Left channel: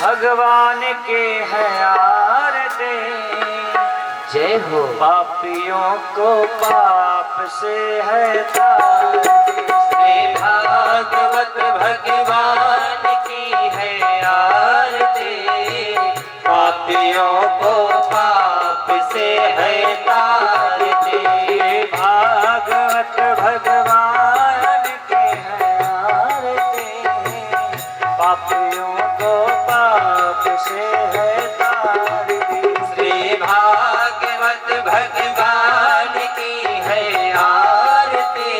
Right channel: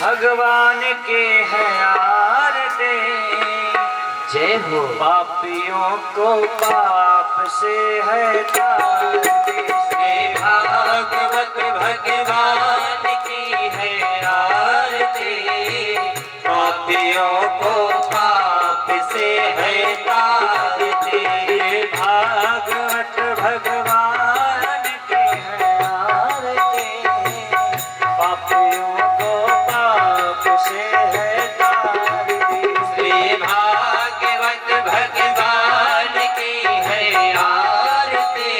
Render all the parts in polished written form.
भगवान के है आरती। जय हो। पापियों को पाप से है तारती। श्री भागवत भगवान की है आरती। पापियों को पाप से है तारती। भागवत भगवान की है आरती। पापियों को पाप से है तारती। श्री भागवत भगवान की है आरती।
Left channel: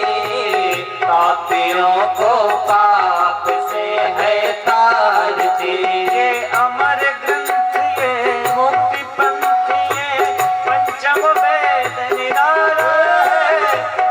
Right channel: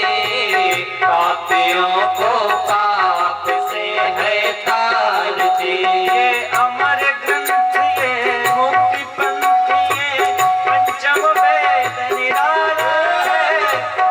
पापियों को पाप से है तारती। ये अमर ग्रंथ ये मुक्ति पंथ ये पंचम वेद निराला है।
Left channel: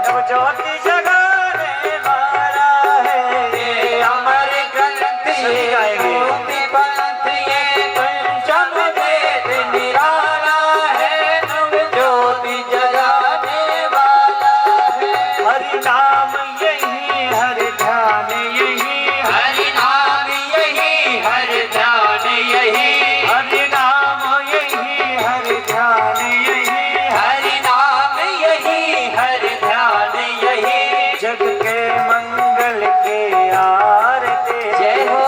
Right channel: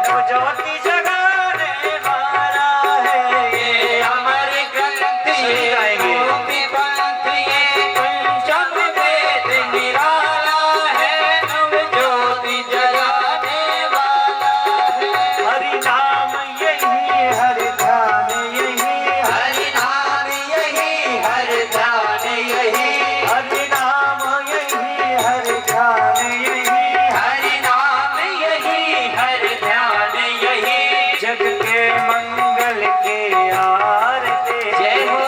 नवज्योति जगाने वाला है। ये अमर ग्रंथ ये मुक्ति पंथ ये पंचम वेद निराला है। नवज्योति जगाने वाला है। हरि नाम यही हर ध्यान यही। हरि नाम यही हर ध्यान यही। हरि नाम यही हर ध्यान यही। हरि नाम यही हर ध्यान यही। जग के मंगल के आरती। जय हो।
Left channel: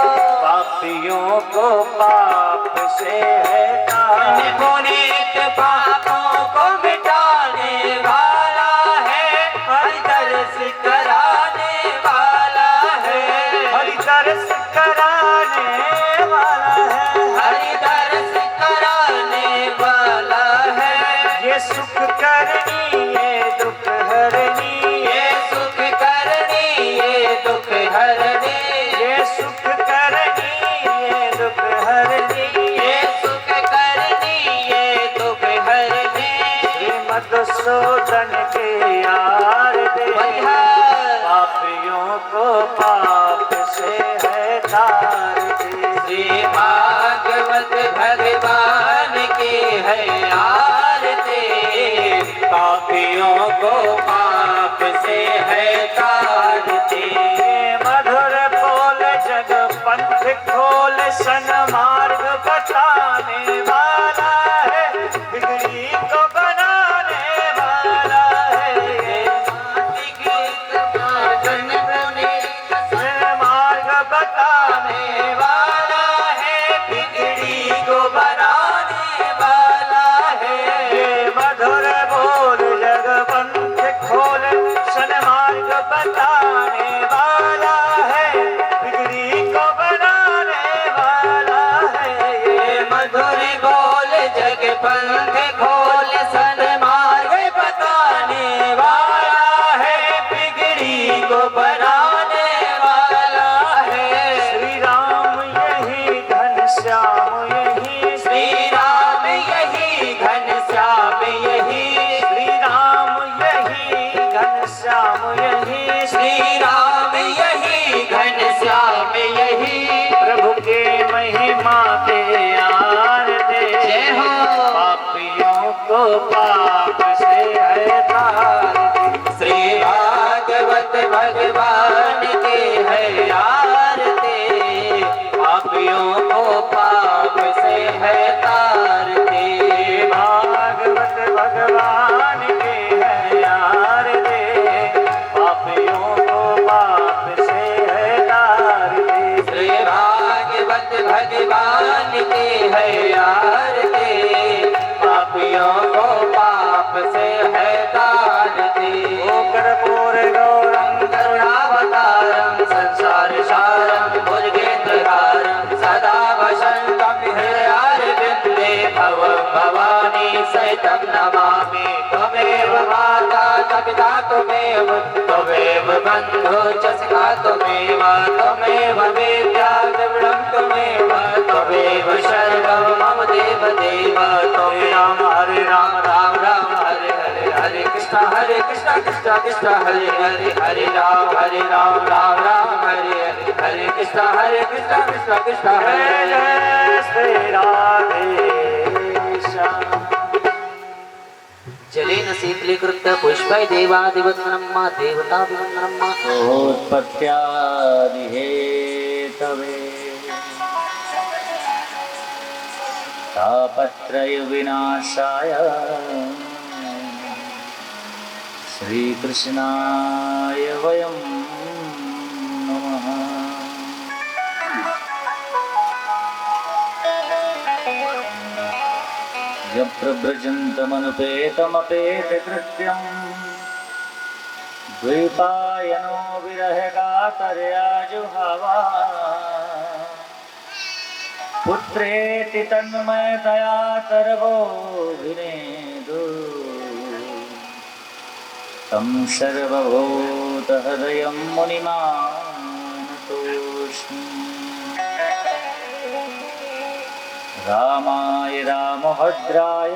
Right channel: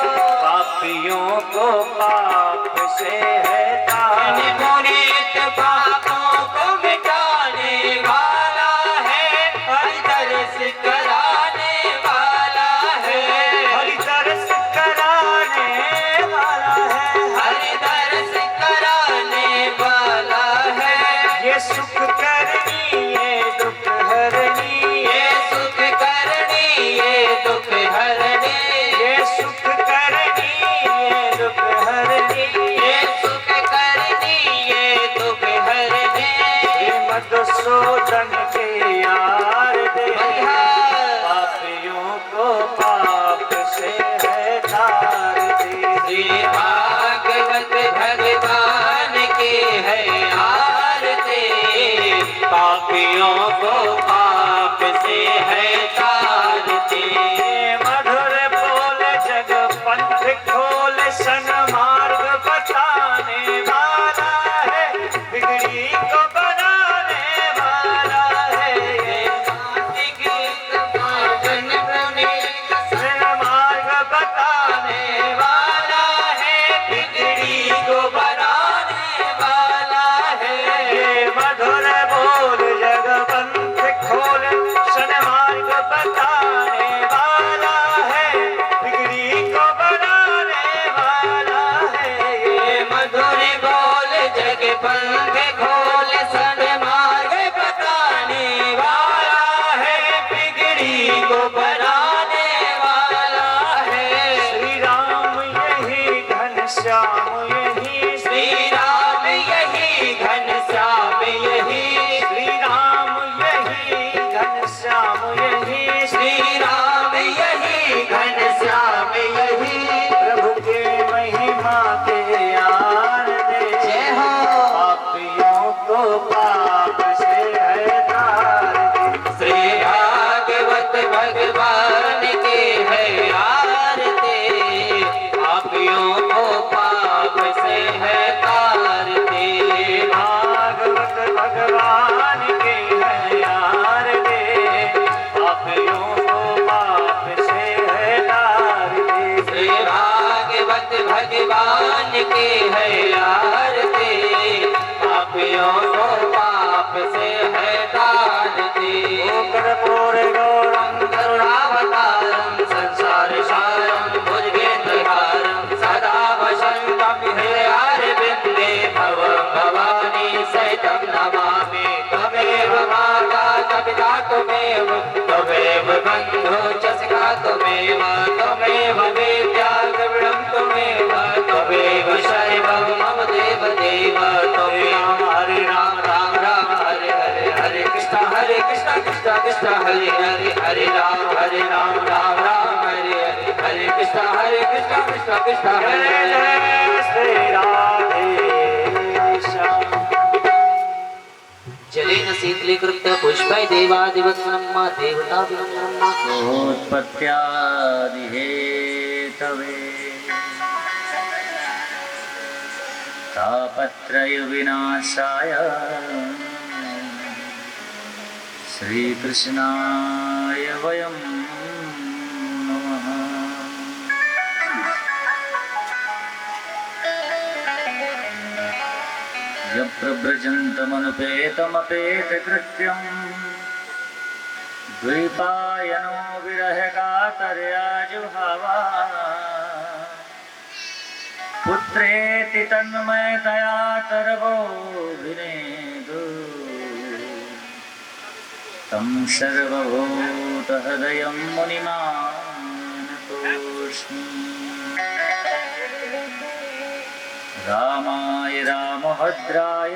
पापियों को पाप से है तारती। पुनीत पापों को मिटाने वाला है। हरि तरस कराने वाला है। हरि तरस कराने वाला है। हरि तरस कराने वाला है। ये सुख करनी ये दुख हरनी। ये सुख करनी ये दुख हरनी। ये सुख करनी ये दुख हरनी। ये सुख करनी ये दुख हरनी। ये मधुसूदन के आरती। पापियों को पाप से है तारती। श्री भागवत भगवान की है आरती। पापियों को पाप से है तारती। मधुर बोल जग पंथ खोल सन मार्ग बताने वाला है। बिगड़ी को बनाने वाला है। सन मार्ग बताने वाला है। बिगड़ी को बनाने वाला है। ये मधुर बोल जग पंथ खोल सन मार्ग बताने वाला है। बिगड़ी को बनाने वाला है। ये मधुर बोल जग पंथ खोल सन मार्ग बताने वाला है। बिगड़ी को बनाने वाला है। श्री राम यही घनश्याम यही। श्री राम यही घनश्याम यही। श्री राम यही घनश्याम यही। श्री राम यही घनश्याम यही। प्रभु के महिमा के आरती। जय हो। पापियों को पाप से है तारती। श्री भागवत भगवान की है आरती। पापियों को पाप से है तारती। भागवत भगवान के है आरती। पापियों को पाप से है तारती। श्री भागवत भगवान की है आरती। पापियों को पाप से है तारती। कर्पूर गौरम करुणावतारं संसार सारं भुजगेन्द्रहारं सदा वसन्तं हृदयारविन्दे भवं भवानी सहितं नमामि। त्वमेव माता च पिता त्वमेव त्वमेव बन्धु च सखा त्वमेव त्वमेव विद्या द्रविणं त्वमेव त्वमेव सर्वं मम देव देव त्वमेव। हरे राम राम राम हरे हरे हरे कृष्ण कृष्ण कृष्ण हरे हरे हरे राम राम राम हरे हरे हरे कृष्ण कृष्ण कृष्ण हरे हरे। जय श्री राधे श्याम। जलेन शीतलीकृत पुष्पै देवादिवन्दनं मा देवताभिवन्दनं मा उत्पत्त्यादिहेतवे तापत्रय विनाशाय श्रीकृष्णाय वयं नमः। यप्रव्रजन्तमनुपेतमपेतकृत्यम् द्वैपायनो विरहकातर्या जुहावा पुत्रेति तन्मयतया तरवोऽभिनेदु तं सर्वभूतहृदयं मुनिमानतोऽस्मि। रामाय रामभद्राय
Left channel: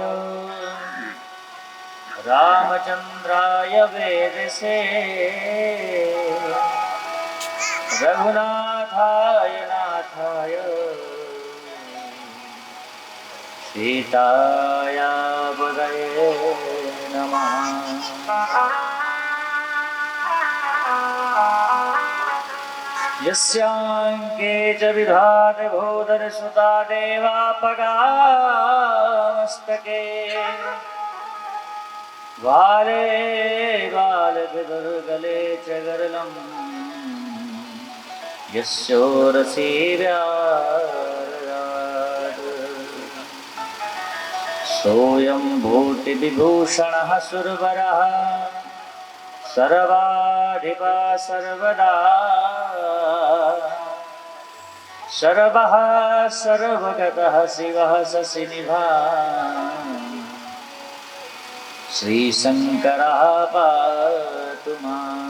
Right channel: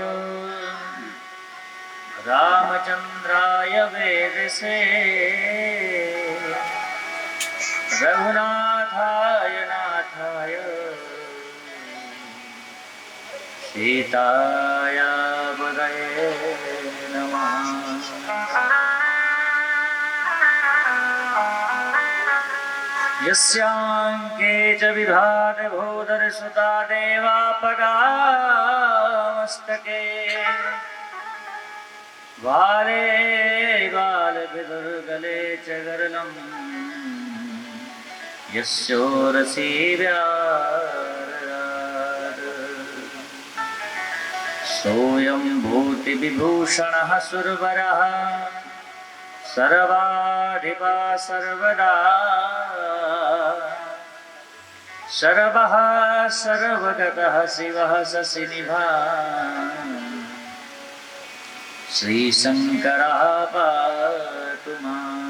रामचन्द्राय वेदसे रघुनाथाय नाथाय सीताया पदये नमः। यस्याङ्के च विभाति भूधरसुता देवापगामस्तके वाले बालभिदुर्गले च गरलम् यस्योरसी सोऽयं भूतिविभूषणः सुरवरः सर्वाधिपा सर्वदा सर्वः सर्वगतः शिवः शशिनिभानः श्रीशङ्करः पातु माम्।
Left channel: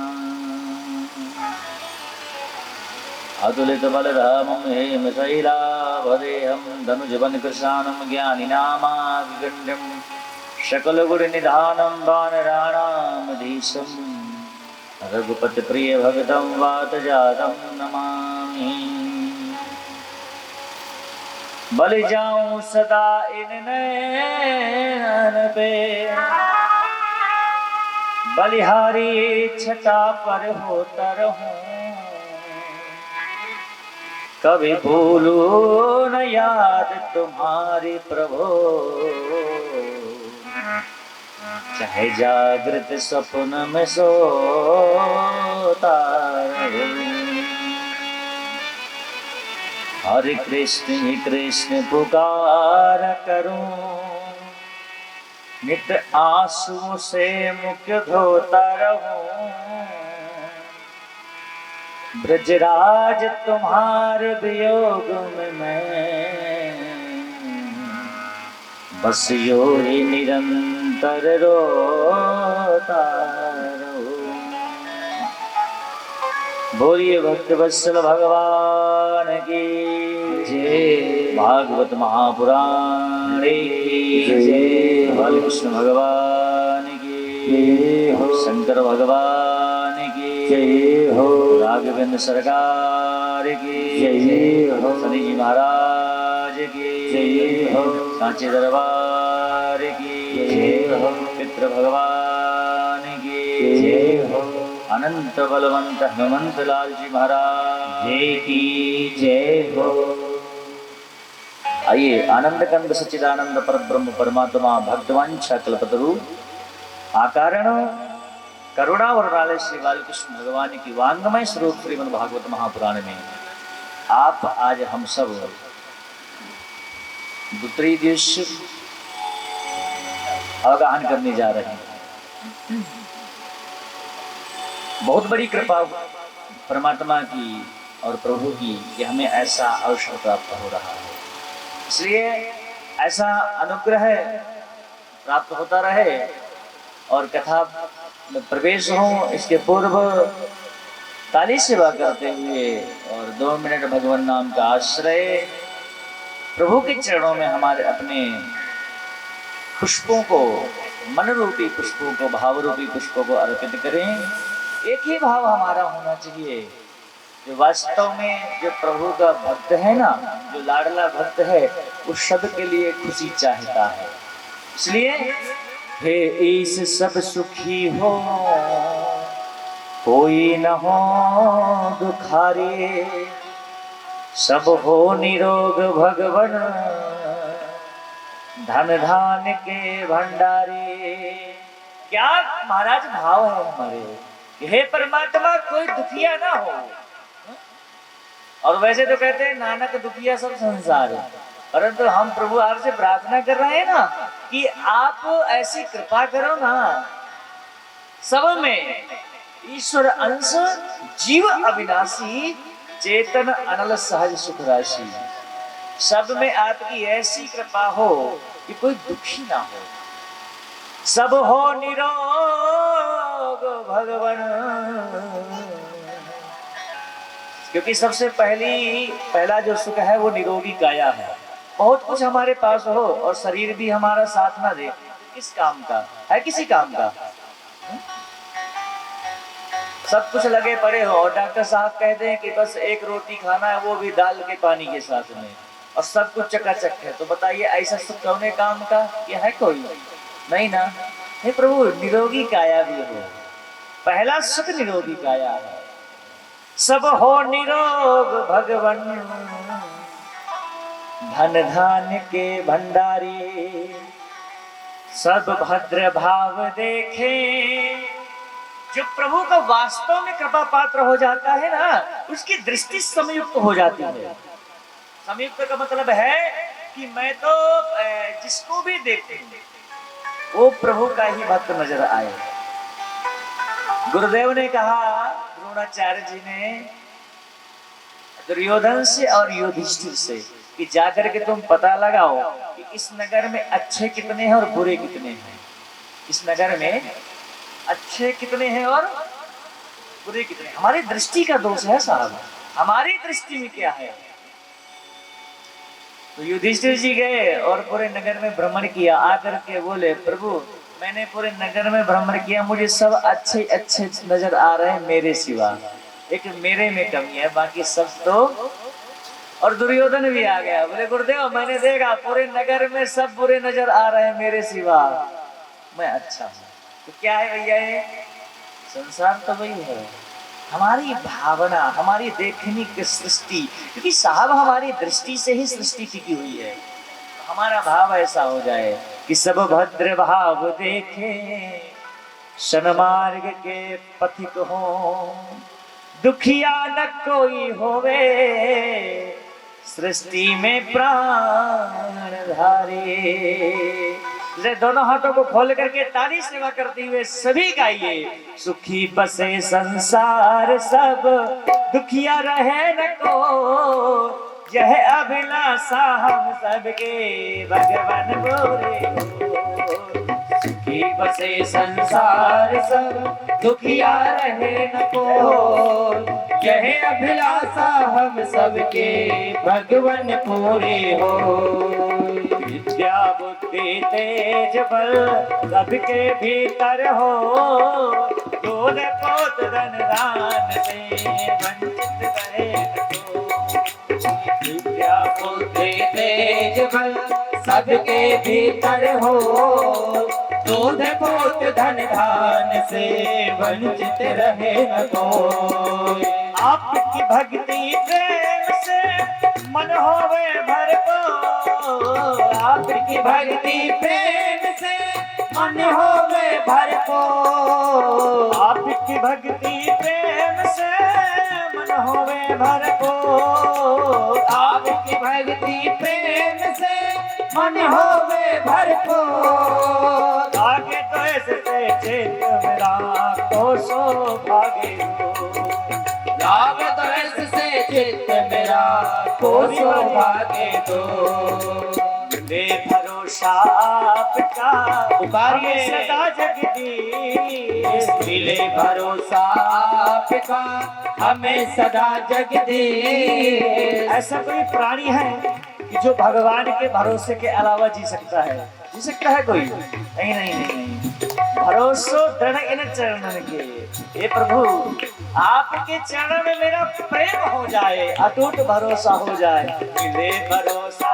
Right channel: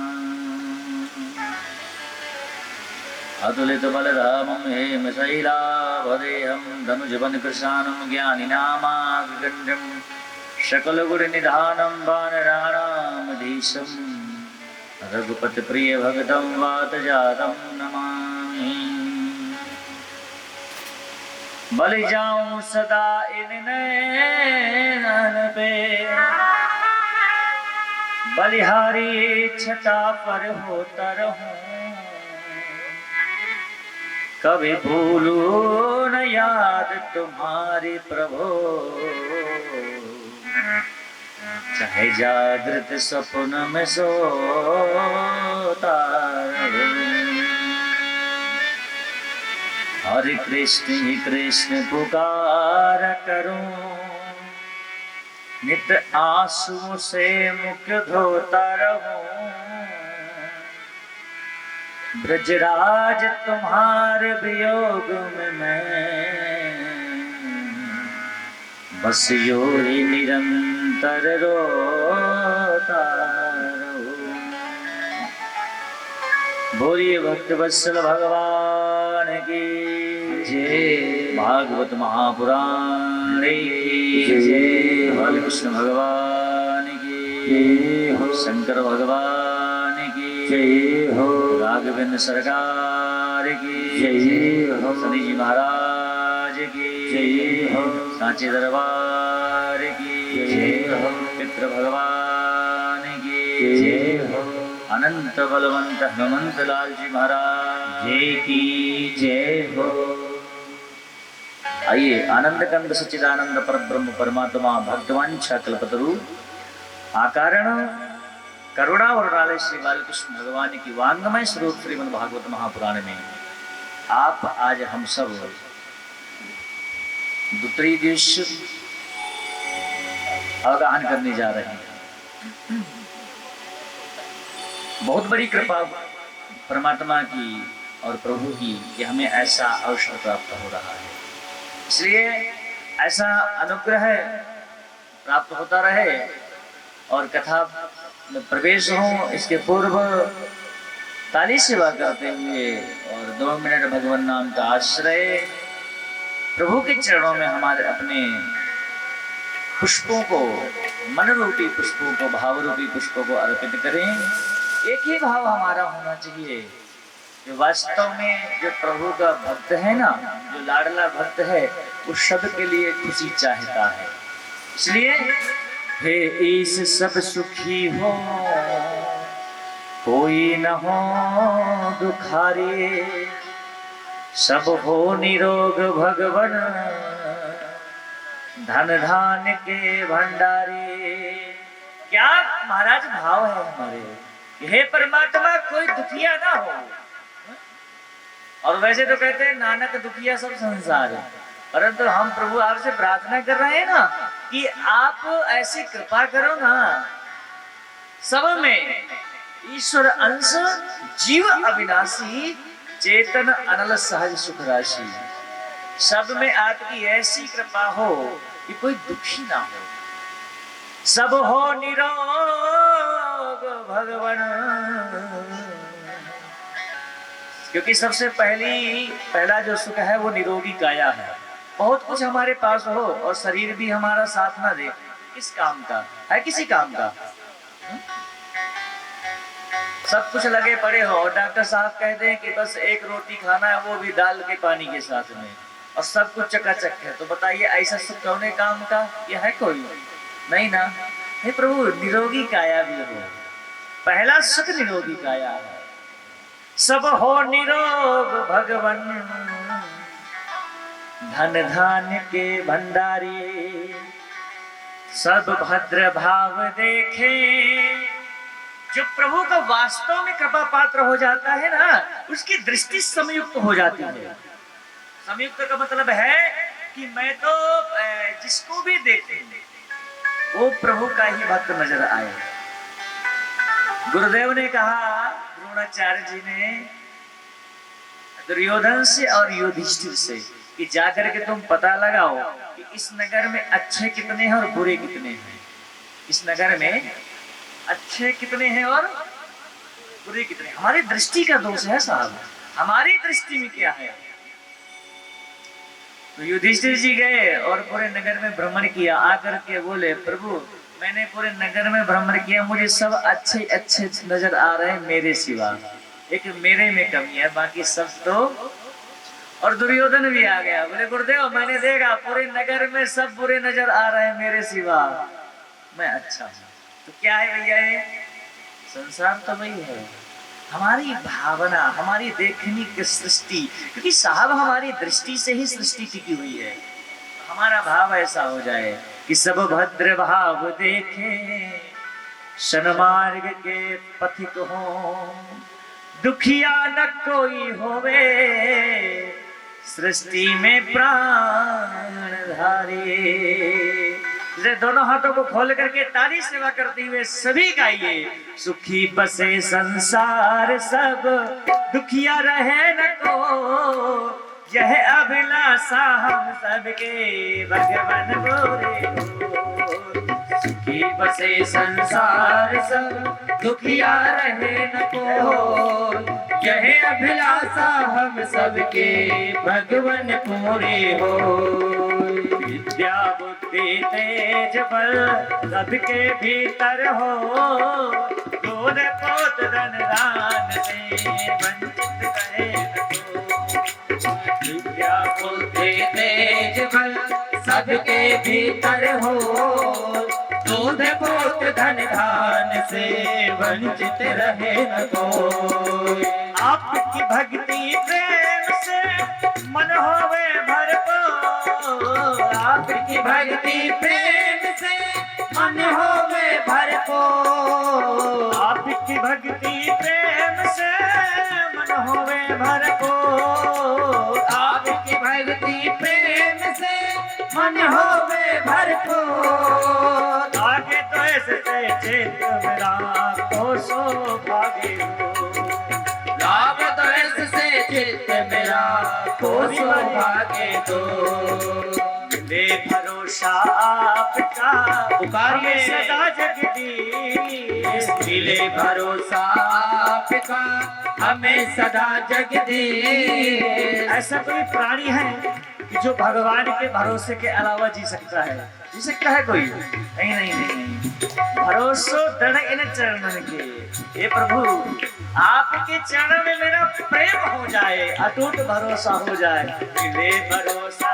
अतुलितबलधामं हेमशैलाभदेहं धनुजवनकृशानं ज्ञानिनामागण्डं सकलगुणनिधानं वानराणामधीशं रघुपतिप्रियभक्तं वातजातं नमामि। बलि जाऊं सदा इन नैन पे बलिहारी छटा पर होता रहूं कभी भूलूं न याद तुम्हारी प्रभु चाहे जागृत सपन में सोता रहूं। हरे कृष्ण पुकार करूं नित्य आंसुओं से मुख धोता रहूं ब्रजराज तुम्हारे वियोग में मैं बस यूं ही निरंतर रोता रहूं। बोलिए भक्त वत्सल भगवान की जय। भागवत महापुराण की जय। बालकृष्ण भगवान की जय हो। शंकर भगवान की जय हो। राघवेंद्र सरकार की जय हो। शनि जी महाराज की जय हो। सांची दरबार की जय हो। पितृ भगवान की जय हो। अनंत बलवंत हनुमंत लाल जी महाराज जय की जय हो। आइए आनंद कंद सच्चिदानंद परब्रह्म परमात्मा भक्तवांछा कल्पतरु आकारण करुणा वरुणालय श्री बालकृष्ण भगवान की वांगमय स्वरूप श्रीमद् भागवत महापुराण में आप आज हम सब दूसरी दिवस अवगाहन करने जा रहे हैं। बहुत बड़ी कृपा परमात्मा की और प्रभु की कि हमें ऐसा अवसर प्राप्त हो रहा है, इसलिए ऐसा अनुग्रह प्राप्त होता रहे और कथा में प्रवेश हो। इसके पूर्व ताली सेवा करते हुए और 2 मिनट भगवान नाम का आश्रय प्रभु के चरणों में हमारे अपने पुष्पों को, मन रूपी पुष्पों को, भाव रूपी पुष्पों को अर्पित करें। एक ही भाव हमारा होना चाहिए, जो वास्तव में जो प्रभु का भक्त है ना, जो लाडला भक्त है, उस सब के लिए खुशी चाहता है। इसलिए हे ईश सब सुखी हो, कोई न हो दुखारी, सब हो निरोग भगवन धन धान के भंडारी। क्या महाराज भाव है हमारे, हे परमात्मा कोई दुखिया ना हो। और वैसे तो कहते हैं नानक दुखिया सब संसार है, परंतु हम प्रभु आपसे प्रार्थना कर रहे हैं ना कि आप ऐसी कृपा करो ना, सब में ईश्वर अंश जीव अविनाशी चेतन अनल सहज सुख राशि। सब में आपकी ऐसी कृपा हो कि कोई दुखी ना हो, सब हो निरोग भगवान। क्योंकि सबसे पहला जो सुख है वो निरोगी काया है। बहुत कुछ हमारे पास हो और शरीर भी हमारा साथ ना दे, किस काम का है, किसी काम का। सब कुछ लगे पड़े हो और डॉक्टर साहब कहते हैं कि बस एक रोटी खाना है, वो भी दाल के पानी के साथ में, और सब कुछ चकाचक है, तो बताइए ऐसा सुख कौने काम का ये है? कोई नहीं ना। हे प्रभु निरोगी काया भी हो, पहला सुख निरोगी काया है। सब हो निरोग भगवन, धन धान के भंडारी। सब भद्र भाव देखे, जो प्रभु का वास्तव में कृपा पात्र हो जाता है ना, उसकी दृष्टि संयुक्त हो जाती है। संयुक्त का मतलब है कि मैं तो जिसको भी देखूं वो प्रभु का ही भक्त नजर आए। गुरुदेव ने कहा, द्रोणाचार्य जी ने दुर्योधन से और युधिष्ठिर से कि जाकर के तुम पता लगाओ कि इस नगर में अच्छे कितने हैं और बुरे कितने हैं। इस नगर में अच्छे कितने हैं और बुरे कितने हैं। हमारी दृष्टि का दोष है साहब, हमारी दृष्टि में क्या है। तो युधिष्ठिर जी गए और पूरे नगर में भ्रमण किया, आकर के बोले प्रभु मैंने पूरे नगर में भ्रमण किया, मुझे सब अच्छे अच्छे नजर आ रहे हैं मेरे सिवा, एक मेरे में कमी है, बाकी सब तो। और दुर्योधन भी आ गया, बोले गुरुदेव मैंने देखा पूरे नगर में सब बुरे नजर आ रहे हैं मेरे सिवा, मैं अच्छा हूँ। तो क्या है भैया, संसार तो वही है, हमारी भावना, हमारी देखने की सृष्टि, क्योंकि साहब हमारी दृष्टि से ही सृष्टि टिकी हुई है। हमारा भाव ऐसा हो जाए कि सब भद्र भाव देखे, सन्मार्ग के पथिक हो, दुखिया न कोई होवे, सृष्टि में प्राण धारे। जैसे दोनों हाथों को खोल करके ताली सेवा करते हुए सभी गाइए, सुखी बसे संसार सब, दुखिया रहे न को, यह अभिलाषा हम सबके भगवान गोरे हो। सुखी बसे संसार सब, दुखिया रहे न को, यह अभिलाषा हम सबके भगवान पूरे हो। विद्या बुद्धि तेज बल सबके भीतर हो, दूध पोत धन दान से वंचित रहे न को। विद्या बुद्धि तेज बल सबके भीतर हो, दूध पोत धन धान से वंचित रहे न कोई। आपकी भक्ति प्रेम से मन होवे भरपूर, आपकी भक्ति प्रेम से मन होवे भरपूर, आपकी भक्ति प्रेम से मन होवे भरपूर, आपकी भक्ति प्रेम से मन होवे भरपूर। आगे तो ऐसे चेत मेरा तो सौभाग्य हो, लाभ तो ऐसे चित्त मेरा को सौभाग्य दो। ले भरोसा आपका पुकारिए सदा जगदीश, मिले भरोसा आपका हमें सदा जगदीश। ऐसा कोई प्राणी है कि जो भगवान के भरोसे के अलावा जी सकता है? जी सकता है कोई? नहीं नहीं नहीं। भरोसो दृढ़ इन चरणन के, हे प्रभु आपके चरणों में मेरा प्रेम हो जाए, अटूट भरोसा हो जाए। मिले भरोसा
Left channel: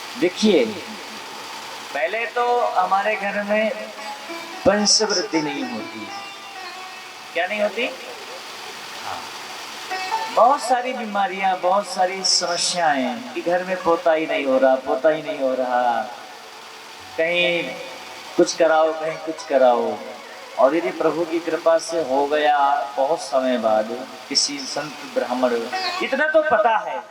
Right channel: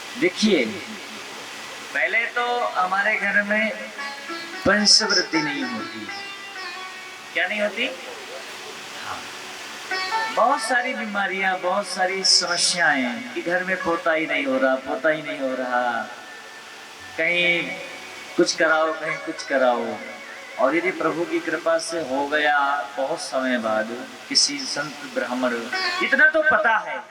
देखिए, पहले तो हमारे घर में वंशवृद्धि नहीं होती। क्या नहीं होती? बहुत सारी बीमारियां, बहुत सारी समस्याएं कि घर में पोता ही नहीं हो रहा, पोता ही नहीं हो रहा, कहीं कुछ कराओ, कहीं कुछ कराओ। और यदि प्रभु की कृपा से हो गया बहुत समय बाद किसी संत ब्राह्मण, इतना तो पता है।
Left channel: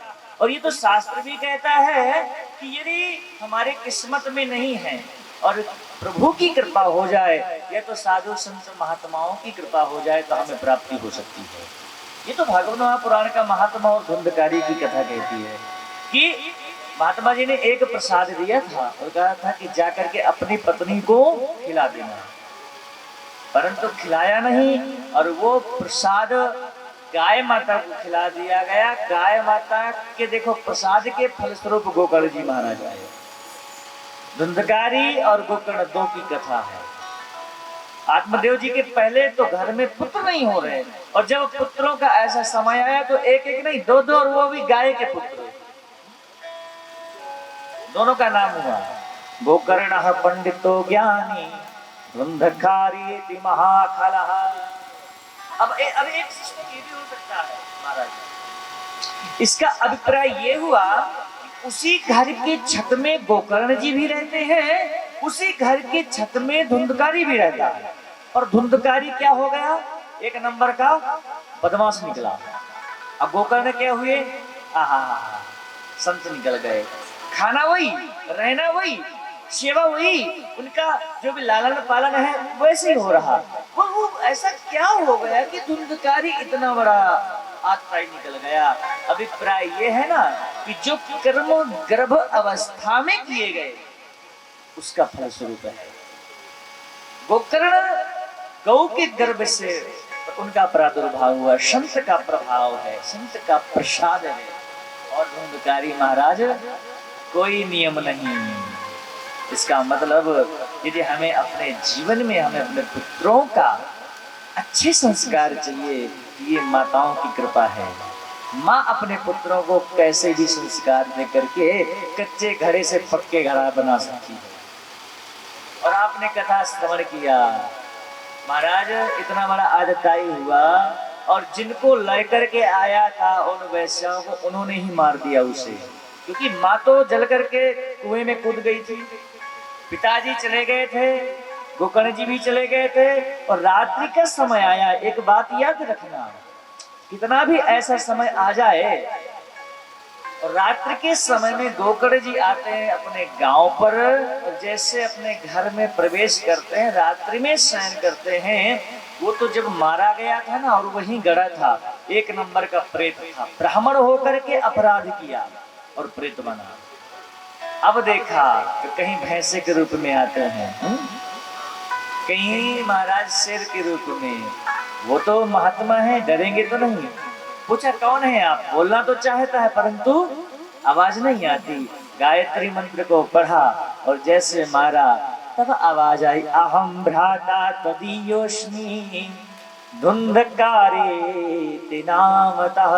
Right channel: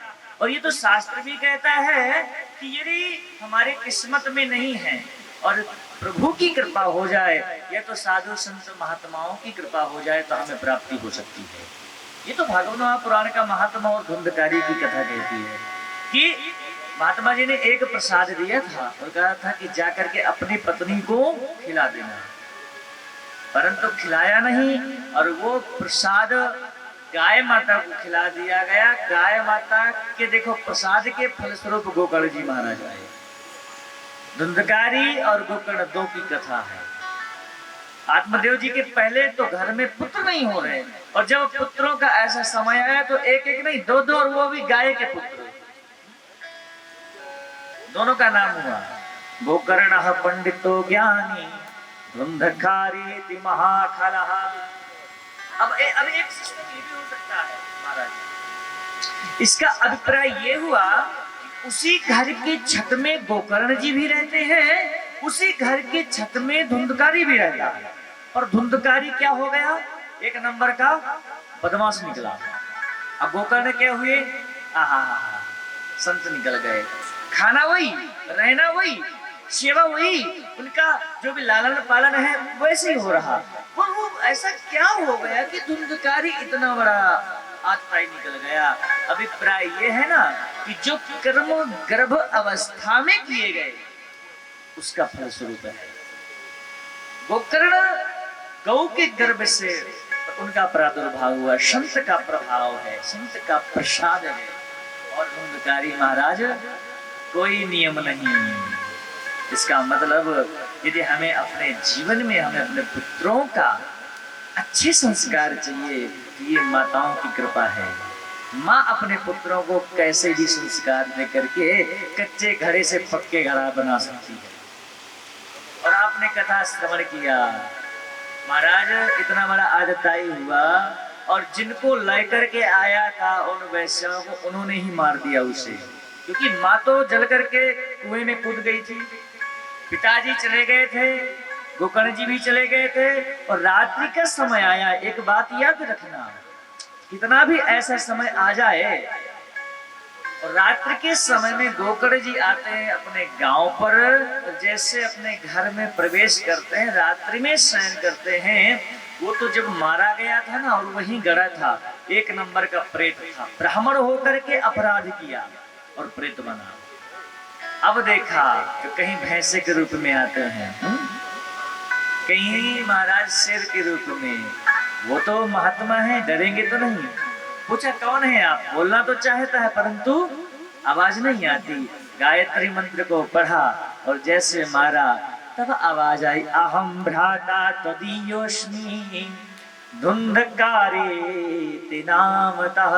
और ये तो शास्त्र भी कहता है कि यदि हमारे किस्मत में नहीं है और प्रभु की कृपा हो जाए या तो साधु संत महात्माओं की कृपा हो जाए तो हमें प्राप्ति हो सकती है। ये तो भागवत महापुराण का महात्मा और धुंधकारी की कथा कहती है कि महात्मा जी ने एक प्रसाद दिया था और कहा था कि जाकर के अपनी पत्नी को खिला देना, परंतु खिलाया नहीं और वो प्रसाद गाय माता को खिला दिया गया। गाय माता के देखो प्रसाद के फलस्वरूप गोकर्ण जी महाराज आए। धुंधकारी और गोकर्ण दो की कथा है। आत्मदेव जी के पहले तो घर में पुत्र नहीं हो रहे और जब पुत्रों का ऐसा समय आया तो एक एक नहीं दो दो, और वो भी गाय के पुत्र, दोनों का नाम हुआ गोकर्ण पंडितो ज्ञानी धुंधकारी महाखलः। अब एक सिस्टम ये भी हो सकता है महाराज। इसका अभिप्राय ये हुआ उसी घर के छत में गोकर्ण जी भी रहते हैं, उसी घर के छत में धुंधकारी भी रहता है। और धुंधकारी क्या हो गया? एक नंबर का बदमाश निकला। अब गोकर्ण क्या हुए? संत निकल गए। खाना वही, रहना वही, सेवा वही, उनका जो भी लालन पालन है वैसे ही हो रहा। वो ऐसा क्या हो गया कि धुंधकारी इतना बड़ा आत्ताई निकल गया? अभिप्राय ये है ना कि जो कर्म गर्भ अवस्था में किए गए उसका फल स्वरूप है। गोकर्ण गौ के गर्भ से उनका प्रादुर्भाव हुआ, संत का प्रभाव है, संत का प्रसाद है। और धुंधकारी महाराज कोई नियम नहीं। इसका मतलब यदि हमें अपने जीवन में हमें अपने पुत्रों का अच्छे संस्कार चाहिए तो ये माताओं की कृपा है। माँ अपने पुत्रों को कैसे भी संस्कार दे करके कच्चे घड़े से पक्के घड़ा बना सकती है। और आपने कथा श्रवण किया, महाराज इतना बड़ा आदताई हुआ और जिनको लेकर के आया था उन वैश्यों को उन्होंने ही मार दिया उसे, क्योंकि माँ तो जल करके कुएं में कूद गई थी, पिताजी चले गए थे, गोकर्ण जी भी चले गए थे और रात्रि का समय आया। एक बात याद रखना, कितना भी ऐसा समय आ जाए, रात्रि के समय में गोकर्ण जी आते हैं अपने गांव पर, जैसे अपने घर में प्रवेश करते हैं, रात्रि में शयन करते हैं। वो तो जब मारा गया था ना और वहीं गड़ा था, एक नंबर का प्रेत था, ब्राह्मण होकर के अपराध किया और प्रेत बना। अब देखा तो कहीं भैंसे के रूप में आते हैं, कहीं महाराज शेर के रूप में। वो तो महात्मा है, डरेंगे तो नहीं। पूछा कौन है आप? बोलना तो चाहता है परंतु आवाज नहीं आती। गायत्री मंत्र को पढ़ा और जैसे मारा तब आवाज आई, अहम भ्राता तदीयोस्मि धुंधकारे नामतः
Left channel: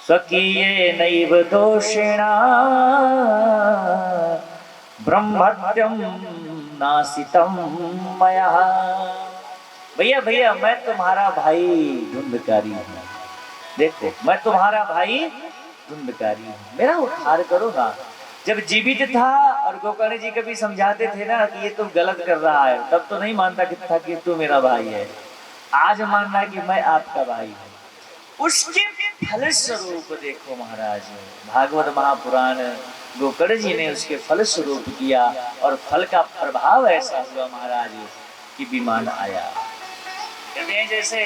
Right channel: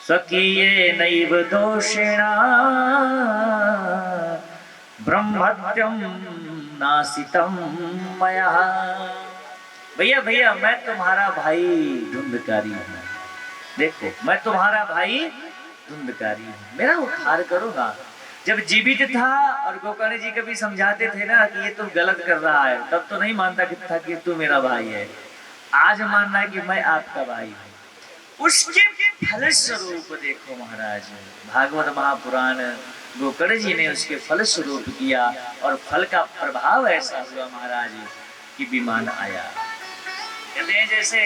स्वकीये नैव दोषेणा ब्रह्मत्यम नासितम मया। भैया भैया मैं तुम्हारा भाई धुंधकारी हूँ, देखो मैं तुम्हारा भाई धुंधकारी हूँ, मेरा उद्धार करो ना। जब जीवित था और गोकर्ण जी कभी समझाते थे ना कि ये तुम गलत कर रहा है, तब तो नहीं मानता था कि तू मेरा भाई है। आज मानना है कि मैं आपका भाई हूँ। उसके फल स्वरूप देखो महाराज, भागवत महापुराण गोकर्ण जी ने उसके फल स्वरूप किया और फल का प्रभाव ऐसा हुआ महाराज कि विमान आया। कहते हैं जैसे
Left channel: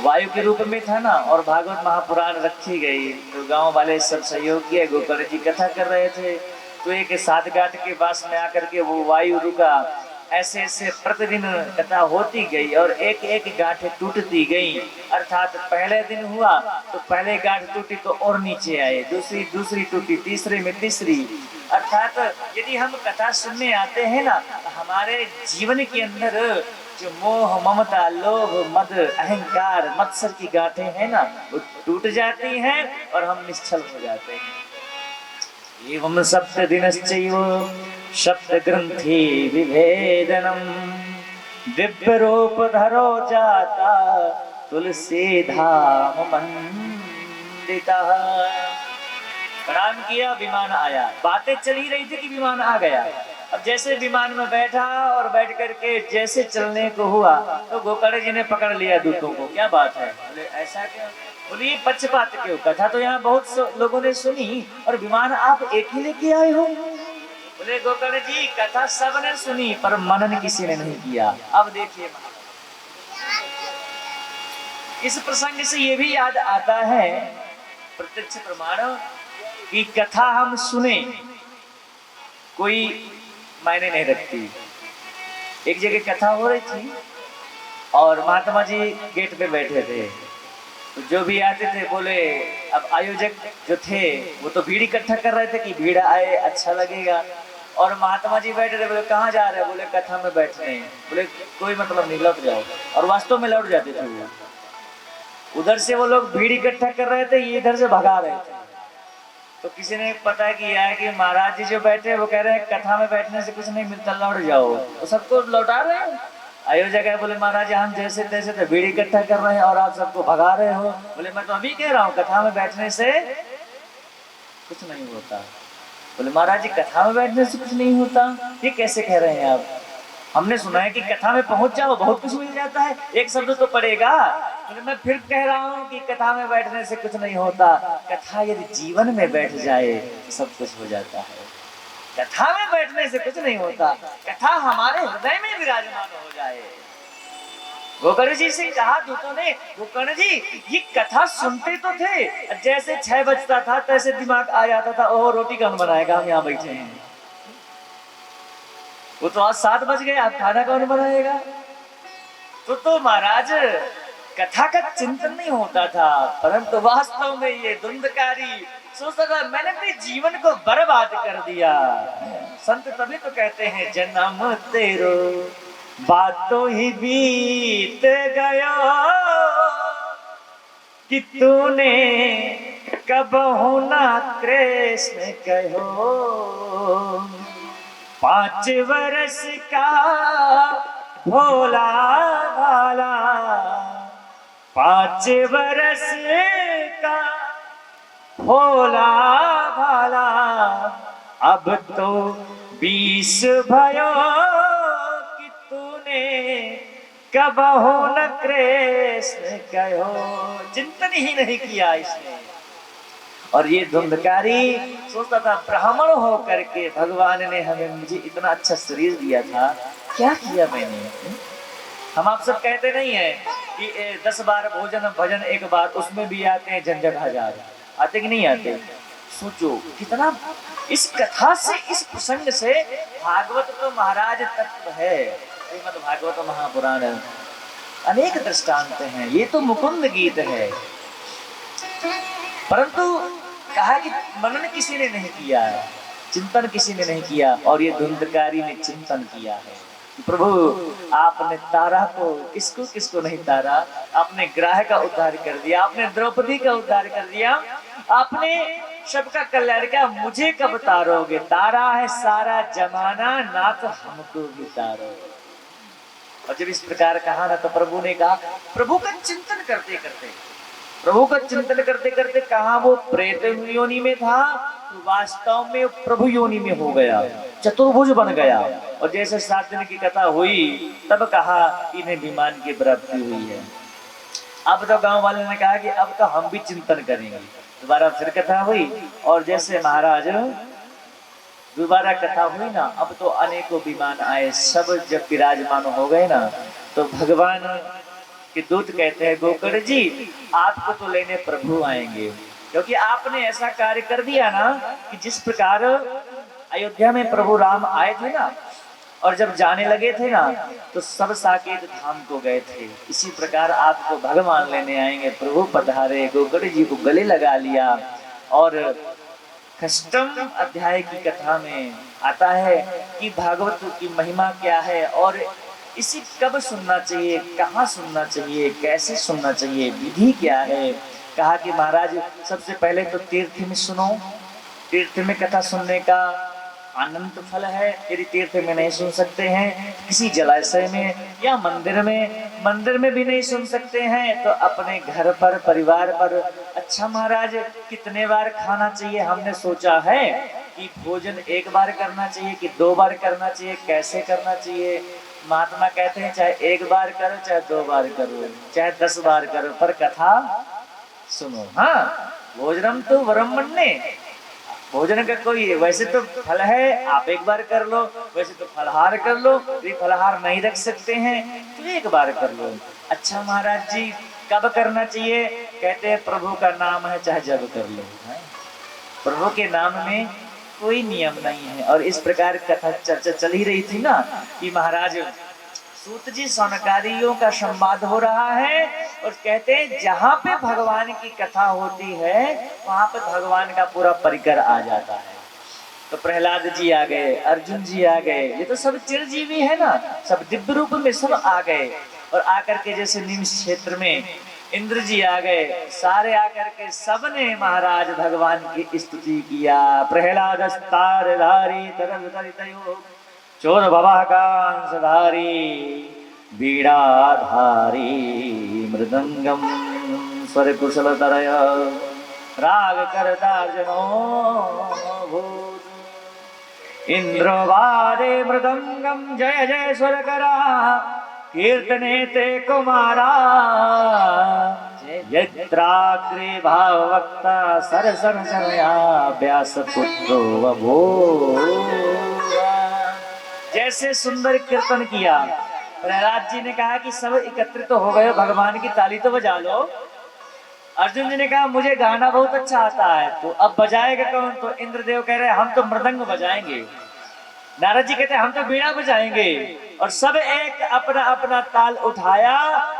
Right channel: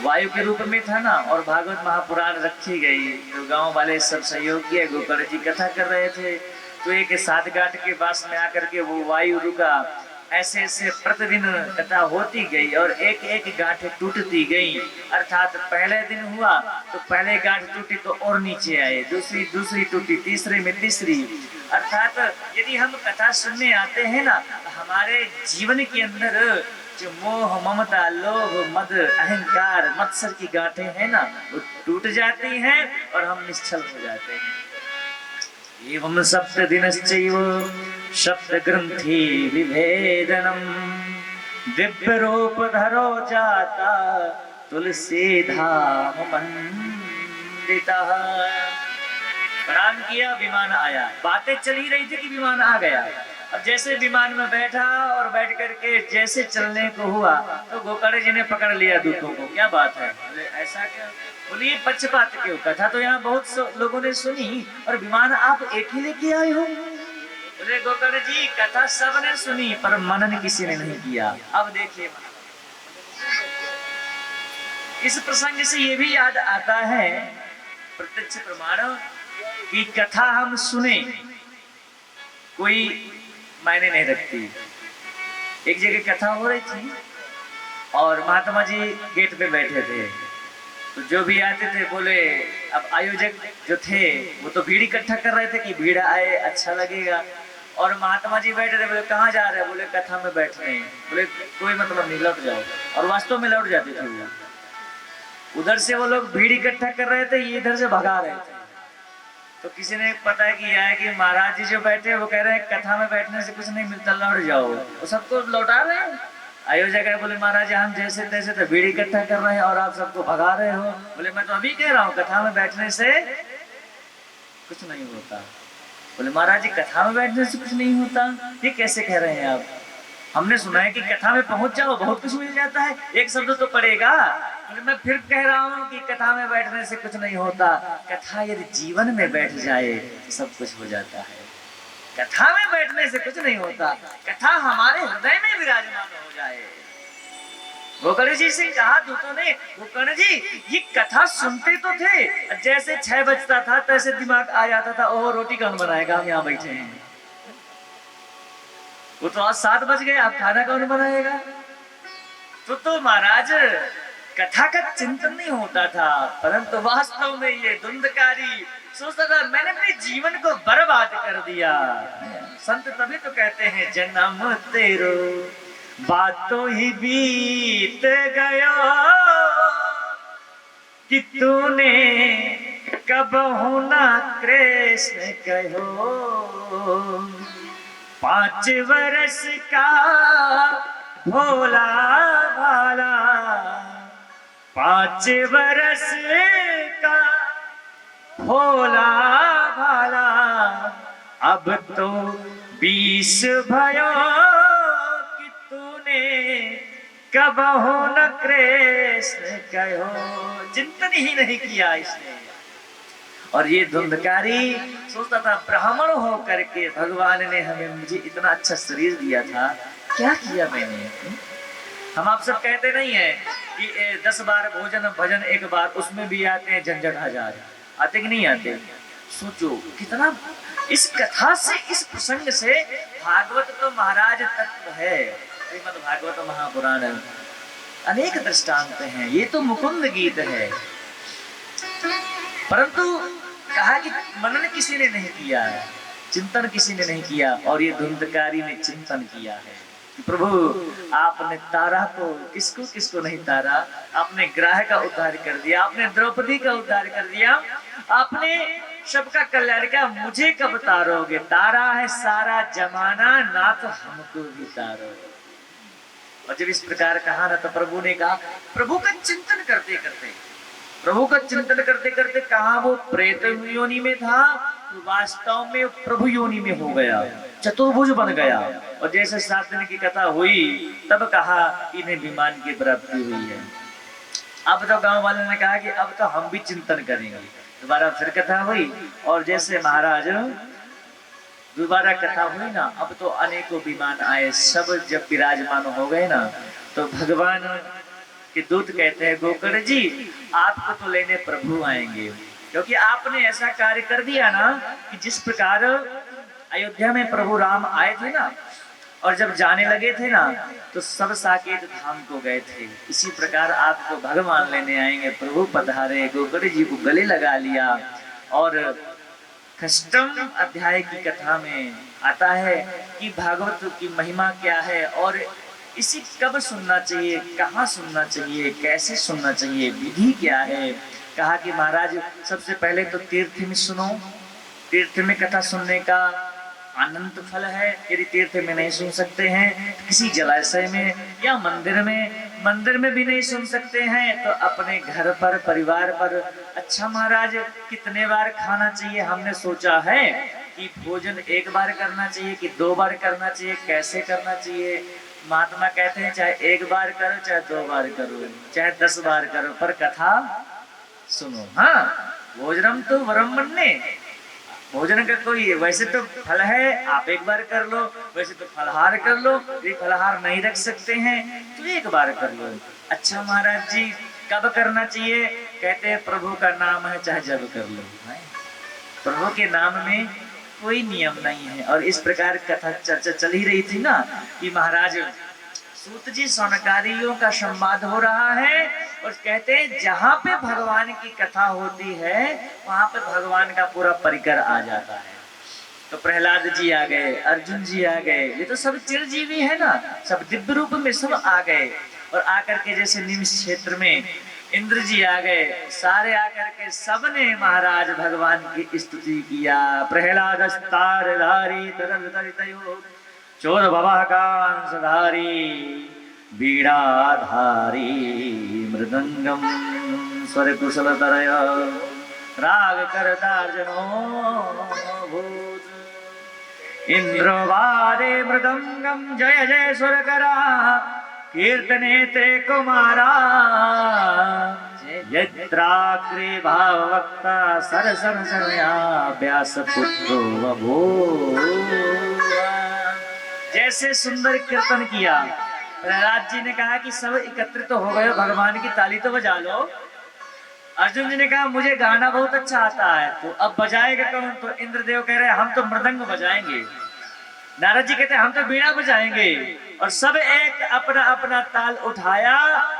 वायु के रूप में था ना और भागवत महापुराण रखी गई तो गांव वाले सब सहयोग किए, गोकर्ण जी कथा कर रहे थे तो एक सात गांठ के पास में आकर के वो वायु रुका। ऐसे ऐसे प्रतिदिन कथा होती गई और एक एक गांठ टूटती गई। अर्थात पहले दिन हुआ तो पहले गांठ टूटी तो और नीचे आए, दूसरी टूटी, तीसरे में तीसरी। अर्थात यदि हम कथा सुनने आते हैं ना तो हमारे जीवन के अंदर जो मोह ममता लोभ मद अहंकार मत्सर की गांठें हैं ना वो टूट जाती हैं और हम निश्चल हो जाते हैं। एवं सप्तदिनश्चैव सप्तग्रन्थि विभेदनम् दिव्यरूपधरो जाता तुलसी धाम मंडितः। प्रणाम किया, विमान आया। बातें चली रही थी कि विमान आ गया। अब जैसे विमान में बैठा और बैठ करके जैसे चलने को हुआ तो गोकर्ण जी ने पकड़ लिया दूतों को। क्या बात है? बोले ऐसा क्या? बोले ये पक्षपात क्यों? कथा तो यहाँ बहुत लोगों ने सुनी और विमान आप एक ही लेके आए हो। बोले गोकर्ण जी कथा सबने सुनी पर मनन किसी ने नहीं किया। अब देखिए इस प्रसंग से ये भी याद आता है प्रत्यक्ष प्रमाण कि कथा हम सुने कोई मायने नहीं रखती। एक जगह कथा हो रही थी और महात्मा जी गेट पे बैठे थे, तो जो भी आते थे बोले, अब आयोजक जो थे वो तो भीड़ इकट्ठा कर रहे थे कि भीड़ आए अच्छा लगेगा, और महात्मा जी बैठे थे। बोले कहाँ जा रहे हैं? बोले कथा में बैठ रहे हैं। बोले कोई मतलब नहीं, लौट जाओ। और वास्तव में लौट जाते थे वो। उधर से वो लोग भीड़ इकट्ठा कर रहे थे, ये इधर से भगा रहे थे। तो किसी ने पता किया है कि महाराज जी जो बैठे वो कह रहे हैं कथा में बैठने से कुछ नहीं मिलता, लौट जाओ। तो सबको लौटा रहे हैं। आयोजक है बोले महाराज हम जैसे तैसे तो भीड़ इकट्ठा कर रहे हैं और आप सबको भगा रहे हो। बोले मैं तो अभी कह रहा हूँ कथा में बैठने से कुछ नहीं होता। बोले महाराज जी कथा में बैठने से कुछ नहीं होता, ये कैसे कह रहे हैं आप? हमने सुना है कि कथा में पहुंच जाओ बहुत कुछ मिल जाता है, एक शब्द तो पड़ेगा। मैं फिर कह रहा हूँ कि कथा में बैठने से कुछ नहीं होता। कथा यदि जीवन में बैठ जाए तो सब कुछ हो जाता है। कथा में बैठने से कुछ नहीं होता, कथा हमारे हृदय में विराजमान हो जाए। गोकर्ण जी से कहा दूतों ने, गोकर्ण जी ये कथा सुनते तो थे, जैसे 6 बजता था तैसे दिमाग आ जाता था, ओह रोटी कौन बनाएगा, हम यहाँ बैठे हैं। वो तो आज 7 बज गए, आप खाना कौन बनाएगा? तो महाराज कथा का चिंतन नहीं होता था, परंतु वास्तव में ये धुंधकारी सोचता था मैंने अपने जीवन को बर्बाद कर दिया। संत तभी तो कहते हैं जन्म तेरो बातों ही बीत गयो कि तूने कब होना कृष्ण कहो। 5 वर्ष का भोला भाला 5 वर्ष का भोला भाला अब तो 20 भयो कि तूने कब हो न कृष्ण कहो। चिंतन ही नहीं किया इसने। और ये धुंधकारी सोचता था ब्राह्मण हो करके भगवान ने हमें मुझे इतना अच्छा शरीर दिया था, क्या किया मैंने? हम आप सब कहते नहीं है कि 10 बार भोजन भजन एक बार, उसमें भी आते हैं झंझट 1000। आते कि नहीं आते? सोचो कितना इस कथा से, इस प्रसंग से भागवत तो महाराज तत्व है, श्रीमद् भागवत महापुराण अनेक दृष्टांत हैं। ये तो मुकुंद गीत है, परंतु कहा कि मनन किसी ने नहीं किया है, चिंतन किसी ने नहीं किया। और ये धुंधकारी ने चिंतन किया है कि प्रभु आपने तारा को किसको किसको नहीं तारा, आपने ग्राह का उद्धार कर दिया, आपने द्रौपदी का उद्धार कर दिया, आपने सबका कल्याण किया, मुझे कब तारोगे? तारा है सारा जमाना ना तो हमको भी तारो। और जब इस प्रकार कहा ना तो प्रभु ने कहा, प्रभु का चिंतन करते करते, प्रभु का चिंतन करते करते कहा वो प्रेत योनि में था, तो वास्तव में प्रभु योनि में हो गया, चतुर्भुज बन गया। और जैसे 7 दिन की कथा हुई तब कहा इन्हें विमान की प्राप्ति हुई है। अब तो गांव वाले ने कहा कि अब तो हम भी चिंतन करेंगे। दोबारा फिर कथा हुई और जैसे महाराज दोबारा कथा हुई ना, अब तो अनेकों विमान आए, सब जब विराजमान हो गए ना तो भगवान के दूत कहते हैं गोकर्ण जी आपको तो लेने प्रभु आएंगे, क्योंकि आपने ऐसा कार्य कर दिया ना कि जिस प्रकार अयोध्या में प्रभु राम आए थे ना और जब जाने लगे थे ना तो सब साकेत धाम को गए थे, इसी प्रकार आपको भगवान लेने आएंगे। प्रभु पधारे, गोकर्ण जी को गले लगा लिया। और अष्टम अध्याय की कथा में आता है कि भागवत की महिमा क्या है और इसे कब सुनना चाहिए, कहाँ सुनना चाहिए, कैसे सुनना चाहिए, विधि क्या है। कहा कि महाराज सबसे पहले तो तीर्थ में सुनो, तीर्थ में कथा सुनने का अनंत फल है। यदि तीर्थ में नहीं सुन सकते हैं, किसी जलाशय में या मंदिर में भी नहीं सुन सकते हैं, तो अपने घर पर, परिवार पर। अच्छा महाराज, कितने बार खाना चाहिए? हमने सोचा है कि भोजन एक बार करना चाहिए कि 2 बार करना चाहिए, कैसे करना चाहिए? महात्मा कहते हैं चाहे 1 बार करो, चाहे 2 बार करो, चाहे 10 बार करो, पर कथा सुनो। हाँ, भोजनम तो वरम मन्ने, भोजन का कोई वैसे तो फल है, आप 1 बार कर लो, वैसे तो फलहार कर लो। यदि फलहार नहीं रख सकते हैं तो 1 बार कर लो। अच्छा महाराज जी, कब करना चाहिए? कहते हैं प्रभु का नाम है, चाहे जब कर लो। प्रभु के नाम में कोई नियम नहीं है। और इस प्रकार कथा चर्चा चल ही रही थी ना कि महाराज सूत जी सौनकादियों का संवाद हो रहा है, और कहते हैं जहाँ पे भगवान की कथा होती है वहां पे भगवान का पूरा परिकर आ जाता है। तो प्रहलाद जी आ गए, अर्जुन जी आ गए, ये तो सब चिरजीवी है ना, सब दिव्य रूप में सब आ गए। और आकर के जैसे निम्स क्षेत्र में इंद्र जी आ गए, सारे आकर के सबने महाराज भगवान की स्तुति किया। प्रहलाद तारधारी तरल तरितयो चोर भवाकांशधारी वीणाधारी मृदंगम स्वर कुशल तरय राग करतार्जनो भूत इंद्रवादे मृदंगम जय जय स्वर करा कीर्तने ते कुमारा यत्राग्रे भाववक्ता सरसन समया व्यास पुत्रो वभो। जैसे सुंदर कीर्तन किया, प्रहलाद जी ने कहा कि सब एकत्रित तो हो गए, भगवान की ताली तो बजा लो। अर्जुन जी ने कहा मुझे गाना बहुत अच्छा आता है, तो अब बजाएगा कौन? तो इंद्रदेव कह रहे हम तो मृदंग बजाएंगे। नारद जी कहते हम तो बीड़ा बजाएंगे। और सब एक अपना अपना ताल उठाया।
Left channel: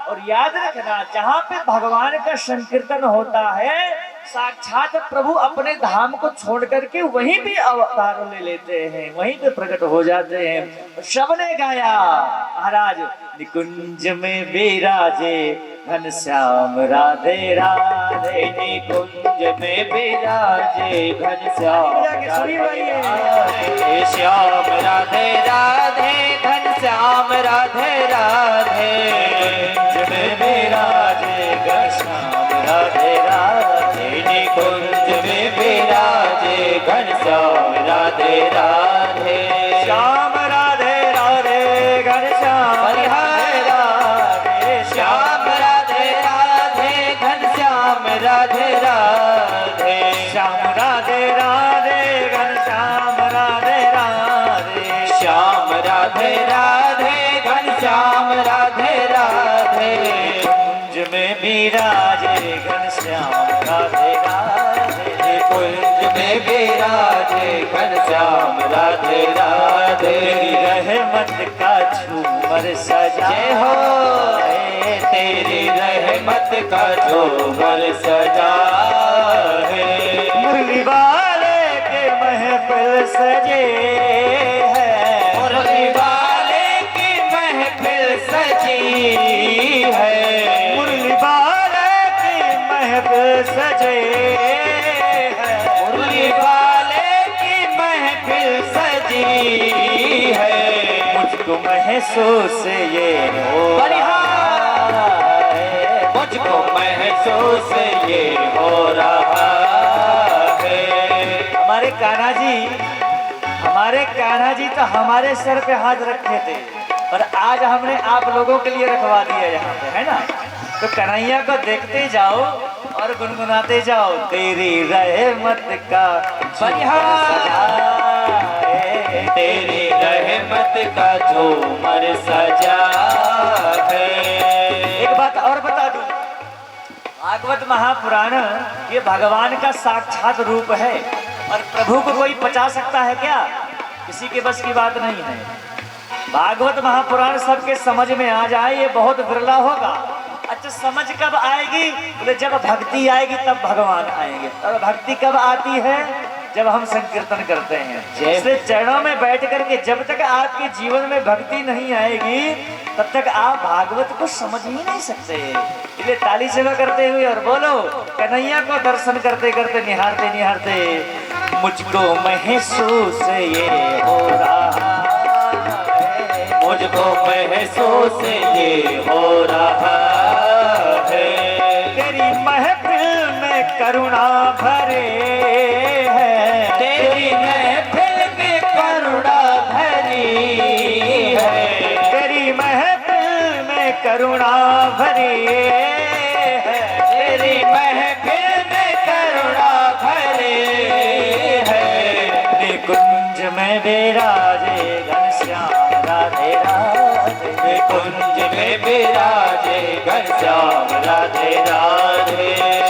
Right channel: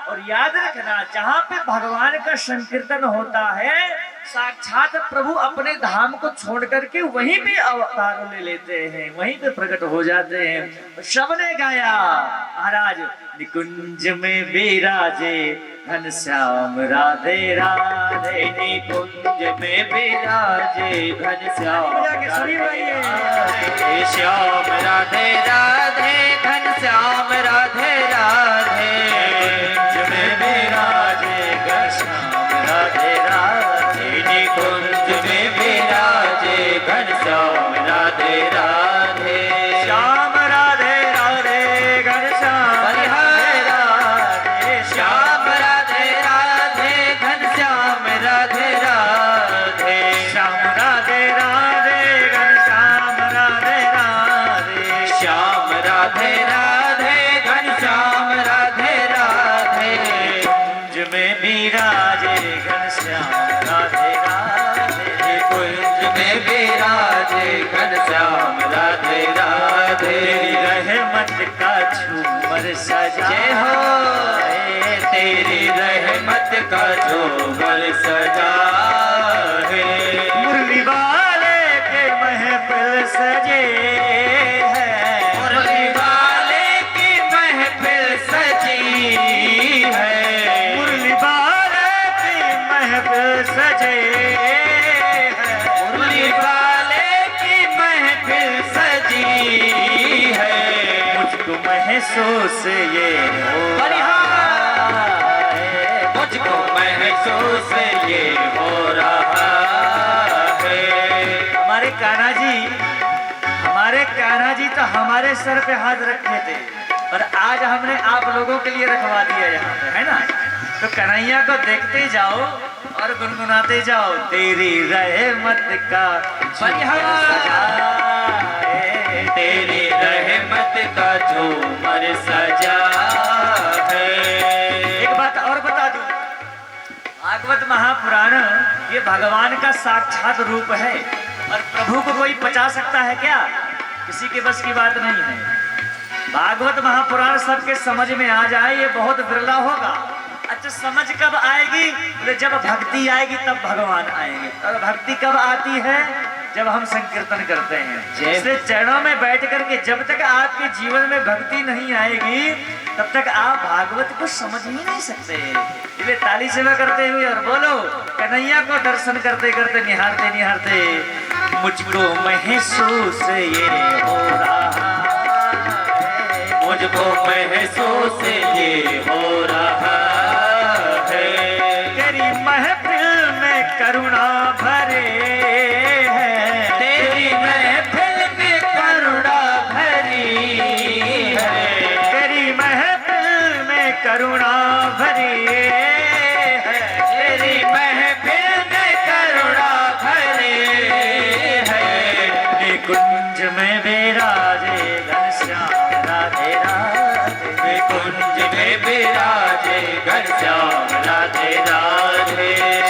और याद रखना, जहाँ पे भगवान का संकीर्तन होता है, साक्षात प्रभु अपने धाम को छोड़ करके वहीं पे अवतार ले लेते हैं, वहीं पे प्रकट हो जाते हैं। सबने गाया महाराज निकुंज में विराजे घनश्याम राधे राधे, निकुंज में विराजे घनश्याम राधे श्याम राधे राधे घनश्याम राधे राधे, निकुंज में विराजे घनश्याम राधे राधे, निकुंज में विराजे घनश्याम राधे राधे, श्याम राधे राधे घनश्याम राधे राधे, श्याम राधे राधे घनश्याम राधे राधे, श्याम राधे राधे घनश्याम राधे राधे, श्याम राधे राधे घनश्याम राधे राधे, कुंज में विराजे घनश्याम राधे राधे, कुंज में विराजे घनश्याम राधे राधे, रहमत का झूमर सजाए हो, तेरी रहमत का झूमर सजा है, मुरली वाले के महफिल सजे है, मुरली वाले की महफिल सजी है, मुरली वाले की महफिल सजे है, मुरली वाले की महफिल सजी है, मुझको महसूस ये हो रहा है, मुझको महसूस ये हो रहा है। हमारे कान्हा जी तो हमारे सर पे हाथ रखे थे, पर आज हमने आप लोगों के लिए रखवा दिया यहाँ पे, है ना? तो कन्हैया को देखते जाओ और गुनगुनाते जाओ, तेरी रहमत का सजा है, तेरी रहमत का झूमर सजा है। एक बात और बता दूं, भागवत महापुराण ये भगवान का साक्षात रूप है, और प्रभु को कोई पचा सकता है क्या? किसी के बस की बात नहीं है। भागवत महापुराण सबके समझ में आ जाए ये बहुत बिरला होगा। अच्छा, समझ कब आएगी? बोले जब भक्ति आएगी तब भगवान आएंगे। और भक्ति कब आती है? जब हम संकीर्तन करते हैं। जैसे चरणों में बैठ करके जब तक आपके जीवन में भक्ति नहीं आएगी तब तक आप भागवत को समझ ही नहीं सकते। इसलिए ताली सेवा करते हुए और बोलो कन्हैया को दर्शन करते करते निहारते निहारते मुझको महसूस ये हो रहा है, मुझको महसूस ये हो रहा है। तेरी महफिल में करुणा भरे है, तेरी महफिल में करुणा भरी है। तेरी महफिल में करुणा भरी है, तेरी महफिल में करुणा भरी है। कुंज में विराजे घनश्याम राधे राधे, कुंज में विराजे घनश्याम राधे राधे।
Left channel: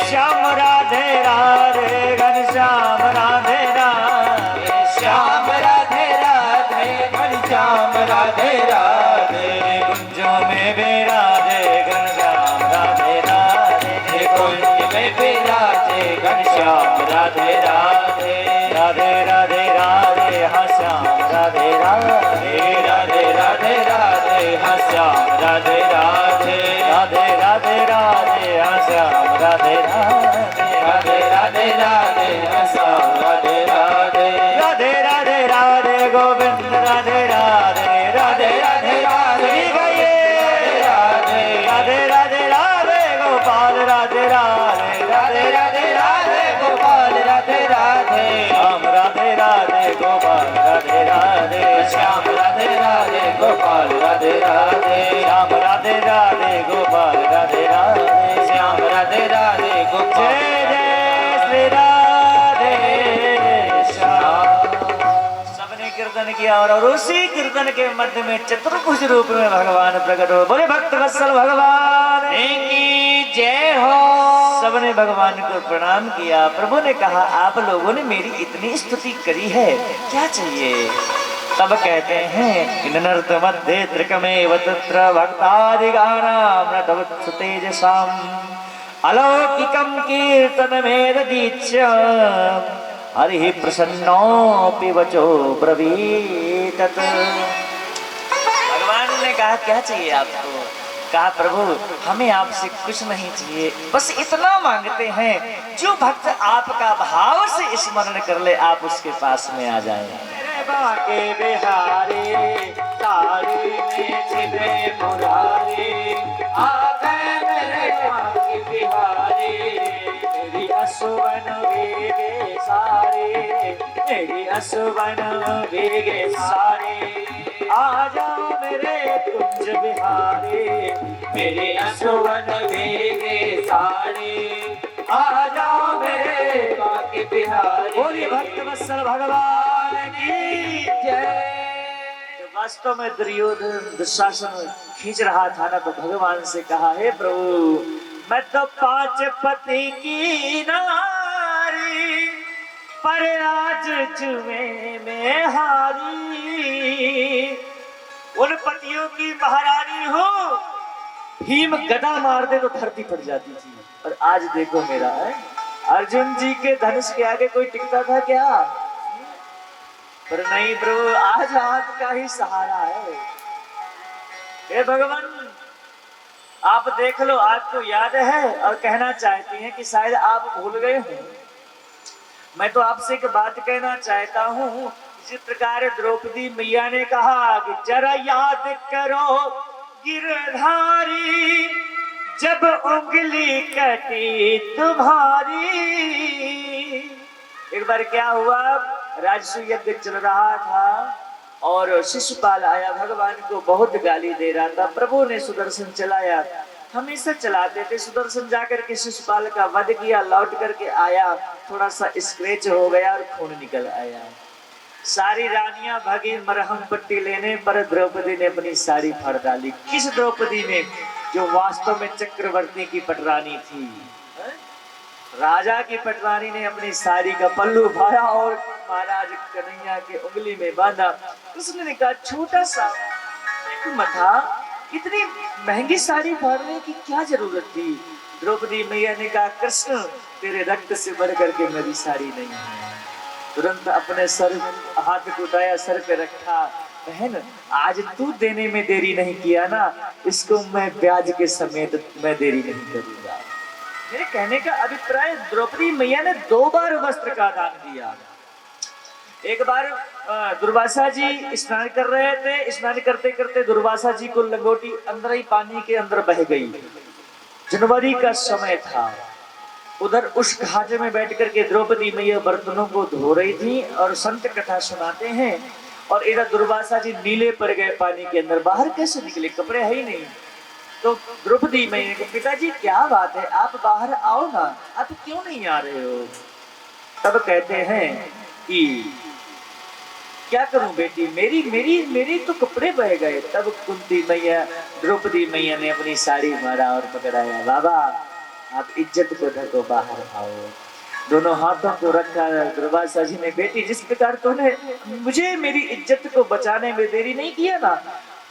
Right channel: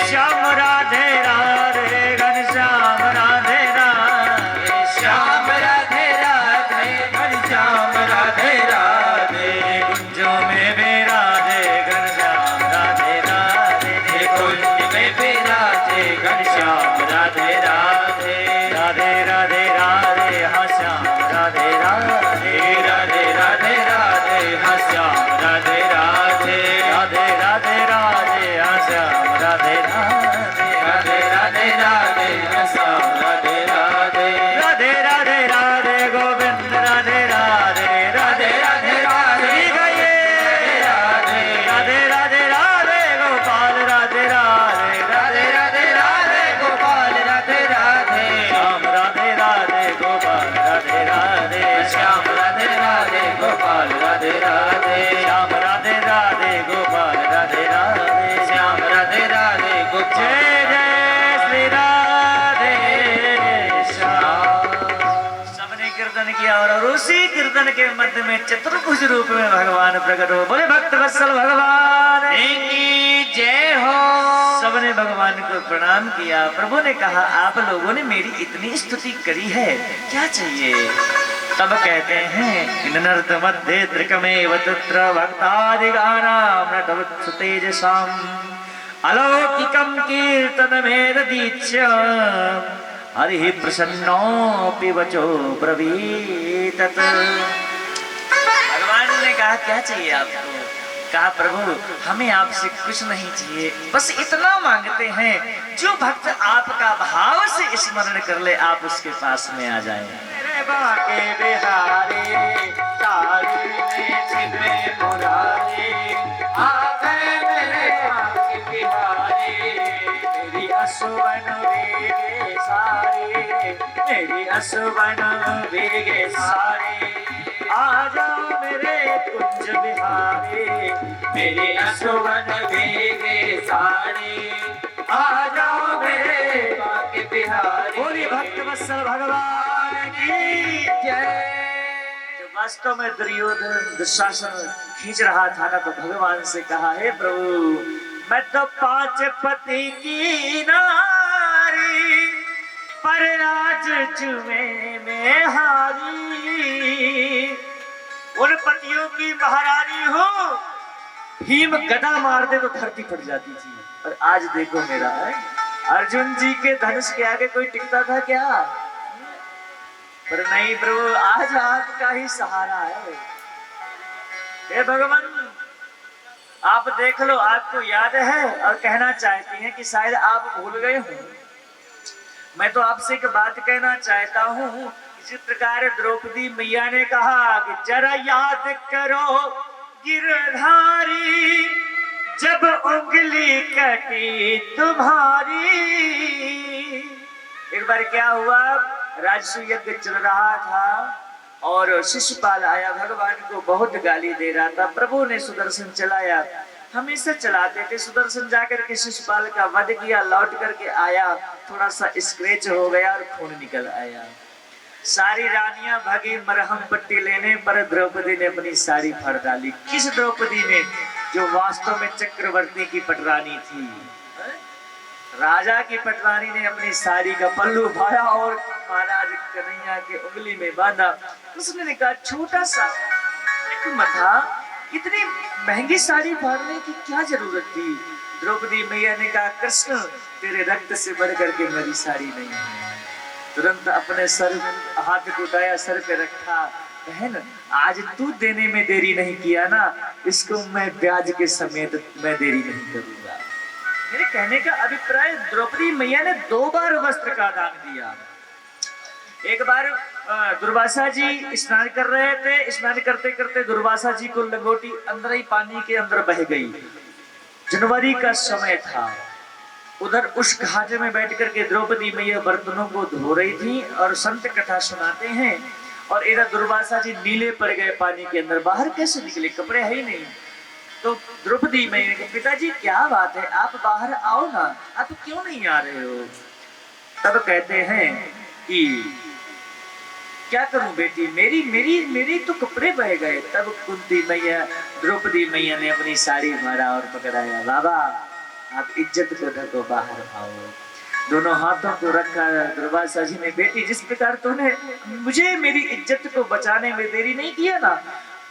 श्याम राधे राधे घनश्याम राधे राधे, श्याम राधे राधे घनश्याम राधे राधे। कुंजों में विराजे घनश्याम राधे राधे, कुंज में विराजे घनश्याम राधे राधे। राधे राधे राधे हाँ श्याम राधे राधे, राधे राधे राधे हाँ श्याम राधे राधे। राधे राधे राधे हाँ श्याम राधे राधे, राधे राधे राधे हाँ श्याम राधे राधे। राधे राधे राधे गोविंद राधे राधे, राधे राधे राधे गए राधे राधे राधे राधे गोपाल राधे राधे, राधे राधे राधे गोपाल राधे राधे। श्याम राधे राधे गोपाल राधे राधे, श्याम राधे राधे गोपाल राधे राधे। श्याम राधे राधे गोपाल राधे राधे, श्याम राधे राधे गोपाल। जय जय श्री राधे श्याम। सबने कीर्तन किया और उसी कीर्तन के मध्य में चतुर्भुज रूप में भगवान प्रकट हो। बोले भक्त वत्सल भगवान की जय हो। सबने भगवान को प्रणाम किया। प्रभु ने कहा आप लोगों ने मेरी इतनी स्तुति करी है, क्या चाहिए? तब कहते हैं नर्त मध्य त्रिकमेव तत्र भक्तादिगानां नटवत्सु तेजसाम् अलौकिकं कीर्तनमेतदीच्य हरिः प्रसन्नोऽपि वचो ब्रवीतत्। भगवान ने कहा क्या चाहिए आपको? कहा प्रभु हमें आपसे कुछ नहीं चाहिए, बस इतना मांगते हैं जो भक्त आपका भाव से स्मरण कर ले आप उसके पास में आ जाए। बाके बिहारी तारी में छिपे मुरारी, आ गए मेरे बाके बिहारी। मेरी असुवन भीगे सारे, मेरी असुवन भीगे सारे, आ जाओ मेरे कुंज बिहारी। मेरे असुवन भीगे सारे, आ जाओ मेरे बाके बिहारी। बोलिए भक्त वत्सल भगवान की जय। जब वास्तव में दुर्योधन दुशासन खींच रहा था ना, तो भगवान से कहा हे प्रभु मैं तो 5 पति की नारी, पर आज जुए में हारी। उन पतियों की महारानी हो, भीम गदा मार दे तो धरती फट जाती थी, और आज देखो मेरा अर्जुन जी के धनुष के आगे कोई टिकता था क्या? पर नहीं प्रभु आज आपका ही सहारा है। हे भगवान आप देख लो, आपको याद है और कहना चाहती हैं कि शायद आप भूल गए हो। मैं तो आपसे एक बात कहना चाहता हूँ। इसी प्रकार द्रौपदी मैया ने कहा कि जरा याद करो गिरधारी, जब उंगली कटी तुम्हारी। एक बार क्या हुआ, राजसू यज्ञ चल रहा था और शिशुपाल आया, भगवान को बहुत गाली दे रहा था। प्रभु ने सुदर्शन चलाया, हमेशा चलाते थे। सुदर्शन जाकर के शिशुपाल का वध किया, लौट करके आया, थोड़ा सा स्क्रैच हो गया और खून निकल आया। सारी रानियां भागी मरहम पट्टी लेने, पर द्रौपदी ने अपनी साड़ी फाड़ डाली। किस द्रौपदी ने? जो वास्तव में चक्रवर्ती की पटरानी थी, राजा की पटरानी ने अपनी साड़ी का पल्लू फाड़ा और महाराज कन्हैया के उंगली में बांधा। उसने कहा छोटा सा मथा, इतनी महंगी साड़ी फाड़ने की क्या जरूरत थी? द्रौपदी मैया ने कहा कृष्ण तेरे रक्त से बढ़ करके मेरी साड़ी नहीं है। तुरंत अपने सर हाथ उठाया, सर पे रखा। बहन आज तू देने में देरी नहीं किया ना, इसको मैं ब्याज के समेत मैं देरी नहीं करूंगा। मेरे कहने का अभिप्राय द्रौपदी मैया ने 2 बार वस्त्र का दान दिया। एक बार दुर्वासा जी स्नान कर रहे थे। स्नान करते करते दुर्वासा जी को लंगोटी अंदर ही पानी के अंदर बह गई। जनवरी का समय था। उधर उस घाटे में बैठ करके द्रौपदी मैया बर्तनों को धो रही थी और संत कथा सुनाते हैं। और इधर दुर्वासा जी नीले पड़ गए पानी के अंदर। बाहर कैसे निकले, कपड़े है ही नहीं। तो द्रौपदी मैया के पिताजी क्या बात है, आप बाहर आओ ना, आप क्यों नहीं आ रहे हो। तब कहते हैं कि क्या करूं बेटी, मेरी मेरी मेरी तो कपड़े बह गए। तब कुंती मैया द्रौपदी मैया ने अपनी साड़ी मारा और पकड़ाया, बाबा आप इज्जत को ढको, बाहर आओ। दोनों हाथों को रखा। दुर्वासा जी ने, बेटी जिस प्रकार तूने मुझे मेरी इज्जत को बचाने में देरी नहीं किया ना,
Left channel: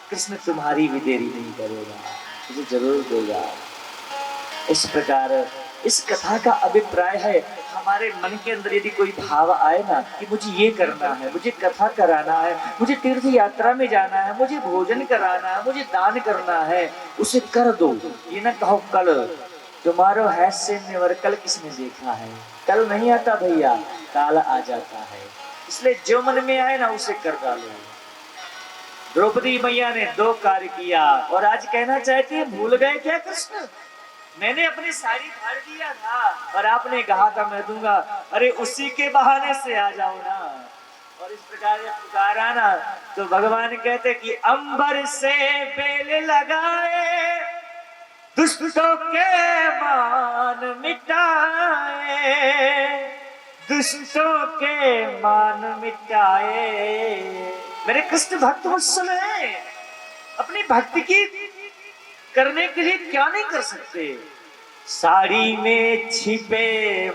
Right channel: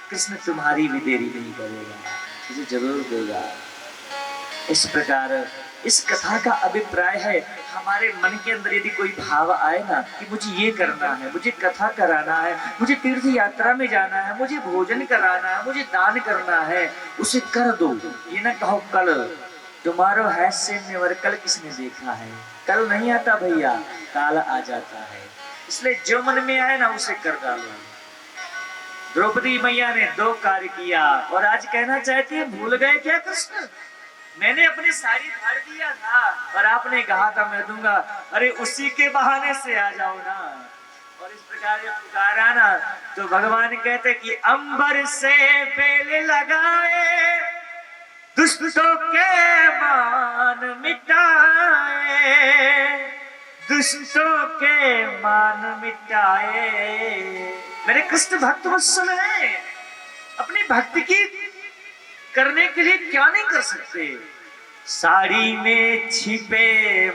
कृष्ण तुम्हारी भी देरी नहीं करेगा, तुझे जरूर देगा। इस प्रकार इस कथा का अभिप्राय है, हमारे मन के अंदर यदि कोई भाव आए ना कि मुझे ये करना है, मुझे कथा कराना है, मुझे तीर्थ यात्रा में जाना है, मुझे भोजन कराना है, मुझे दान करना है, उसे कर दो। ये ना कहो कल तुम्हारो हैस्य नेवर, कल किसने देखा है, कल नहीं आता भैया, काल आ जाता है। इसलिए जो मन में आए ना उसे कर डालो। द्रौपदी मैया ने 2 कार्य किया और आज कहना चाहती है, भूल गए क्या कृष्ण, मैंने अपनी साड़ी फाड़ दिया था और आपने कहा था मैं दूंगा, अरे उसी के बहाने से आ जाओ ना। और इस प्रकार जब पुकारा ना तो भगवान कहते कि अंबर से बेल लगाए, दुष्टों के मान मिटाए, दुष्टों के मान मिटाए। मेरे कृष्ण भक्त वत्सल है, अपनी भक्ति की करने के लिए क्या नहीं कर सकते। साड़ी में छिपे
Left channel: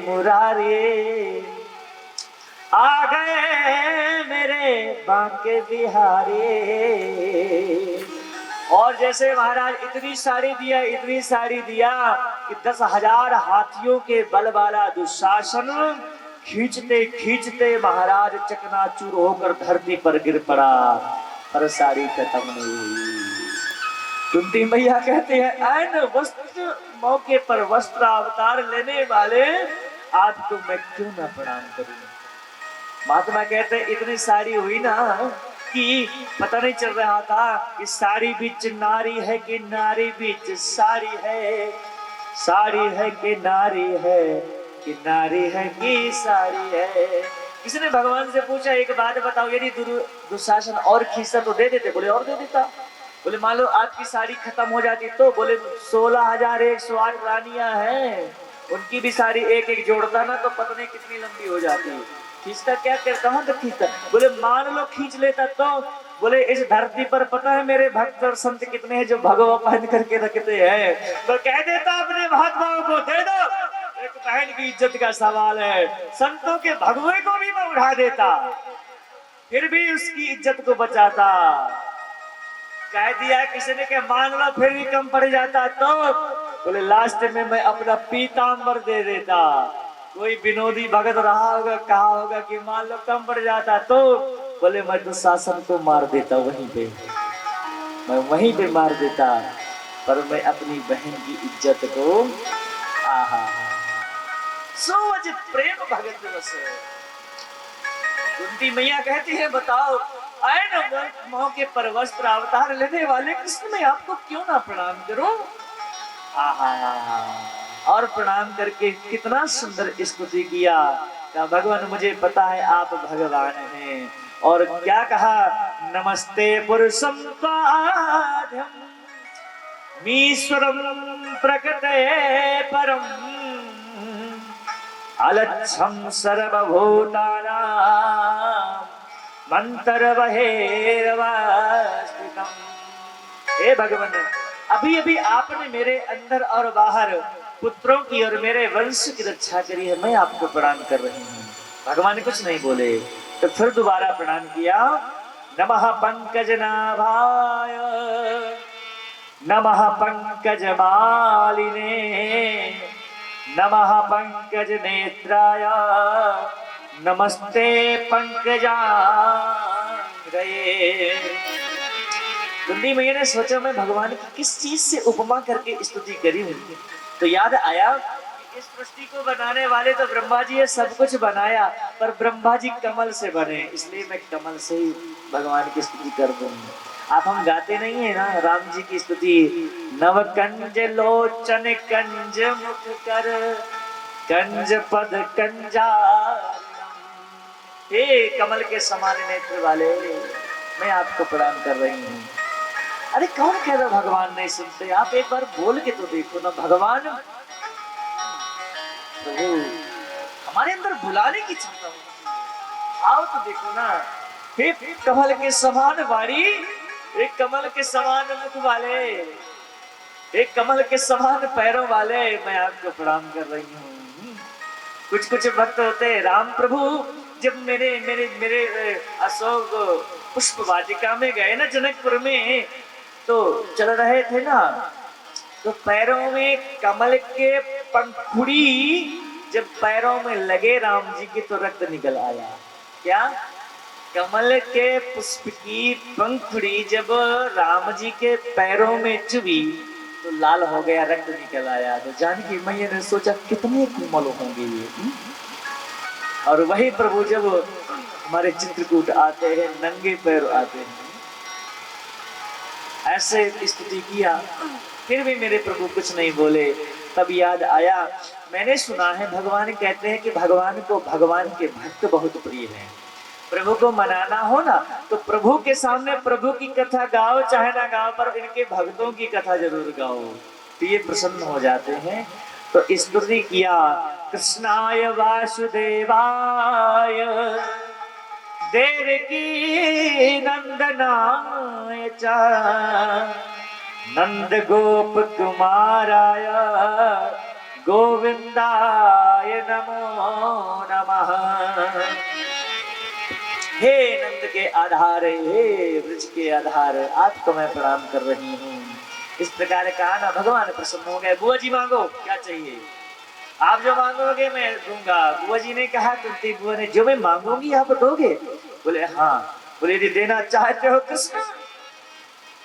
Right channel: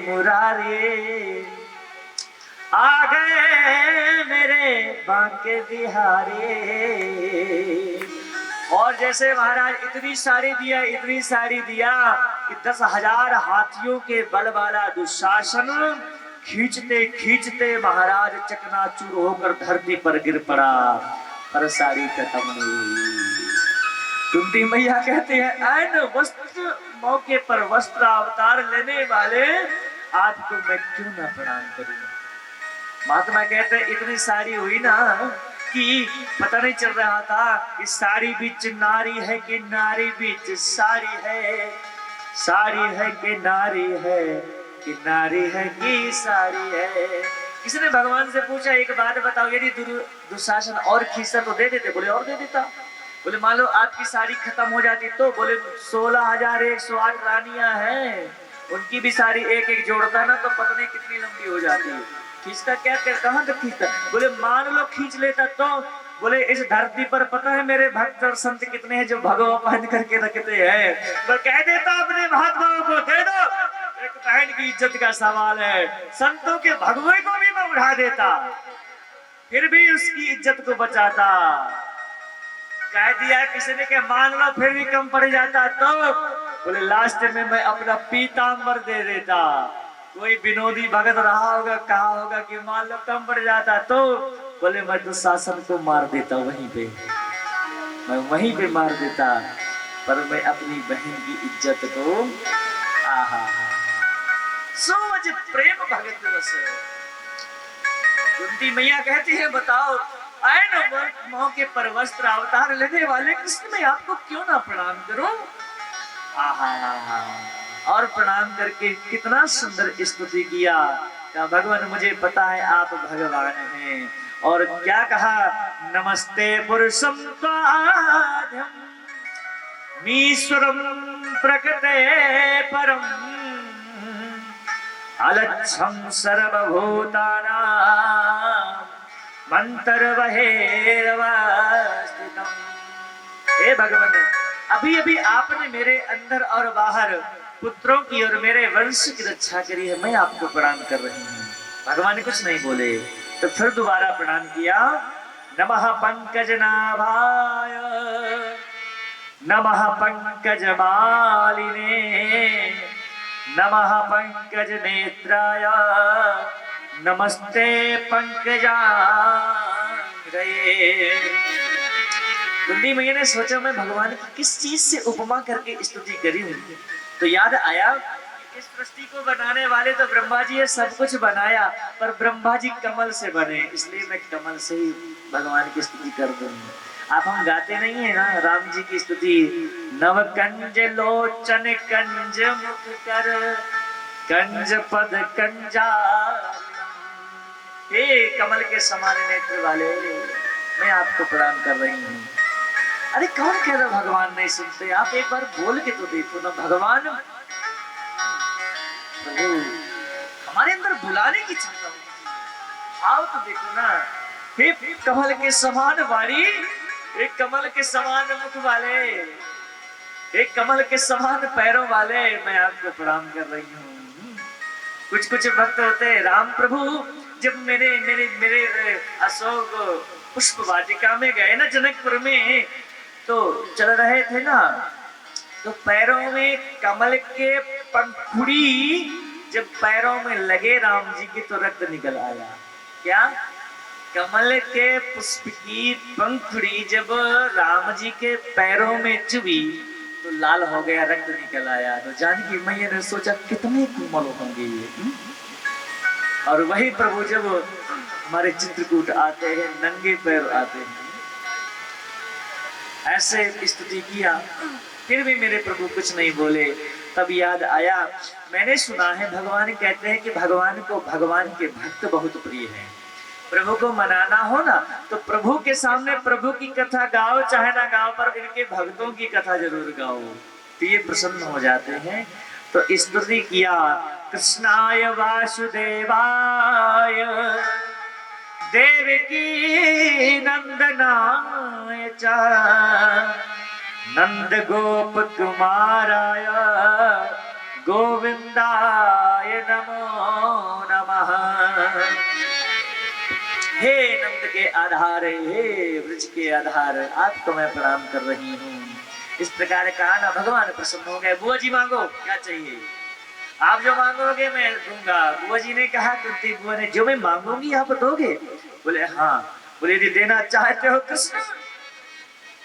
मुरारे, आ गए मेरे बांके बिहारी। और जैसे महाराज इतनी साड़ी दिया, इतनी साड़ी दिया कि 10,000 हाथियों के बल वाला दुशासन खींचते खींचते महाराज चकनाचूर होकर धरती पर गिर पड़ा, पर साड़ी खत्म नहीं हुई। कुंती मैया कहते हैं, ऐन वस्त्र मौके पर वस्त्र अवतार लेने वाले आपको मैं क्यों ना प्रणाम करूं। महात्मा कहते हैं, इतनी साड़ी हुई ना कि पता नहीं चल रहा था कि साड़ी बीच नारी है कि नारी बीच साड़ी है, साड़ी है कि नारी है कि नारी है कि साड़ी है। किसी ने भगवान से पूछा, एक बात बताओ, यदि दुशासन और खींचता तो दे देते, बोले और दे देता। बोले मान लो आपकी साड़ी खत्म हो जाती तो, बोले 16,108 रानियां हैं, उनकी भी साड़ी एक एक जोड़ता ना तो पता नहीं कितनी लंबी हो जाती। खींचता क्या कर, कहां तक खींचता। बोले मान लो खींच लेता तो, बोले इस धरती पर पता है मेरे भक्त और संत कितने हैं जो भगवा पहन करके रखते हैं, तो कह देता अपने महात्माओं को दे दो, एक बहन की इज्जत का सवाल है, संतों के भगवे को भी मैं उठा देता, फिर भी उसकी इज्जत को बचाता। कह दिया किसी ने कि मान लो फिर भी कम पड़ जाता तो, बोले लास्ट में मैं अपना पीतांबर दे देता। कोई विनोदी भगत रहा होगा, कहा होगा कि मान लो कम पड़ जाता तो, बोले मैं तो शासन को मार देता, वहीं पे मैं वहीं पे मार देता, पर मैं अपनी बहन की इज्जत को आहा सोच प्रेम भगत दिवस। कुंती मैया कहती है, बताओ ऐन मौके पर वस्त्र अवतार लेने वाले कृष्ण में आपको क्यों ना प्रणाम करूं। और प्रणाम करके कितना सुंदर स्तुति किया, क्या भगवान मुझे पता है आप भगवान हैं। और क्या कहा, नमस्ते पुरुषं त्वाद्यम् ईश्वरं प्रकृते परम, अलक्षं सर्वभूतानां मंतरवहेरवस्थितम्। हे भगवान, अभी अभी आपने मेरे अंदर और बाहर पुत्रों की और मेरे वंश की रक्षा करी है, मैं आपको प्रणाम कर रही हूँ। भगवान कुछ नहीं बोले, तो फिर दोबारा प्रणाम किया। नमः पंकजनाभाय, नमः पंकजमालिने, नमः पंकज नेत्राय, नमस्ते पंकजांग्रये। कुंती मैया ने सोचा मैं भगवान की किस चीज से उपमा करके स्तुति करी हूं, तो याद आया इस सृष्टि को बनाने वाले तो ब्रह्मा जी है, सब कुछ बनाया, पर ब्रह्मा जी कमल से बने, इसलिए मैं कमल से ही भगवान की स्तुति कर दूंगा। आप हम गाते नहीं है ना राम जी की स्तुति, नव कंज लोचन कंज मुख कर कंज पद कंजा, हे कमल के समान नेत्र वाले, मैं आपको प्रणाम कर रही हूँ। अरे कौन कह रहा भगवान नहीं सुनते, आप एक बार बोल के तो देखो ना, भगवान प्रभु हमारे अंदर बुलाने की क्षमता होती है। आओ तो देखो ना, हे कमल के समान वाणी, एक कमल के समान मुख वाले, एक कमल के समान पैरों वाले, मैं आपको प्रणाम कर रही हूँ। कुछ कुछ भक्त होते हैं, राम प्रभु जब मेरे मेरे मेरे अशोक पुष्प वाटिका में गए ना जनकपुर में, तो चल रहे थे ना, तो पैरों में कमल के पंखुड़ी जब पैरों में लगे राम जी के, तो रक्त निकल आया। क्या? कमल के पुष्प की पंखुड़ी जब राम जी के पैरों में चुभी तो लाल हो गया, रक्त निकल आया। तो जानकी मैया ने सोचा कितने कोमल होंगे ये। और वही प्रभु जब हमारे चित्रकूट आते हैं, नंगे पैर आते हैं, ऐसे स्तुति किया, फिर भी मेरे प्रभु कुछ नहीं बोले। तब याद आया, मैंने सुना है भगवान कहते हैं कि भगवान को भगवान के भक्त बहुत प्रिय हैं। प्रभु को मनाना हो ना, तो प्रभु के सामने प्रभु की कथा गाओ, चाहे ना गाओ, पर इनके भक्तों की कथा जरूर गाओ, तो ये प्रसन्न हो जाते हैं। तो स्तुति किया, कृष्णाय वासुदेवाय देवकी नंदनाय च नंद गोप कुमाराय गोविंदाय नमो नमः। हे नंद के आधार, हे ब्रज के आधार, आपको मैं प्रणाम कर रही हूँ। इस प्रकार कहा ना, भगवान प्रसन्न हो गए। बुआ जी मांगो, क्या चाहिए? आप जो मांगोगे मैं दूंगा। बुआ जी ने कहा, कुंती बुआ ने, जो मैं मांगूंगी आप दोगे? बोले हाँ। बोले यदि देना चाहते हो कृष्ण,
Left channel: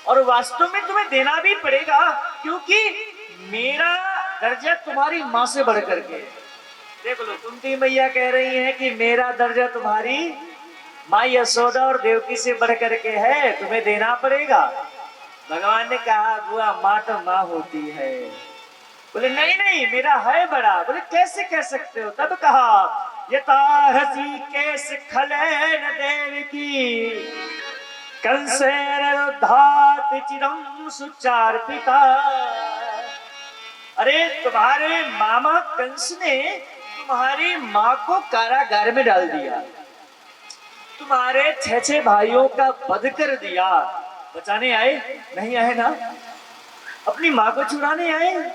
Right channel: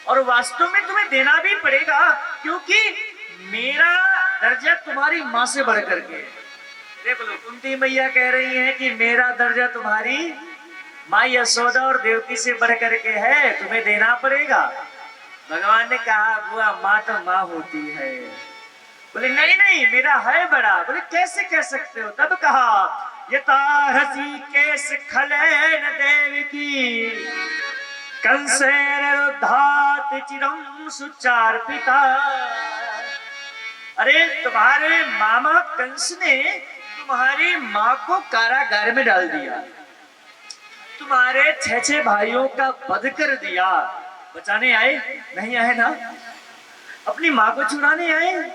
और वास्तव में तुम्हें देना भी पड़ेगा, क्योंकि मेरा दर्जा तुम्हारी माँ से बढ़ करके। देख लो, कुंती मैया कह रही है कि मेरा दर्जा तुम्हारी माँ यशोदा और देवकी से बढ़ करके है, तुम्हें देना पड़ेगा। भगवान ने कहा, बुआ माँ तो माँ होती है। बोले नहीं नहीं, मेरा है बड़ा। बोले कैसे कह सकते हो? तब कहा, यथा ऋषिकेश खलेन देवकी कंसेरुद्धात चिरम सुचार्पिता। अरे तुम्हारे मामा कंस ने तुम्हारी माँ को कारागार में डाल दिया, तुम्हारे 6 भाइयों का वध कर दिया। बचाने आए? नहीं आए ना, अपनी माँ को चुराने आए।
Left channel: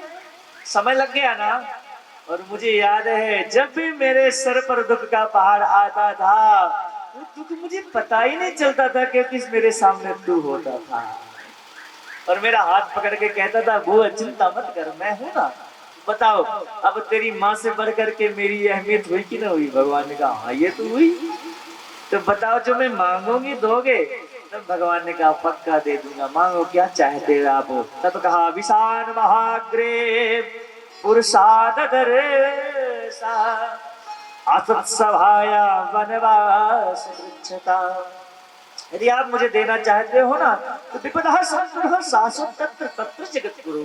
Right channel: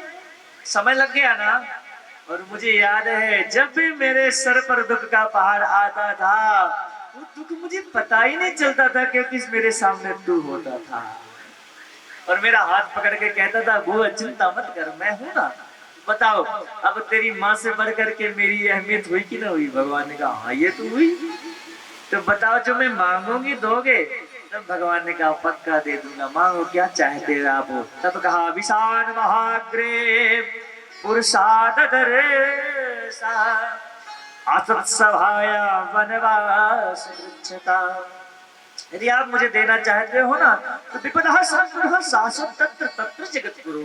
समय लग गया ना। और मुझे याद है, जब भी मेरे सर पर दुख का पहाड़ आता था, वो दुख मुझे पता ही नहीं चलता था, क्योंकि मेरे सामने तू होता था और मेरा हाथ पकड़ के कहता था, बुआ चिंता मत कर, मैं हूं ना। बताओ, अब तेरी माँ से बढ़ करके मेरी अहमियत हुई कि ना हुई? भगवान ने कहा, हाँ ये तो हुई। तो बताओ, जो मैं मांगूंगी दोगे? तब भगवान ने कहा, पक्का दे दूंगा, मांगो क्या चाहते हो आप। तब कहा, विशान महाग्रे पुरुषादर असत सभाया वनवास वृक्षता। यदि आप मुझे देना चाहते हो ना, तो विपदा संपूर्ण शासन तत्र तत्र जगत गुरु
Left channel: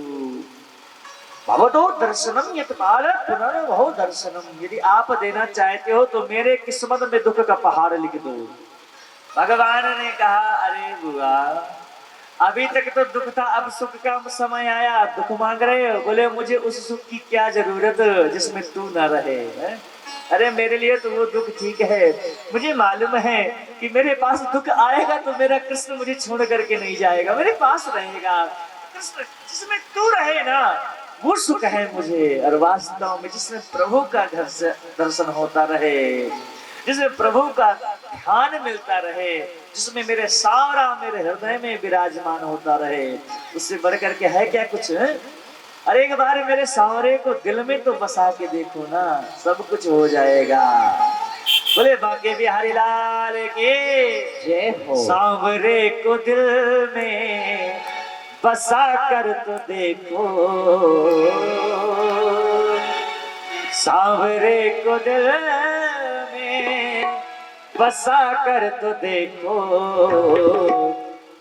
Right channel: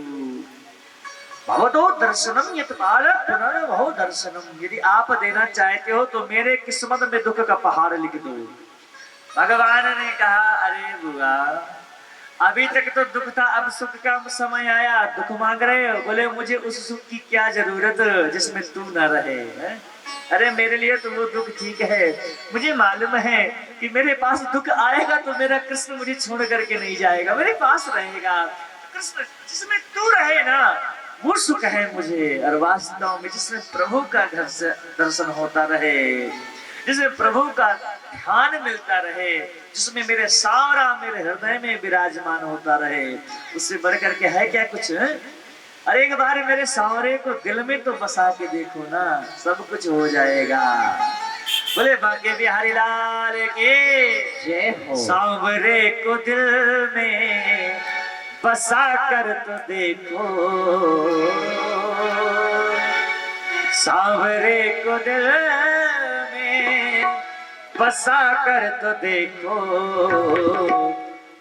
भवतो दर्शनम यत पाल पुनर्भव दर्शनम। यदि आप देना चाहते हो तो मेरे किस्मत में दुख का पहाड़ लिख दो। भगवान ने कहा, अरे बुआ अभी तक तो दुख था, अब सुख का समय आया, दुख मांग रहे हो? बोले मुझे उस सुख की क्या जरूरत जिसमें तू न रहे है? अरे मेरे लिए तो वो दुख ठीक है। मुझे मालूम है कि मेरे पास दुख आएगा तो मेरा कृष्ण मुझे छोड़ करके नहीं जाएगा, मेरे पास रहेगा। कृष्ण जिसमें तू रहे ना, वो सुख है मुझे। और वास्तव में जिसमें प्रभु का दर्शन होता रहे, जिसमें प्रभु का ध्यान मिलता रहे, जिसमें मेरे सारा मेरे हृदय में विराजमान होता रहे, उससे बढ़कर के है क्या कुछ? अरे एक बार मेरे सांवरे को दिल में तो बसा के देखो ना, सब कुछ हो जाएगा। बोले बांके बिहारी लाल की जय हो। सांवरे को दिल में बसा कर तो देखो, सांवरे को दिल में बसा कर तो देखो,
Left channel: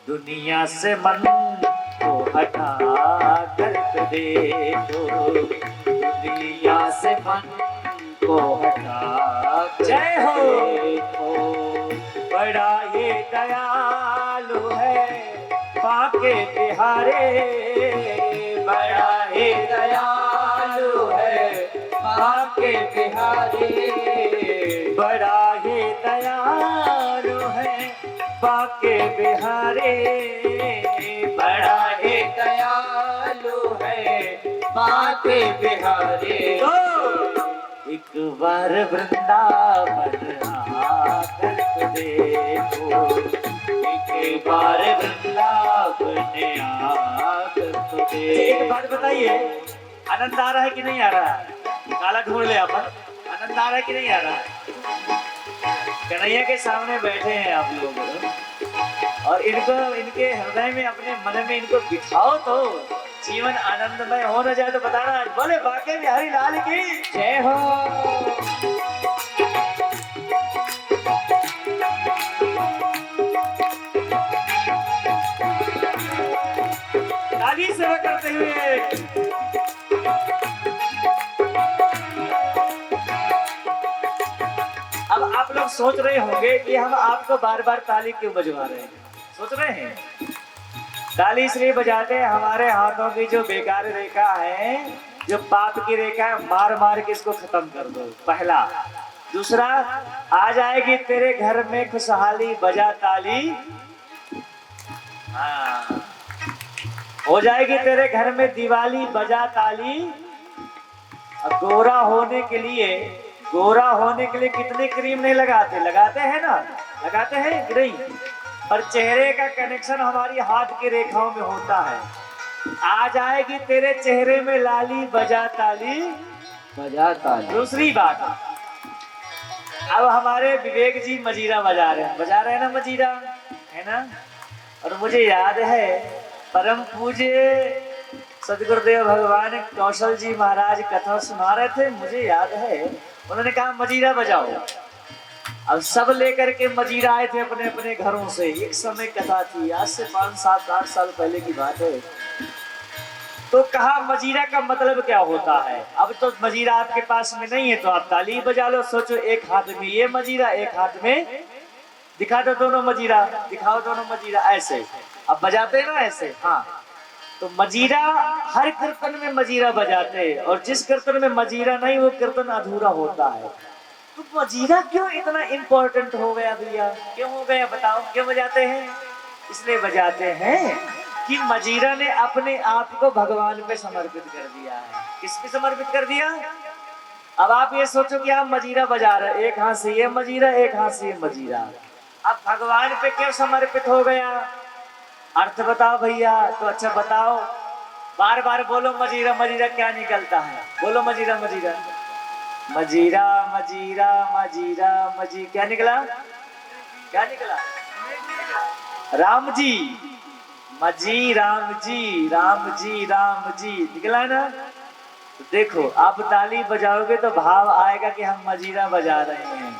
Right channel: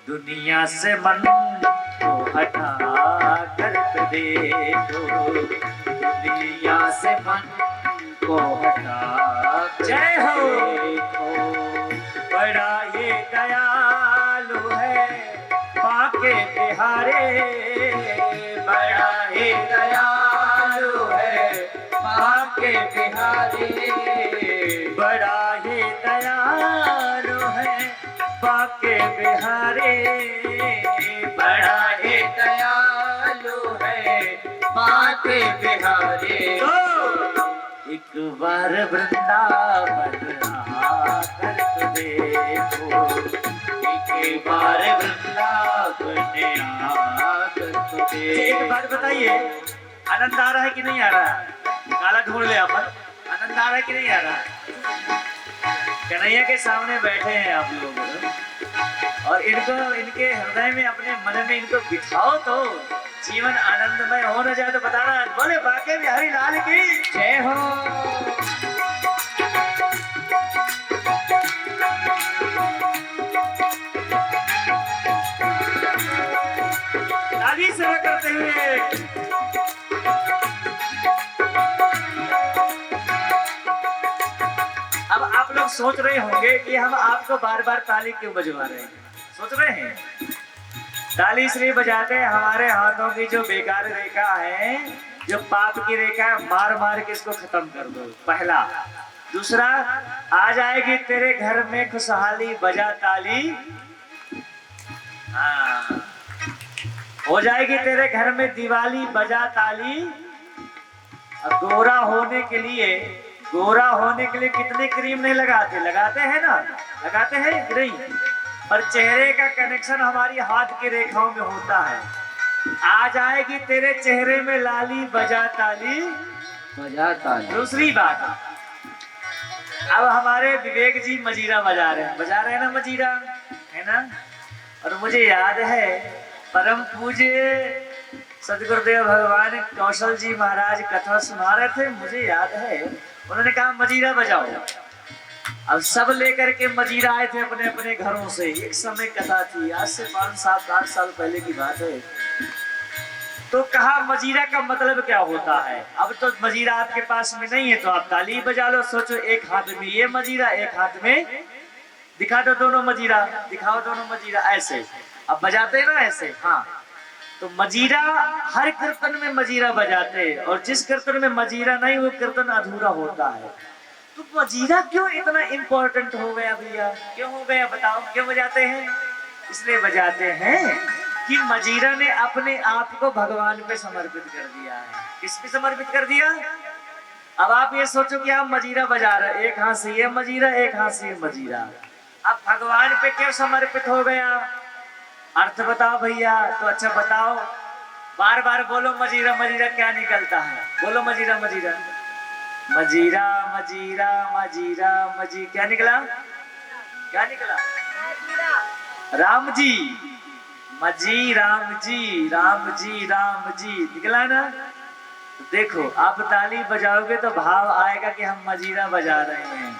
दुनिया से मन को हटा कर तो देखो, दुनिया से मन को हटा जय हो देखो। बड़ा ये दयालु है बाके बिहारे, बड़ा ये दयालु है बाके बिहारी, बड़ा ही दयालु है बाके बिहारी, बड़ा ही दयालु है बाके बिहारी। एक बार वृंदावन आकर तो देखो, एक बार वृंदावन आकर तो देखो। एक बात बताइए, आनंद आ रहा है कि नहीं आ रहा है? काला ढूंढ ले अपन, आनंद आ रहा है कि नहीं आ रहा है? कन्हैया के सामने बैठे हैं आप लोग, और इनको इनके हृदय में अपने मन में इनको बिठाओ तो जीवन आनंदमय हो न जाए तो बताना। बोले बाके बिहारी लाल की जय हो। ताली सेवा करते हुए अब आप लोग सोच रहे होंगे कि हम आपको बार बार ताली क्यों बजवा रहे हैं। सोच रहे हैं ताली इसलिए बजाते हैं, हमारे हाथों की जो बेकार रेखा है, जो पाप की रेखा है, मार मार के इसको खत्म कर दो, पहला। दूसरा, आ जाएगी तेरे घर में खुशहाली, बजा ताली। हाँ, हो जाएगी तेरे घर में दिवाली, बजा ताली। गोरा होने के लिए, गोरा होने के लिए कितने क्रीम नहीं लगाते? लगाते हैं ना, लगाते हैं नहीं, पर चेहरे का कनेक्शन हमारी हाथ की रेखाओं में होता है। आ जाएगी तेरे चेहरे में लाली, बजा ताली, बजा ताली। दूसरी बात, अब हमारे विवेक जी मजीरा बजा रहे हैं ना, मजीरा है ना। और मुझे याद है परम पूज्य सदगुरुदेव भगवान कौशल जी महाराज कथा सुना रहे थे, मुझे याद है उन्होंने कहा मजीरा बजाओ। अब सब लेकर के मजीरा आए थे अपने अपने घरों से। एक समय कथा थी, आज से 5-7-8 साल पहले की बात है। तो कहा मजीरा का मतलब क्या होता है? अब तो मजीरा आपके पास में नहीं है तो आप ताली बजा लो। सोचो, एक हाथ में ये मजीरा, एक हाथ में, दिखा दो दोनों मजीरा, दिखाओ दोनों मजीरा, ऐसे अब बजाते ना ऐसे। हाँ, तो मजीरा, हर कीर्तन में मजीरा बजाते, और जिस कीर्तन में मजीरा नहीं वो कीर्तन अधूरा होता है। तो मजीरा क्यों इतना इम्पोर्टेंट हो गया भैया? क्यों हो गया बताओ, क्यों बजाते हैं? इसलिए बजाते हैं कि मजीरा ने अपने आप को भगवान पे समर्पित कर दिया है। किस पे समर्पित कर दिया? अब आप ये सोचो कि आप मजीरा बजा रहे, एक हाथ से ये मजीरा, एक हाथ से ये मजीरा, अब भगवान पे क्यों समर्पित हो गया? अर्थ बताओ भैया। तो अच्छा बताओ, बार बार बोलो मजीरा मजीरा, क्या निकलता है? बोलो मजीरा मजीरा, मजीरा मजीरा मजीरा मजी, क्या निकला? क्या निकला? राम जी, मजी राम जी, राम जी राम जी, निकला ना। देखो, आप ताली बजाओगे तो भाव आएगा कि हम मजीरा बजा रहे हैं।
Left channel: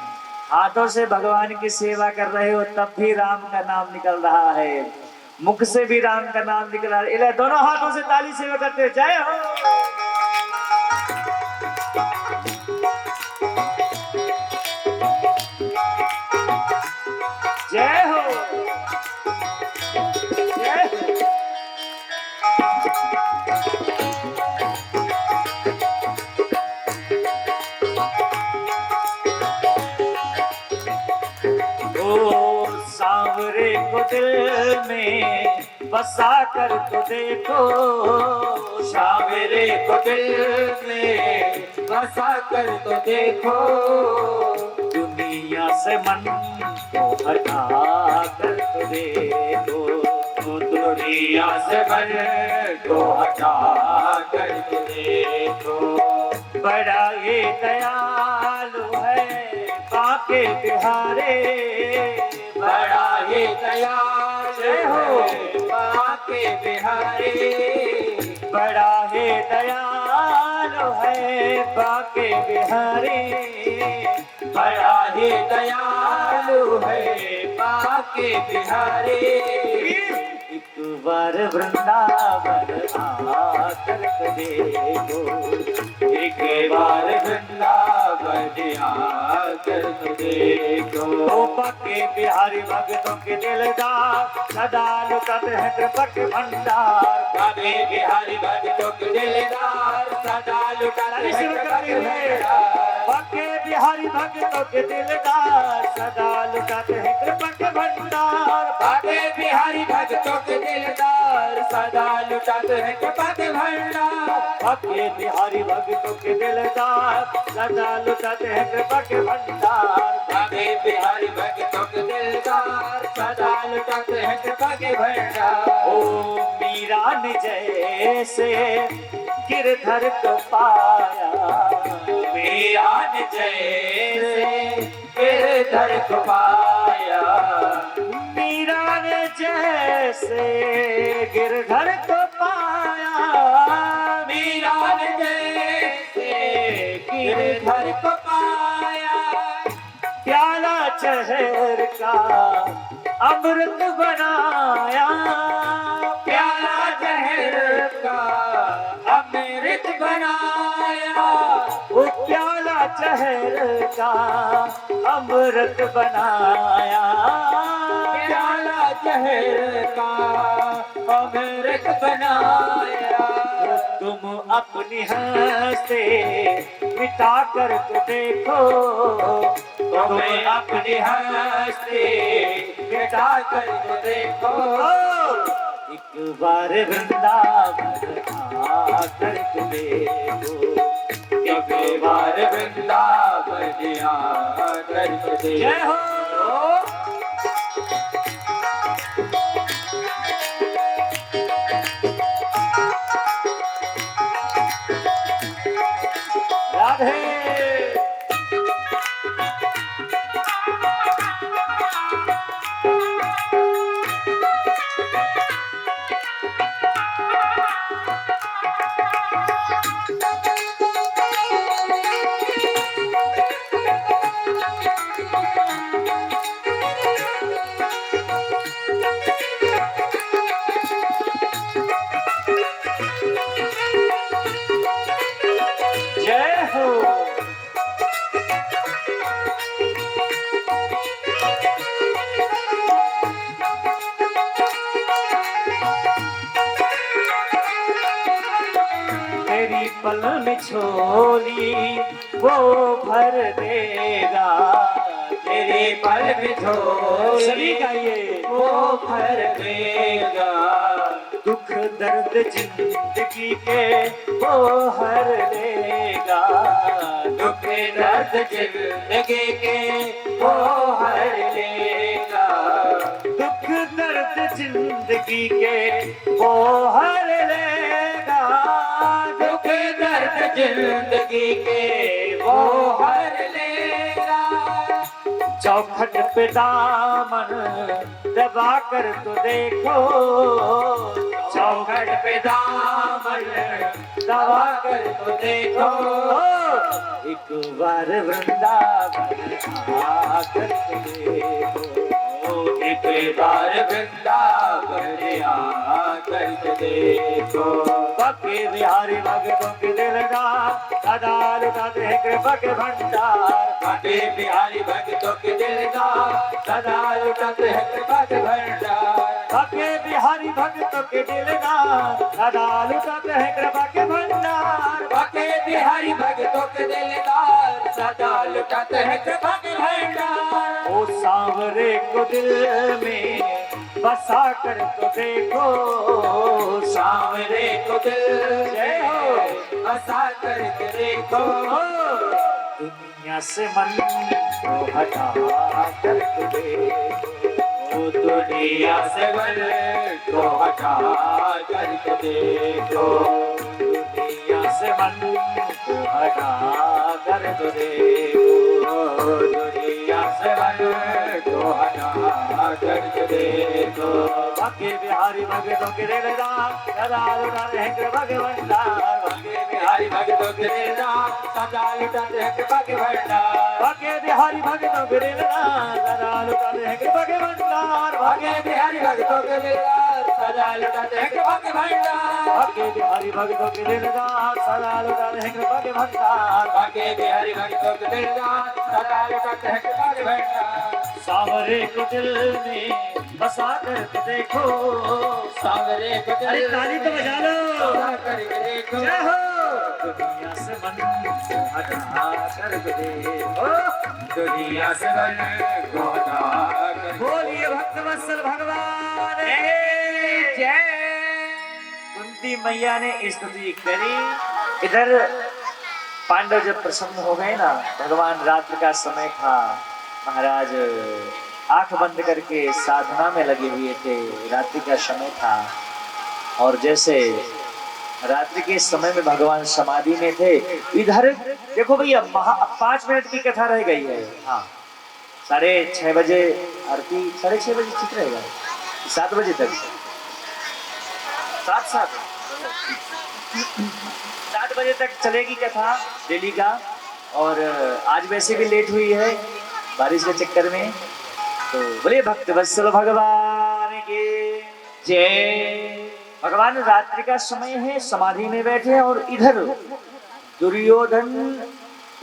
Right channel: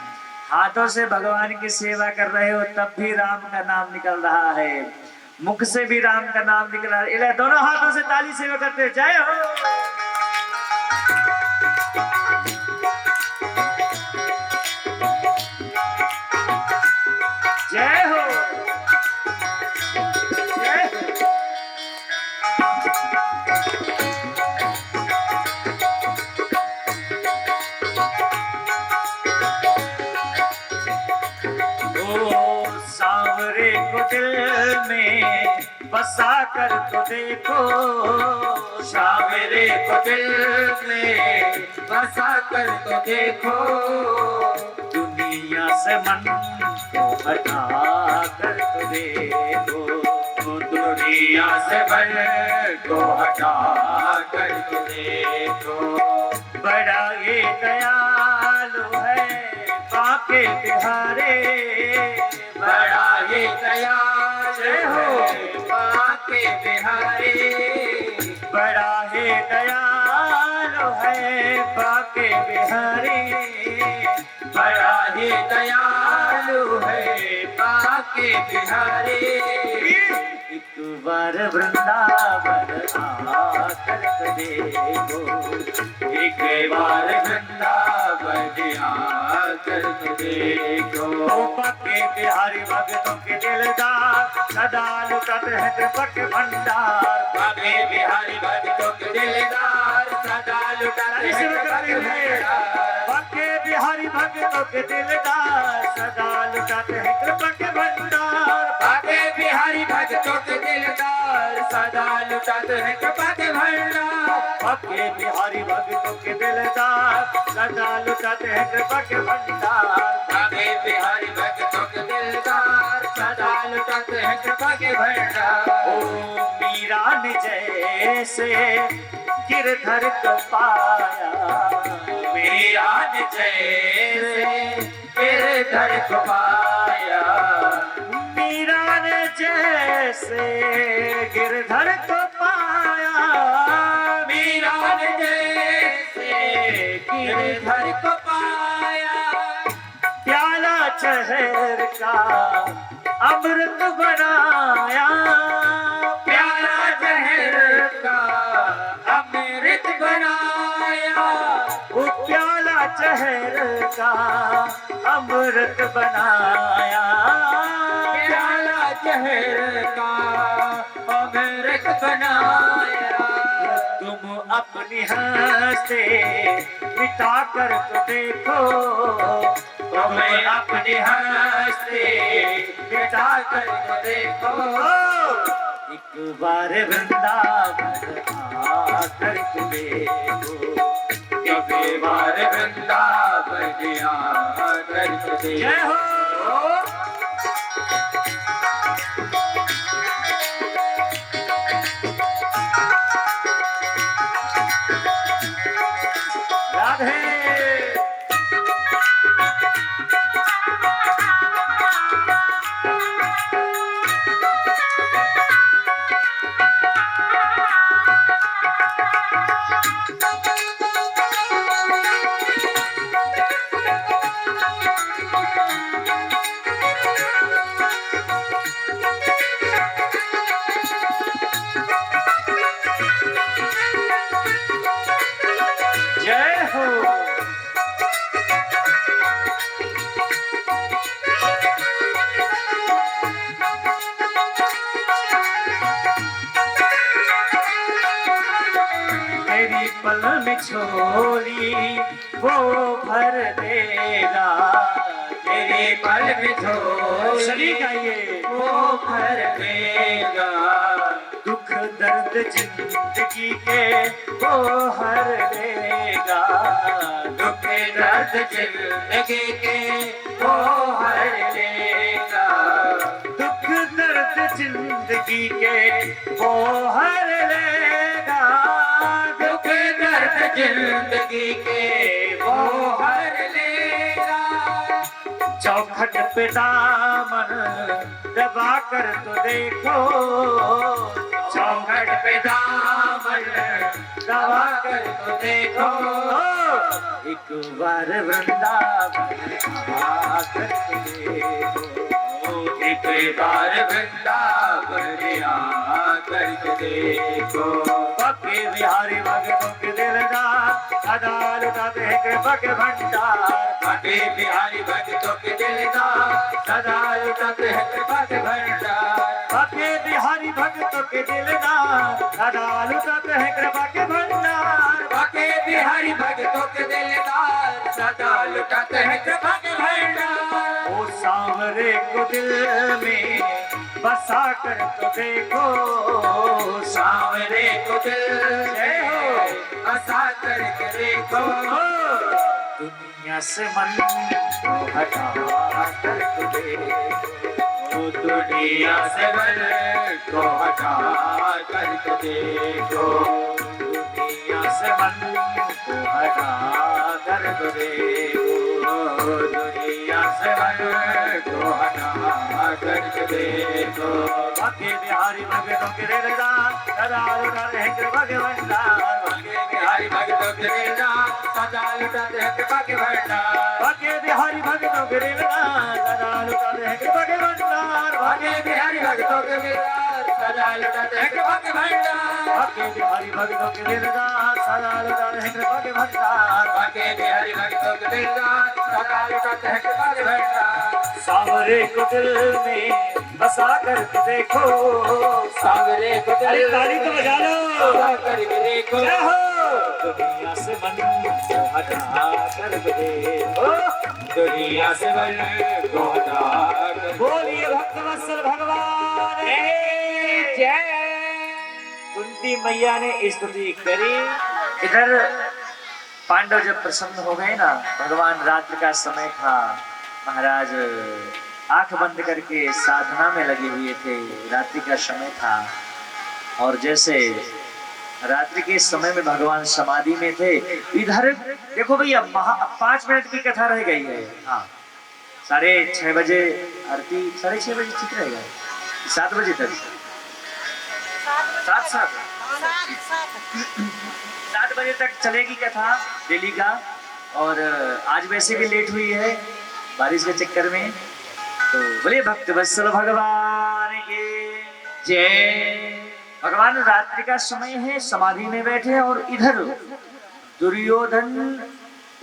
हाथों से भगवान की सेवा कर रहे हो तब भी राम का नाम निकल रहा है, मुख से भी राम का नाम निकल रहा है। दोनों हाथों से ताली सेवा करते हो, जय हो। जय हो, जय हो। ओ सांवरे को दिल में बसा कर तो देखो, सांवरे को दिल में बसा कर तो देखो, दुनिया से मन को हटा कर तो देखो, दुनिया से मन को हटा कर तो देखो। बड़ा ये दयालु है बाके बिहारे, बड़ा ये दयालु है बाके बिहारी, बड़ा ही दयालु है बाके बिहारी, बड़ा ही दयालु है बाके बिहारी। एक बार वृंदावन आकर तो देखो, एक बार वृंदावन आकर तो देखो। बाके बिहारी भक्तों के दिलदार, सदा लुटत है कृपा के भंडार। बाके बिहारी भक्तों के दिलदार, सदा लुटत है कृपा के भंडार। बाके बिहारी भक्तों के दिलदार, सदा लुटत है कृपा के भंडार। बाके बिहारी भक्तों के दिलदार, सदा लुटत है कृपा के भंडार। बाके बिहारी भक्तों के दिलदार, सदा लुटत है कृपा के भंडार। बाके बिहारी भक्तों के दिलदार, सदा लुटत है कृपा के भंडार। ओ मीरा ने जैसे गिरधर को पाया, मीरा ने जैसे गिरधर को पाया। मीरा ने जैसे गिरधर को पाया। मीरा ने जैसे गिरधर को पाया। प्याला चहर का अमृत बनाया, प्याला जहर का अमृत बनाया। वो प्याला चहर का अमृत बनाया। प्याला जहर का अमृत बनाया। तुम अपनी हंसते मिटा कर तो देखो, तुम्हें अपनी हंसते मिटा कर तो देखो। एक बार वृंदावन आकर तो देखो, एक बार वृंदावन आकर तो देखो। जय हो। राधे जय हो। तेरी पल में छोरी वो भर देगा, तेरे पल में सभी झोली गाइए। वो भर देगा। दुख दर्द जिंदगी के वो हर लेगा, दुख दर्द जिंदगी के वो हर लेगा। दुख दर्द जिंदगी के वो हर लेगा। दुख दर्द जिंदगी के वो हर लेगा। चौखट पे दामन दबा कर तो देखो, चौखट पे दामन दबा कर तो देखो। एक बार वृंदावन आकर तो देखो, एक बार वृंदावन आकर तो देखो। बाके बिहारी भक्तों के दिलदार, सदा लुटाते हैं कृपा के भंडार। बाके बिहारी भक्तों के दिलदार, सदा लुटाते हैं कृपा के भंडार। बाके बिहारी भक्तों के दिलदार, सदा लुटाते हैं कृपा के भंडार। बाके बिहारी भक्तों के दिलदार, सदा लुटाते हैं कृपा के भंडार। ओ सांवरे को दिल में बसा कर तो देखो, सांवरे को दिल में बसा कर के देखो। दुनिया से मन को हटा कर तो देखो, दुनिया से मन को हटा कर के देखो। दुनिया से मन को हटा कर तो देखो, दुनिया से मन को हटा कर के देखो। बाके बिहारी भक्तों के दिलदार, सदा लुटाते हैं कृपा के भंडार। बाके बिहारी बिहारी भक्तों के दिलदार सदा लुटाते हैं कृपा के भंडार भाग्य बिहारी भक्तों के दिलदार सदा लुटाते हैं कृपा के भंडार भाग्य बिहारी भक्तों के दिलदार सदा लुटाते हैं कृपा के भंडार भाग्य बिहारी भक्तों के दिलदार सदा लुटाते हैं कृपा के भंडार भाग्य बिहारी भक्तों के दिलदार सदा लुटाते हैं कृपा के भंडार सांवरे को दिल में बसा कर देखो सांवरे को अरे दिल ताली तो बजा लो बसा करके देखो जय हो दुनिया से मन को हटा कर देखो दुनिया से मन को हटा कर बोलिए भक्तवत्सल भगवान की जय। कुंती मैया ने स्तुति करी। इधर पांडव जब प्रसन्न हो गए ना, भगवान रात्रि का समय था, महाराज आंख बंद करके साधना में लगे हुए थे, रात्रि का समय था और जैसे रात्रि के समय में भगवान समाधि में थे। इधर देखो भैया 5 मिनट की कथा रह गई है। हाँ 6:30 बजे आरती, 6:30 बजे ठीक रहेगा, 7 बजे तक 7 बजे तक चलेगी कथा डेली का। और आज वैसे भी लेट हुई है बारिश के चक्कर में, तो बोले भक्तवत्सल भगवान की जय। भगवान रात्रि का समय है, समाधि में बैठे और इधर दुर्योधन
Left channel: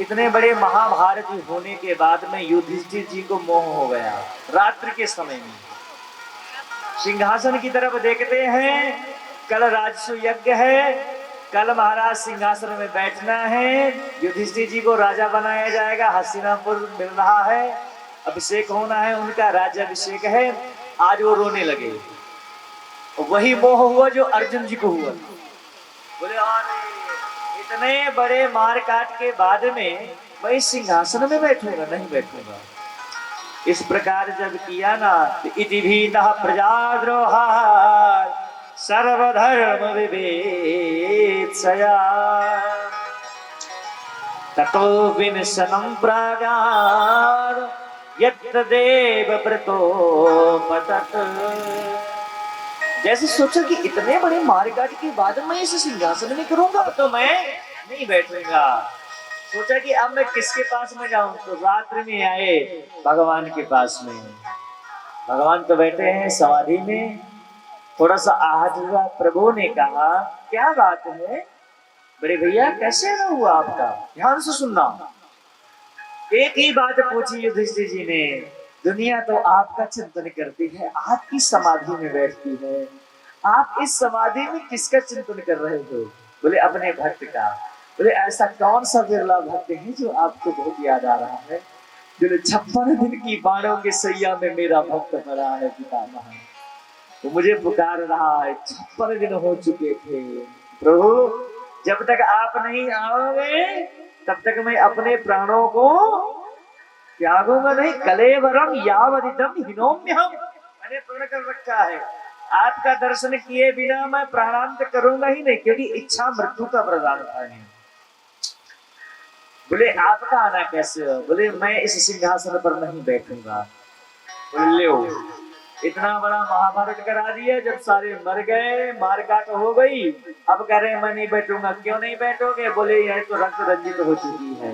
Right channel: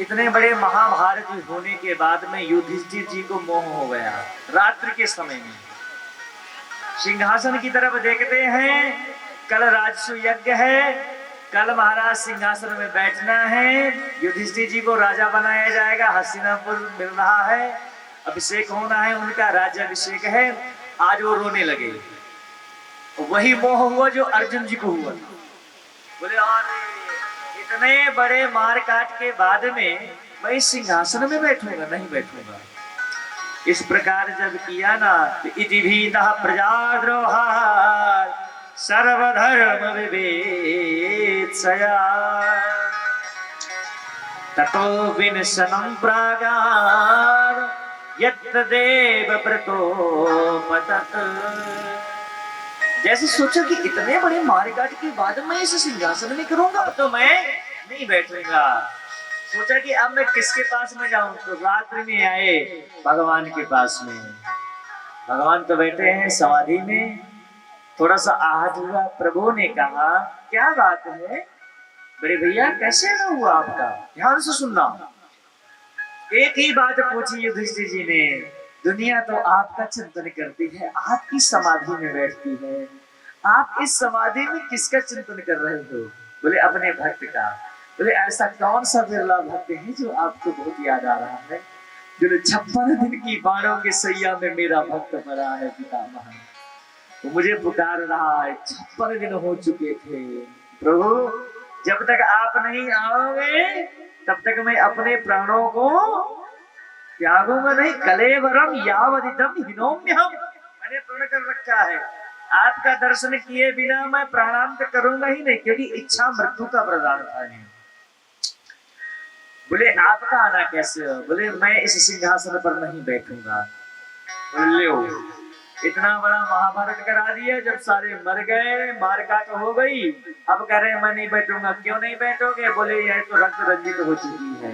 इतने बड़े महाभारत होने के बाद में युधिष्ठिर जी को मोह हो गया। रात्रि के समय में सिंहासन की तरफ देखते हैं, कल राजसु यज्ञ है, कल महाराज सिंहासन में बैठना है, युधिष्ठिर जी को राजा बनाया जाएगा, हस्तिनापुर मिल रहा है, अभिषेक होना है, उनका राज्याभिषेक है। आज वो रोने लगे। वही मोह हुआ जो अर्जुन जी को हुआ। बोले इतने बड़े मार काट के बाद में मैं सिंहासन में बैठूंगा, नहीं बैठूंगा। इस प्रकार जब किया ना, इति भीतः प्रजाद्रोहात् सर्वधर्म विवेत्सया ततो विनशनं प्रागात् यत्र देवव्रतो पतत्। जैसे सोचा कि इतने बड़े मारकाट के बाद मैं इस सिंहासन में करूंगा, तो मैं नहीं बैठूंगा। सोचा कि अब मैं किसके पास में जाऊं, तो रात्रि में आए भगवान के पास में। भगवान तो बैठे हैं समाधि में। थोड़ा सा आहत हुआ, प्रभु ने कहा क्या बात है बड़े भैया, कैसे ना हुआ आपका, ध्यान से सुनना। एक ही बात पूछी युधिष्ठिर जी ने, दुनिया तो आपका चिंतन करती है, आपकी समाधि में बैठती है, आप इस समाधि में किसका चिंतन कर रहे हो? बोले अपने भक्त का। बोले ऐसा कौन सा बिरला भक्त है जो आपको बहुत याद आ रहा है? जो 56 दिन की बाणों के सैया में मेरा भक्त मरा है पितामह, वो मुझे पुकार रहा है, 56 दिन हो चुके थे। प्रभु जब तक आप नहीं आओगे तब तक मैं अपने प्राणों को त्यागूंगा नहीं। कलेवरम यावदिदम हिनोम्यहम्, मैंने पूर्ण कर रखा है, आपका दर्शन किए बिना मैं प्राणांत करूंगा ही नहीं, क्योंकि इच्छा मृत्यु का प्रदान था। बोले आपका आना कैसे हो? बोले मैं इस सिंहासन पर नहीं बैठूंगा। बोले इतना बड़ा महाभारत करा दिया, जब सारे मर गए, मारकाट हो गई, अब कह रहे मैं नहीं बैठूंगा। क्यों नहीं बैठोगे? बोले यह तो रक्त रंजित हो चुकी है।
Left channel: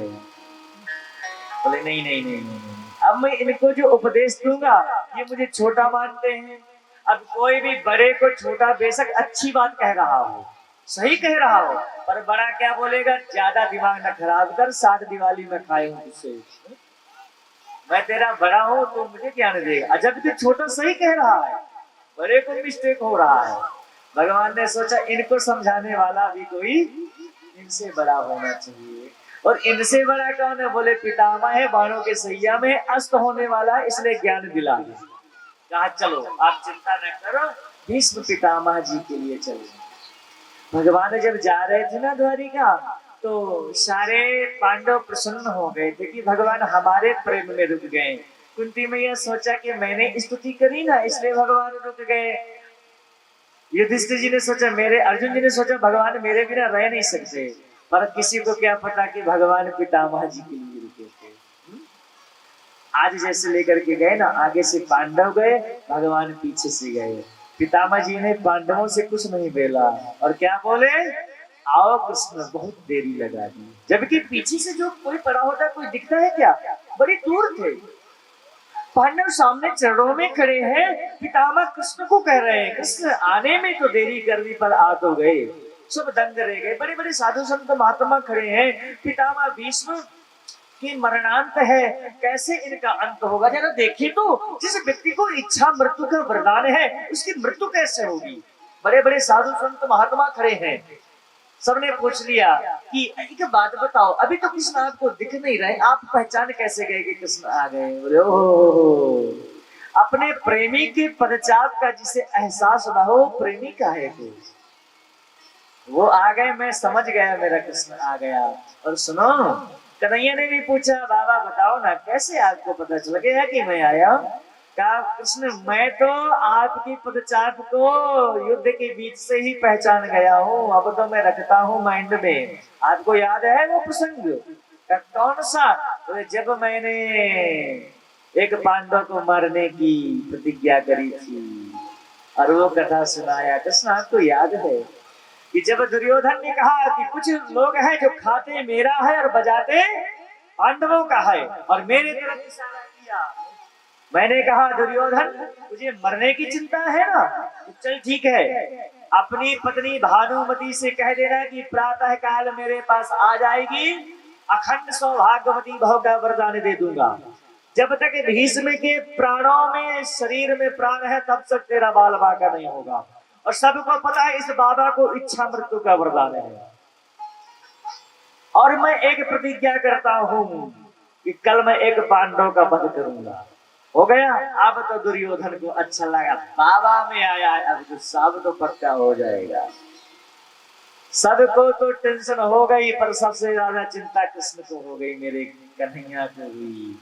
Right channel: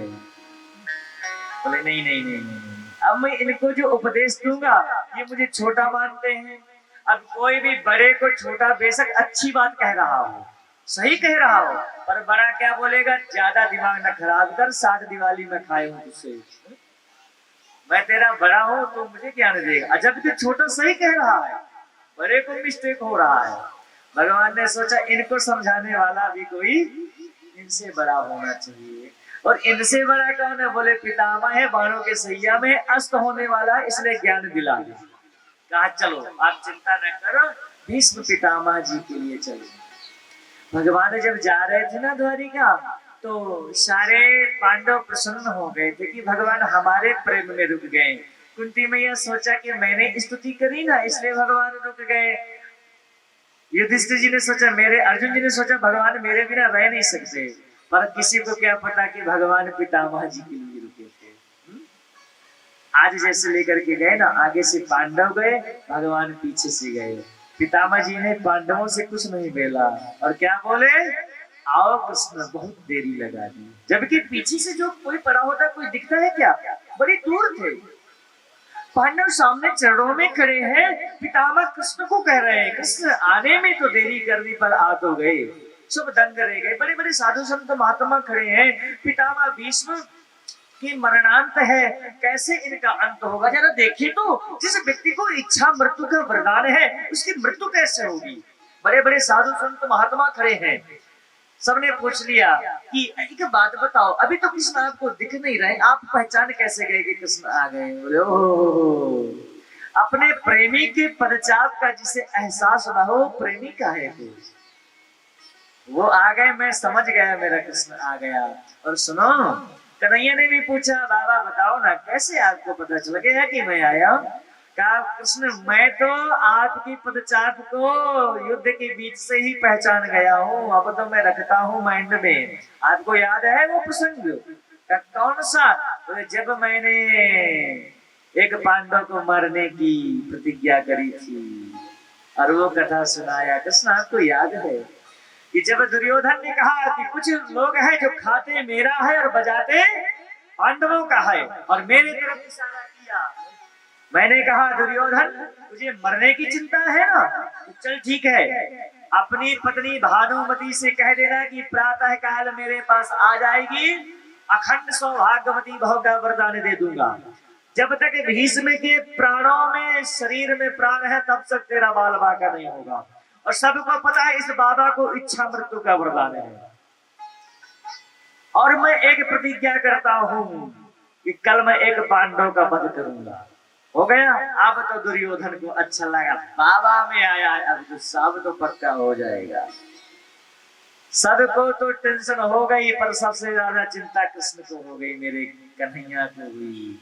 बोले नहीं नहीं नहीं नहीं, अब मैं इनको जो उपदेश दूंगा ये मुझे छोटा मानते हैं। अब कोई भी बड़े को छोटा, बेशक अच्छी बात कह रहा हो, सही कह रहा हो, पर बड़ा क्या बोलेगा, ज्यादा दिमाग न खराब कर, 7 दिवाली में खाए हूं तुझसे, मैं तेरा बड़ा हूं तो मुझे क्या नहीं देगा। जब कि छोटा सही कह रहा है, बड़े को मिस्टेक हो रहा है। भगवान ने सोचा इनको समझाने वाला भी कोई इनसे बड़ा होना चाहिए। और इनसे बड़ा कौन है? बोले पितामह है, बाणों के सैया में अस्त होने वाला, इसलिए ज्ञान दिला दिया। कहा चलो आप चिंता न करो, भीष्म पितामह जी के लिए चलो। भगवान जब जा रहे थे ना द्वारिका, तो सारे पांडव प्रसन्न हो गए थे कि भगवान हमारे प्रेम में रुक गए। कुंती मैया सोचा कि मैंने स्तुति करी ना, इसलिए भगवान रुक गए। युधिष्ठिर जी ने सोचा, मेरे अर्जुन जी ने सोचा भगवान मेरे बिना रह नहीं सकते, पर किसी को क्या पता कि भगवान पितामह जी के लिए रुके थे। आज जैसे लेकर के गए ना, आगे से पांडव गए, भगवान पीछे से गए। पितामह जी ने पांडवों से कुछ नहीं बोला, और क्या बोले, आओ कृष्ण, बहुत देरी लगा दी। जबकि पीछे से जो कोई पड़ा होता है, कोई दिखता है क्या? बड़ी दूर थे। पांडव सामने चरणों में खड़े हैं, पितामह कृष्ण को कह रहे हैं कृष्ण आने में तो देरी कर दी पर आ तो गए। सब दंग रह गए। बड़े बड़े साधु संत महात्मा खड़े हैं। पितामह भीष्म की मरणांत है, कैसे इनका अंत होगा? जरा देखिए तो, जिस व्यक्ति को इच्छा मृत्यु का वरदान है उसकी मृत्यु कैसे होगी? बड़े बड़े साधु संत महात्मा खड़े हैं। सबने पूछ लिया कि एक बात बताओ, अभी तो कृष्ण आपको दिख नहीं रहे, आप पहचान कैसे गए कि कृष्ण आ गए? बोले ओ, अपने प्रेमी के पदचाप का जिसे एहसास ना हो, प्रेमी का है कुछ, वो आ गए, मैं समझ गया मेरा कृष्ण आ गया। और सुनो, कन्हैया ने भी पूछा बाबा बताओ ना, कैसे आपको पता चल गया कि मैं आया? कहा कृष्ण मैं तो आपकी पदचाप को युद्ध के बीच से ही पहचान गया हूँ, अब तो मैं रखता हूँ माइंड में। आपको याद है वो प्रसंग? कौन सा? तो जब मैंने एक पांडव को मारने की प्रतिज्ञा करी थी और वो कथा सुनाया। कृष्ण आपको याद है कि जब दुर्योधन ने कहा कि कुछ लोग हैं जो खाते मेरा है और बजाते पांडवों का है, और मेरे तरफ इशारा किया, मैंने कहा दुर्योधन तुझे मरने की चिंता है ना, तो चल ठीक है, अपनी पत्नी भानुमति से कह देना कि प्रातः काल मेरे पास आ जाएगी, अखंड सौभाग्यवती भव का वरदान दे दूंगा। जब तक भीष्म के प्राणों में, शरीर में प्राण है, तब तक तेरा बाल बाका नहीं होगा। और सबको पता है इस बाबा को इच्छा मृत्यु का वरदान है। और मैं एक प्रतिज्ञा करता हूं कि कल मैं एक पांडव का वध करूंगा। हो गया। अब तो दुर्योधन को अच्छा लगा, बाबा में आया है, अब तो सब तो पक्का हो जाएगा। सबको तो टेंशन हो गई, पर सबसे ज्यादा चिंता कृष्ण को हो गई, मेरे कन्हैया को हुई।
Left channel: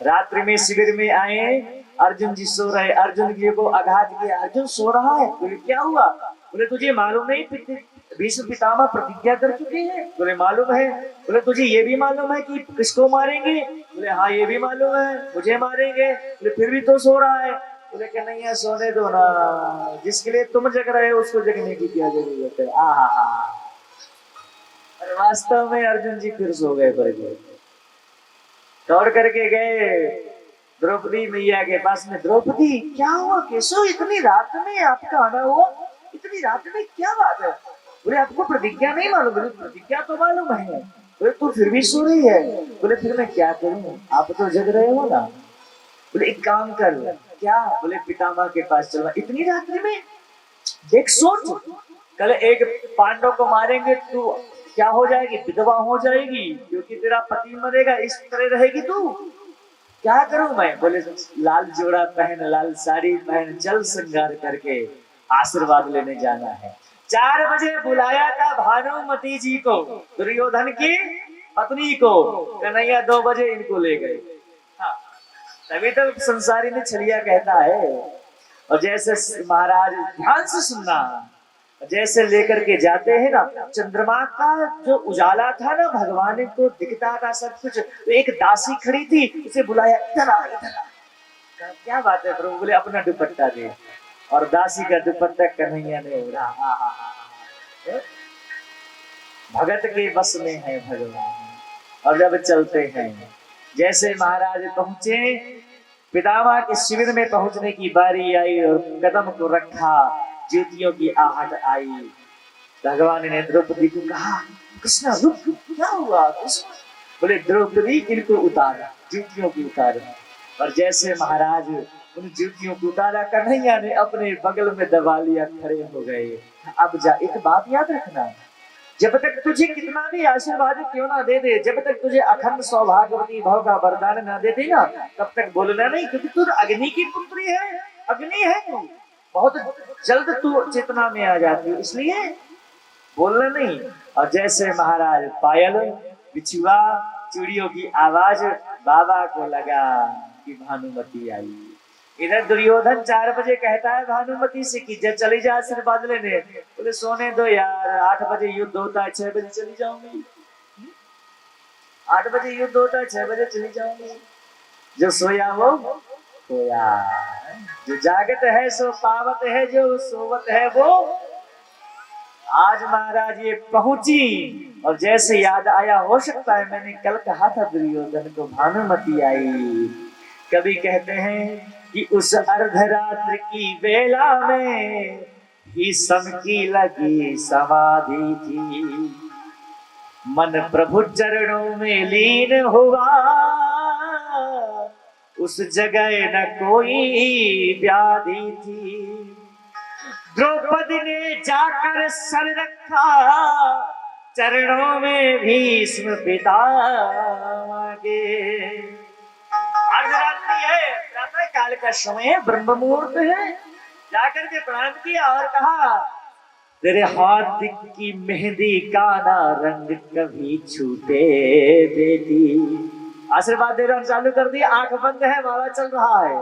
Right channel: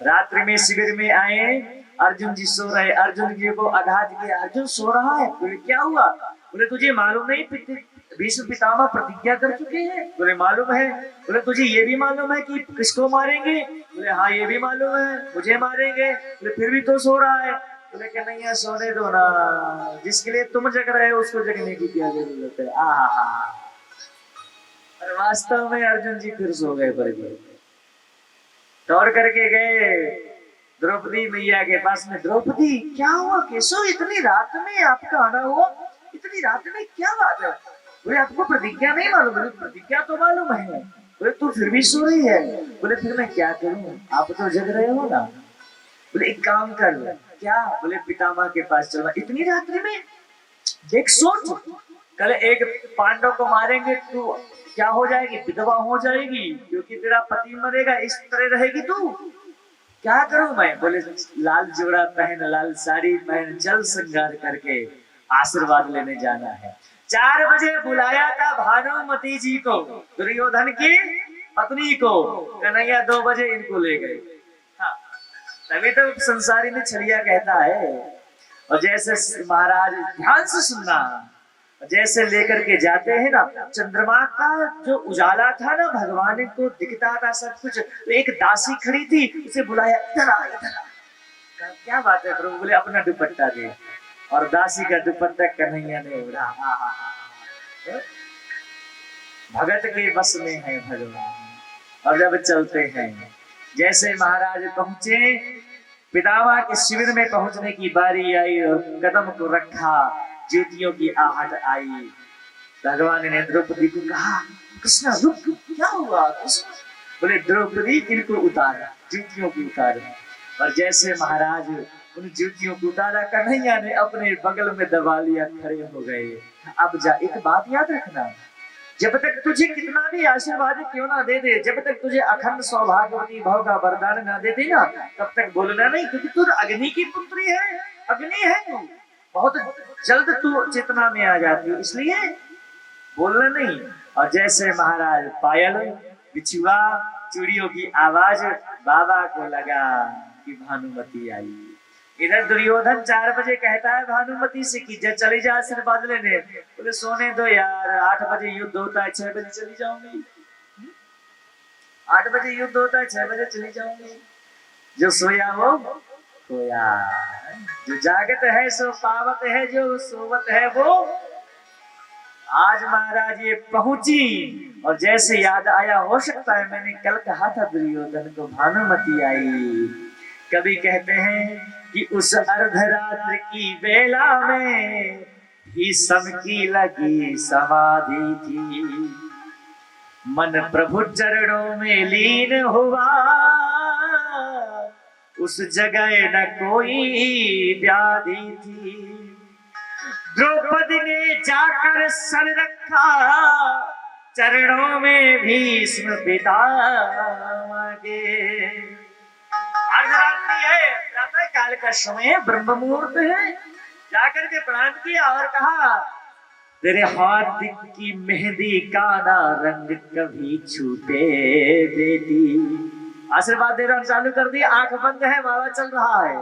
रात्रि में शिविर में आए, अर्जुन जी सो रहे, अर्जुन जी को आघात किया, अर्जुन सो रहा है। बोले क्या हुआ? बोले तुझे मालूम नहीं भीष्म पितामह प्रतिज्ञा कर चुके हैं? बोले मालूम है। बोले तुझे ये भी मालूम है कि किसको मारेंगे? बोले हाँ ये भी मालूम है, मुझे मारेंगे। बोले फिर भी तो सो रहा है। बोले कि नहीं सोने दो ना, जिसके लिए तुम जग रहे हो उसको जगने की क्या जरूरत है। और वास्तव में अर्जुन जी फिर सो गए। पर दौड़ करके गए द्रौपदी मैया के पास में। द्रौपदी क्या हुआ, कैसो इतनी रात में आपका आना हुआ? इतनी रात में क्या बात है? बोले आपको प्रतिज्ञा नहीं मालूम? बोले प्रतिज्ञा तो मालूम है। बोले तू फिर भी सो रही है? बोले फिर मैं क्या करूं, आप तो जग रहे हो ना। बोले एक काम कर, क्या? बोले पितामह के पास चलना। इतनी रात्रि में? देख सोच, कल एक पांडव को मारेंगे, तू क्या हो जाएगी? विधवा हो जाएगी, क्योंकि तेरा पति मरेगा, इस तरह रहेगी तू। क्या करूं मैं? बोले लाल जोड़ा पहन, लाल साड़ी पहन, जल श्रृंगार करके आशीर्वाद लेने जाना है। 4 बजे बुलाया था भानुमति जी को, दुर्योधन की पत्नी को। कन्हैया 2 बजे इनको ले गए। हाँ, तभी तो संसारी में छलिया कहता है। और जैसे महाराज ध्यान से सुनना, जैसे लेकर के जाते हैं ना, चंद्रमा का जो उजाला था ना, भगवान को दिखता था सब कुछ। तो एक दासी खड़ी थी, उसे बुलाया, इधर आ, इधर आ। क्या बात है प्रभु? बोले अपना दुपट्टा दे। और दासी का दुपट्टा कन्हैया ने उड़ा। भगत के बस में है भगवान। और जब चलते हैं, जैसे महाराज पहुंचे, पितामह के शिविर में पहुंचने की बारी आई और कदम को रखा, ज्योतियों की आहट आई। भगवान ने द्रौपदी को कहा कृष्ण रुक, क्या हुआ कृष्ण? बोले द्रौपदी इनको उतारा, ज्योतियों को उतारा। और जैसे महाराज उन ज्योतियों को उतारा, कन्हैया ने अपने बगल में दबा लिया, खड़े हो गए। अब जा, एक बात याद रखना, जब तक तुझे कितना भी आशीर्वाद क्यों ना दे दे, जब तक तुझे अखंड सौभाग्यवती भव का वरदान ना दे दे ना, तब तक बोलना नहीं, क्योंकि तू अग्नि की पुत्री है, अग्नि है तू, बहुत जल्द तू चेतना में आ जाती है, इसलिए बोलना नहीं। और जैसे महाराज पायल, बिछुआ, चूड़ियों की आवाज बाबा को लगा कि भानुमति आई। इधर दुर्योधन 4 बजे कहता है भानुमति से कि चली जा आशीर्वाद लेने। बोले सोने दो यार, 8 बजे युद्ध होता है, 6 बजे चली जाऊंगी। 8 बजे युद्ध होता है, 6 बजे चली जाऊंगी। जो सोया वो सोया, जो जागत है सो पावत है, जो सोवत है वो आज महाराज ये पहुंची और जैसे याद आया, हो सकता है मैंने कल कहा था दुर्योधन को भानुमति आई। कभी कहते हैं कि उस अर्धरात्रि की बेला में भीष्म की लगी समाधि थी, मन प्रभु चरणों में लीन हुआ, उस जगह न कोई व्याधि थी। द्रौपदी ने जाकर सर रखा चरणों में भीष्म पितामह। अर्धरात्रि है, प्रातः काल का समय, ब्रह्म मुहूर्त है। जाकर के प्रणाम किया और कहा, तेरे हाथ की मेहंदी का ना रंग कभी छूटे बेटी। आशीर्वाद देना चालू कर दिया, आंख बंद है, माला चल रहा है।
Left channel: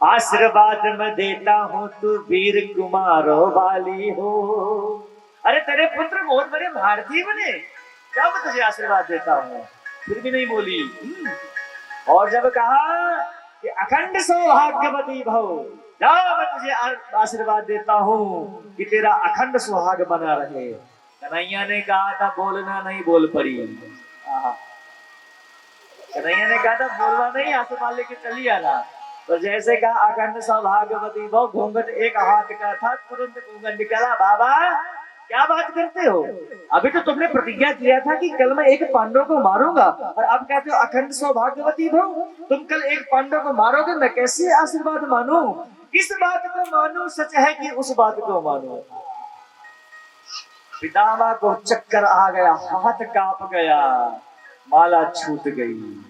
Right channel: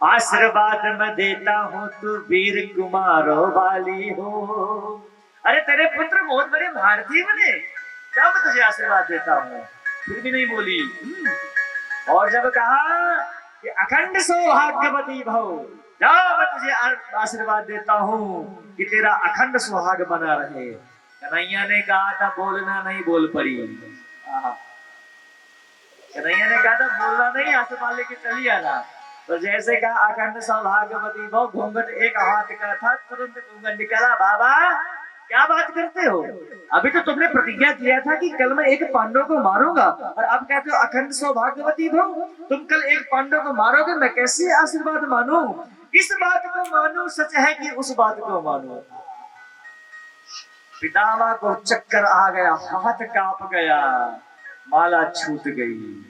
आशीर्वाद मैं देता हूँ तू वीर कुमारो वाली हो। अरे तेरे पुत्र बहुत बड़े भारतीय बने, क्या मैं तुझे आशीर्वाद देता हूँ, फिर भी नहीं बोली। और जब कहा कि अखंड सौभाग्यवती भव, जाओ मैं तुझे आशीर्वाद देता हूँ कि तेरा अखंड सुहाग बना रहे। कन्हैया ने कहा था बोलना नहीं, बोल पड़ी। कन्हैया ने कहा था बोलना नहीं, आशीर्वाद लेके चली आना। तो जैसे कहा अखंड सौभाग्यवती भव, घूंघट एक हाथ का था, तुरंत घूंघट निकला। बाबा क्या बात करते हो, अभी तो तुमने प्रतिज्ञा किया था कि कल मैं एक पांडव को मारूंगा, और अब कहते हो अखंड सौभाग्यवती भव। तुम कल एक पांडव को मारोगे, मैं कैसे आशीर्वाद मानूं? किस बात को मानूं? सच है कि उस बात को मानूं? पितामह को चक्कर आ गया, हाथ कांप गया, माला छूट गई।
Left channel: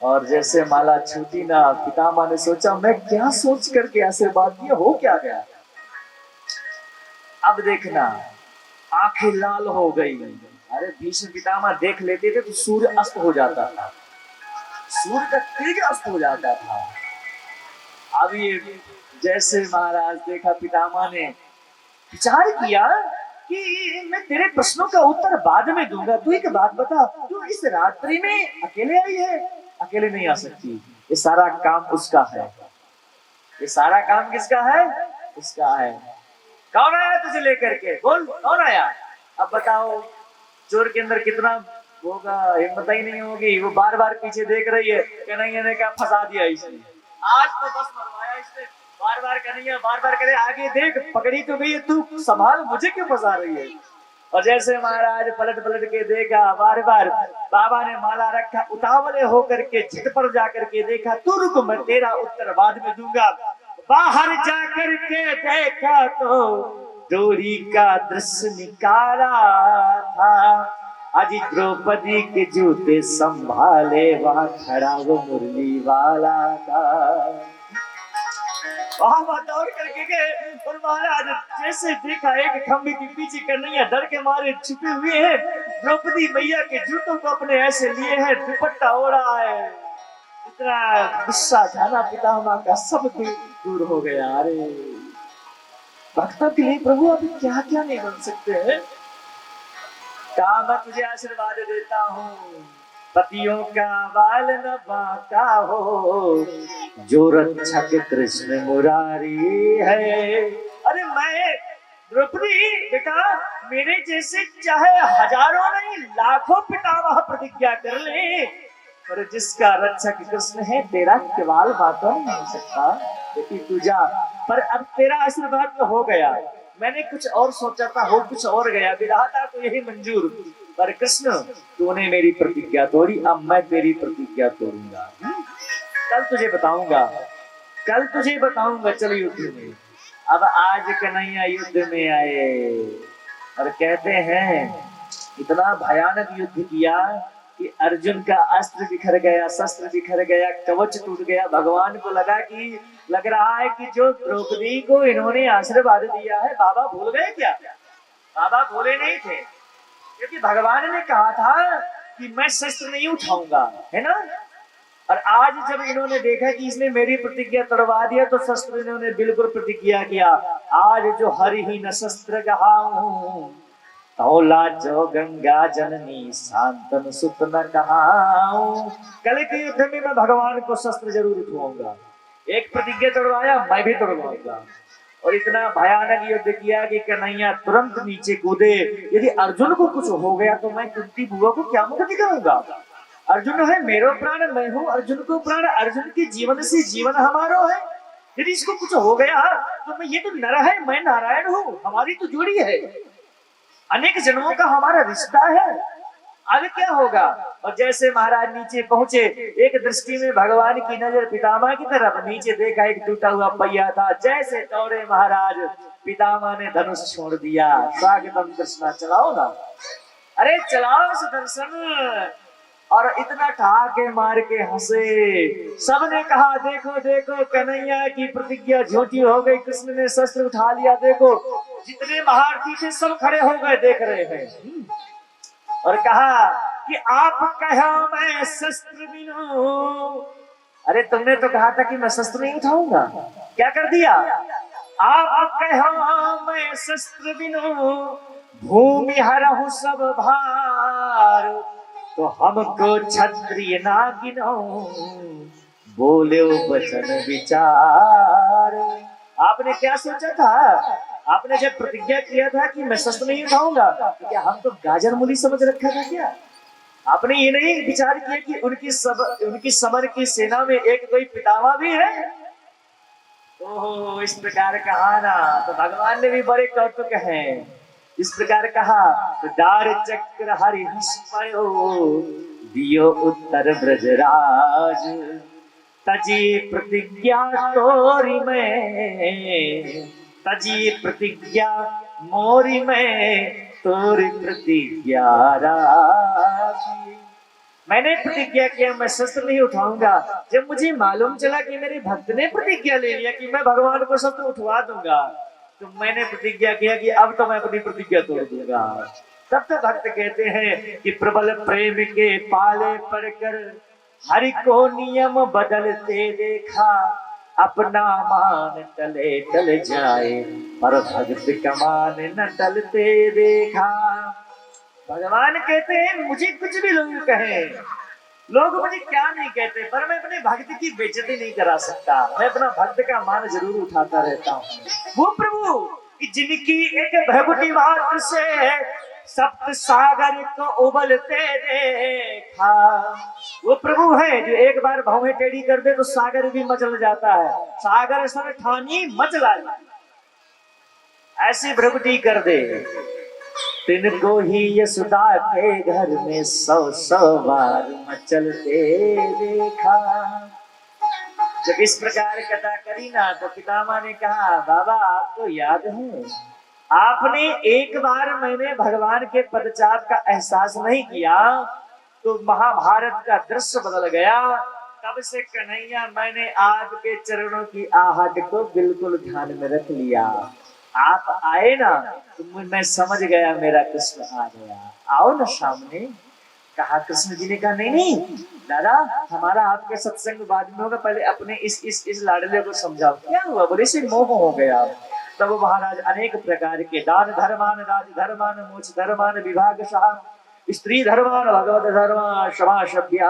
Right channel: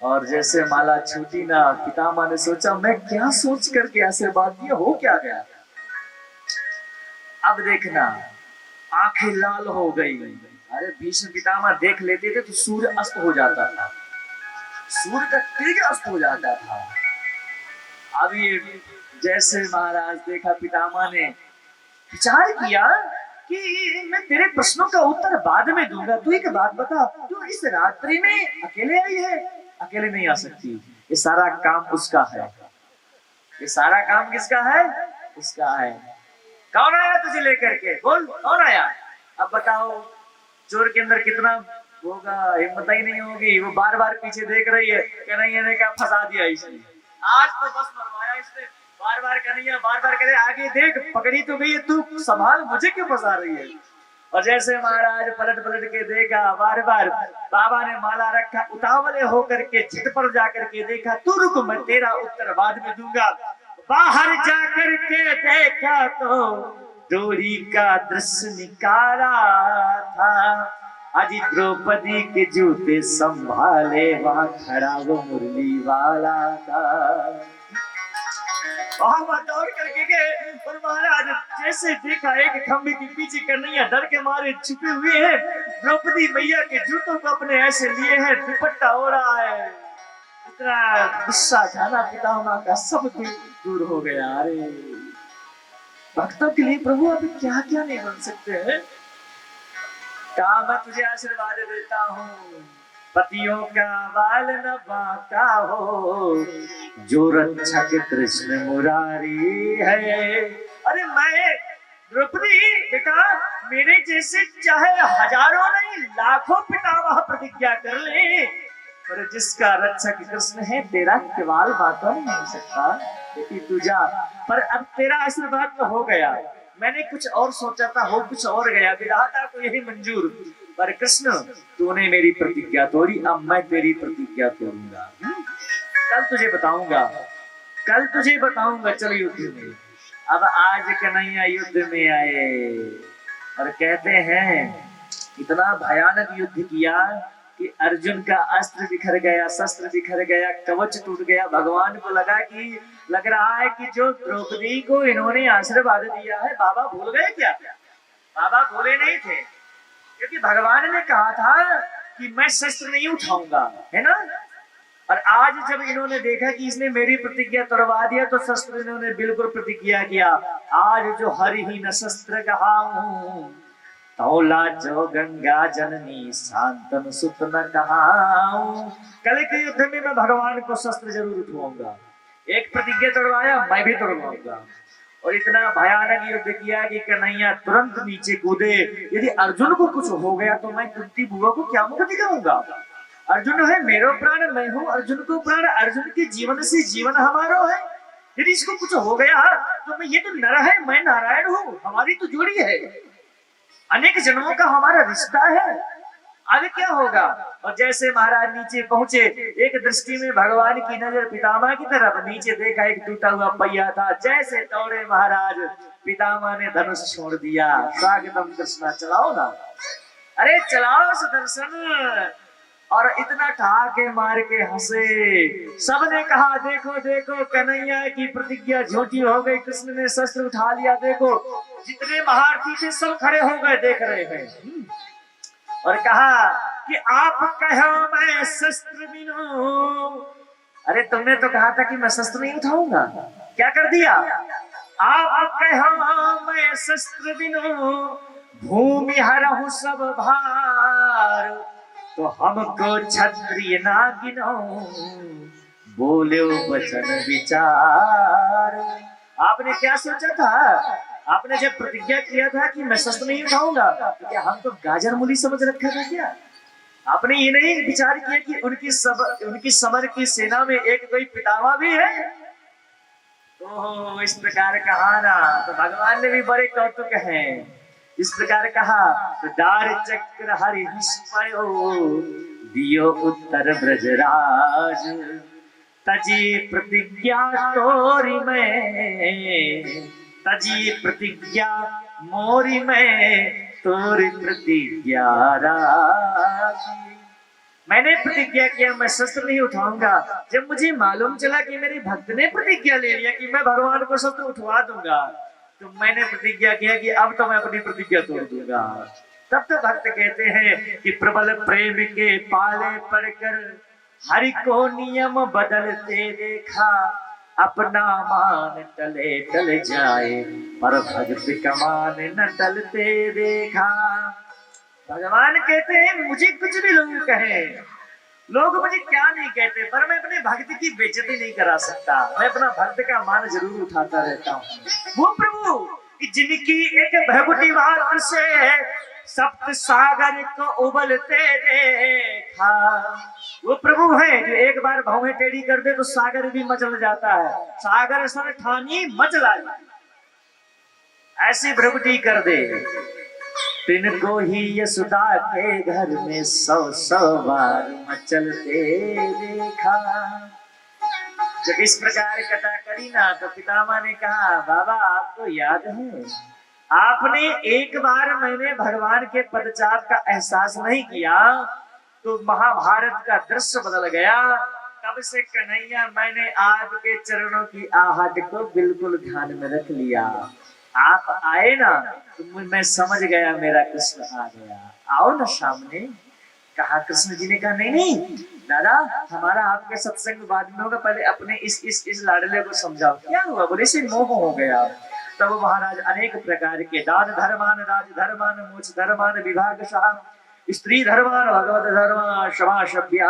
और जैसे माला छूटी ना, पितामह ने सोचा मैं क्या सोच करके आशीर्वाद दिया, हो क्या गया। अब देखना आंखें लाल हो गई। अरे भीष्म पितामह देख लेते थे तो सूर्य अस्त हो जाता था, सूर्य का तेज अस्त हो जाता था। अब ये जैसे महाराज देखा, पितामह ने विचार किया कि मैं तेरे प्रश्नों का उत्तर बाद में दूंगा, तू एक बात बता, तू इस रात्रि में अकेले आई है? अकेले नहीं आ सकती, ये सारा काम उसका है। ये सारा काम किसका है? उसका है। कौन आया तुझे लेकर के? बोल कौन आया? अब बताओ, चोर के अंदर कितना होगा, हिम्मत ही नहीं होगी। वो बार बार पीछे देख रही है, कन्हैया ने कहा फंसा दिया इसने, आज तो बस मरवाया इसने। बार बार कन्हैया बार बार करे आगे देख, पकड़ी तो गई, तू संभाल, मुझे क्यों फंसा रही है? और जैसे महाराज पलट पलट के देखा, बार बार बाबा ने माला रखा, उतावले होकर के झट पर जाकर के देखा, तू रुक मैं तेरा उत्तर बाद में दूंगा। बाहर जाकर के देखा तो डोरी का दृश्य निकाला था, आज द्रौपदी के जूते संभाले वहां खड़ा वो मुरली वाला था। वहां दौड़ करके गए और महाराज जैसे देखा, एक खंभे के पीछे कन्हैया डर के मारे छुपे हुए हैं, द्रौपदी मैया के जूतों को अपने ऐसे लिए हैं, दुपट्टा हो रहा है। इतना गुस्सा था ना पितामह का, सब दूर हो गया। अरे भक्तों के लिए प्रभु अभी क्या क्या नहीं बन सकते हैं। कहा मैं तुझे आशीर्वाद देता हूँ, पतियों का बाल न बांका हो, जो रक्षक कृष्ण मुरारी है। अरे मैं द्रौपदी देखा, मेरे जैसे चाहे हजारों नहीं लाखों पितामह प्रतिज्ञा कर ले, पर जिसका रक्षक कृष्ण है, तेरा केवल बातों नहीं हो सकता। बेटी तू जा, पर अब तेरा आशीर्वाद तो हो गया, मैंने कुछ और सोचा था, हो कुछ और गया, विधाता को यही मंजूर। पर कृष्ण तूने मेरी प्रतिज्ञा तोड़ी, अब मैं तेरी प्रतिज्ञा तोड़ूंगा। कल तुझे बताऊंगा, कल तुझे बताऊंगा, चल युद्ध में। अब आज कन्हैया युद्ध में आए और कहते हैं इतना भयानक युद्ध किया कि अर्जुन का अस्त्र बिखर गया, शस्त्र बिखर गया, कवच टूट गया। भगवान को लग रहा है कि जो द्रौपदी को इन्होंने आशीर्वाद दिया है, बाबा भूल गए क्या? बाबा भूले नहीं थे, क्योंकि भगवान ने कहा था कि मैं शस्त्र नहीं उठाऊंगा, है ना। और आज जब इन्होंने देखा कि इसने मेरी प्रतिज्ञा तोड़वा दिया, तो शस्त्र इन्होंने बिल्कुल प्रतिज्ञा किया, आज जो हरि ही न शस्त्र कहाऊं, तौला जो गंगा जननी शांतन सुत न कहाऊं। कल के युद्ध में मैं भगवान को शस्त्र जरूर उठवाऊंगा। एक प्रतिज्ञा तोड़वाया, मैं भी तोड़वाऊंगा। और इतना भयानक युद्ध किया कि कन्हैया तुरंत नीचे कूदे। यदि अर्जुन को कुछ हो गया तो मैं कुंती बुआ को क्या मुख दिखाऊंगा? अर्जुन है मेरो प्राण, मैं हूँ अर्जुन को प्राण, अर्जुन के जीवन से जीवन हमारा है। यदि इसको कुछ हो गया तो मैं, ये तो नर है, मैं नारायण हूँ, हमारी तो जोड़ी है, अनेक जन्मों का हमारा रिश्ता है, आगे क्या होगा? और जैसे महाराज नीचे पहुंचे, एक दृष्टि में भगवान की नजर पितामह की तरफ, नीचे देखा एक टूटा हुआ पहिया था। जैसे दौड़े महाराज, पितामह ने धनुष छोड़ दिया। स्वागतम कृष्णा, चलाओ ना, अरे चलाओ सुदर्शन। और इतना ठहाके मार के हंसे। सबने कहा देखो देखो कन्हैया की प्रतिज्ञा झूठी हो गई, कृष्ण ने शस्त्र उठा लिया। देखो जितने महारथी थे सब खड़े हो गए, देख रहे हैं। और कहा कि आप कहा मैं शस्त्र बिनो। अरे तुमने तो कहा था कि मैं शस्त्र नहीं उठाऊंगा, क्या कर दिया? आप कहा मैं शस्त्र बिनो, भूमि हरहु सब भार, तो हमको क्षत्रिय ना गिनो, बोले वचन विचार। आपने क्या सोचा था? आपने जब प्रतिज्ञा किया था कि मैं शस्त्र नहीं उठाऊंगा, तो क्या हम तो गाजर मूली समझ रखा था क्या? आपने ये नहीं विचार किया कि उनकी समर की सेना में एक कोई पितामह भी है? ओह, इस प्रकार कहा ना, तो भगवान ने भी बड़े कौतुक हैं। इस प्रकार कहा तो दार चक्र हरि दियो उत्तर ब्रजराज, तजी प्रतिज्ञा तोरी में, तजी प्रतिज्ञा मोरी में, तोरी प्रतिज्ञा राखी। मैंने प्रतिज्ञा किया मैं शस्त्र नहीं उठाऊंगा। जब मुझे मालूम चला कि मेरे भक्त ने प्रतिज्ञा ले लिया कि मैं भगवान को शस्त्र उठवा दूंगा, तो मैंने प्रतिज्ञा किया कि अब तो मैं अपनी प्रतिज्ञा तोड़ दूंगा। तब तो भक्त कहते हैं कि प्रबल प्रेम के पाले पड़कर हरि को नियम बदलते देखा, अपना मान टले टल जाए पर भक्त का मान न टलते देखा। भगवान कहते हैं मुझे कुछ भी लोग कहें, लोग मुझे क्या नहीं कहते, पर मैं अपने भक्त की बेइज्जती नहीं करा सकता। मैं अपना भक्त का मान जरूर उठाता रहता हूँ। वो प्रभु जिनकी एक भगवती मात्र से सप्त सागर को उबलते देखा, वो प्रभु है जो एक बार भौहें टेढ़ी कर दे तो सागर भी मचल जाता है। सागर सन ठानी मचला, ऐसी भगवती कर दे। तिनको ही यशोदा के घर में 100 बार मचलते देखा। जब इस प्रकार कथा करी ना, तो पितामह ने कहा बाबा आपको याद है, आपने एक बार मैंने भगवान के पदचाप का एहसास नहीं किया तो महाभारत का दृश्य बदल गया। तब से कन्हैया मैंने आपके चरणों की आहट को बिल्कुल ध्यान में रख लिया। आप आए ना तो मैं समझ गया मेरा कृष्ण आ गया, आओ ना सामने। कहा कृष्ण जी ने कहा नहीं नहीं दादा, हमारा आपके सत्संग बाद में होगा, पहले अपने इस लाडले को समझाओ। क्या हुआ? बोले से मोह हो गया। तब महाराज अनेक प्रकार के दान धर्मान, राज धर्मान, मोक्ष धर्मान, विभाग शाह, स्त्री धर्मान, भगवत धर्म, क्षमा सभ्या,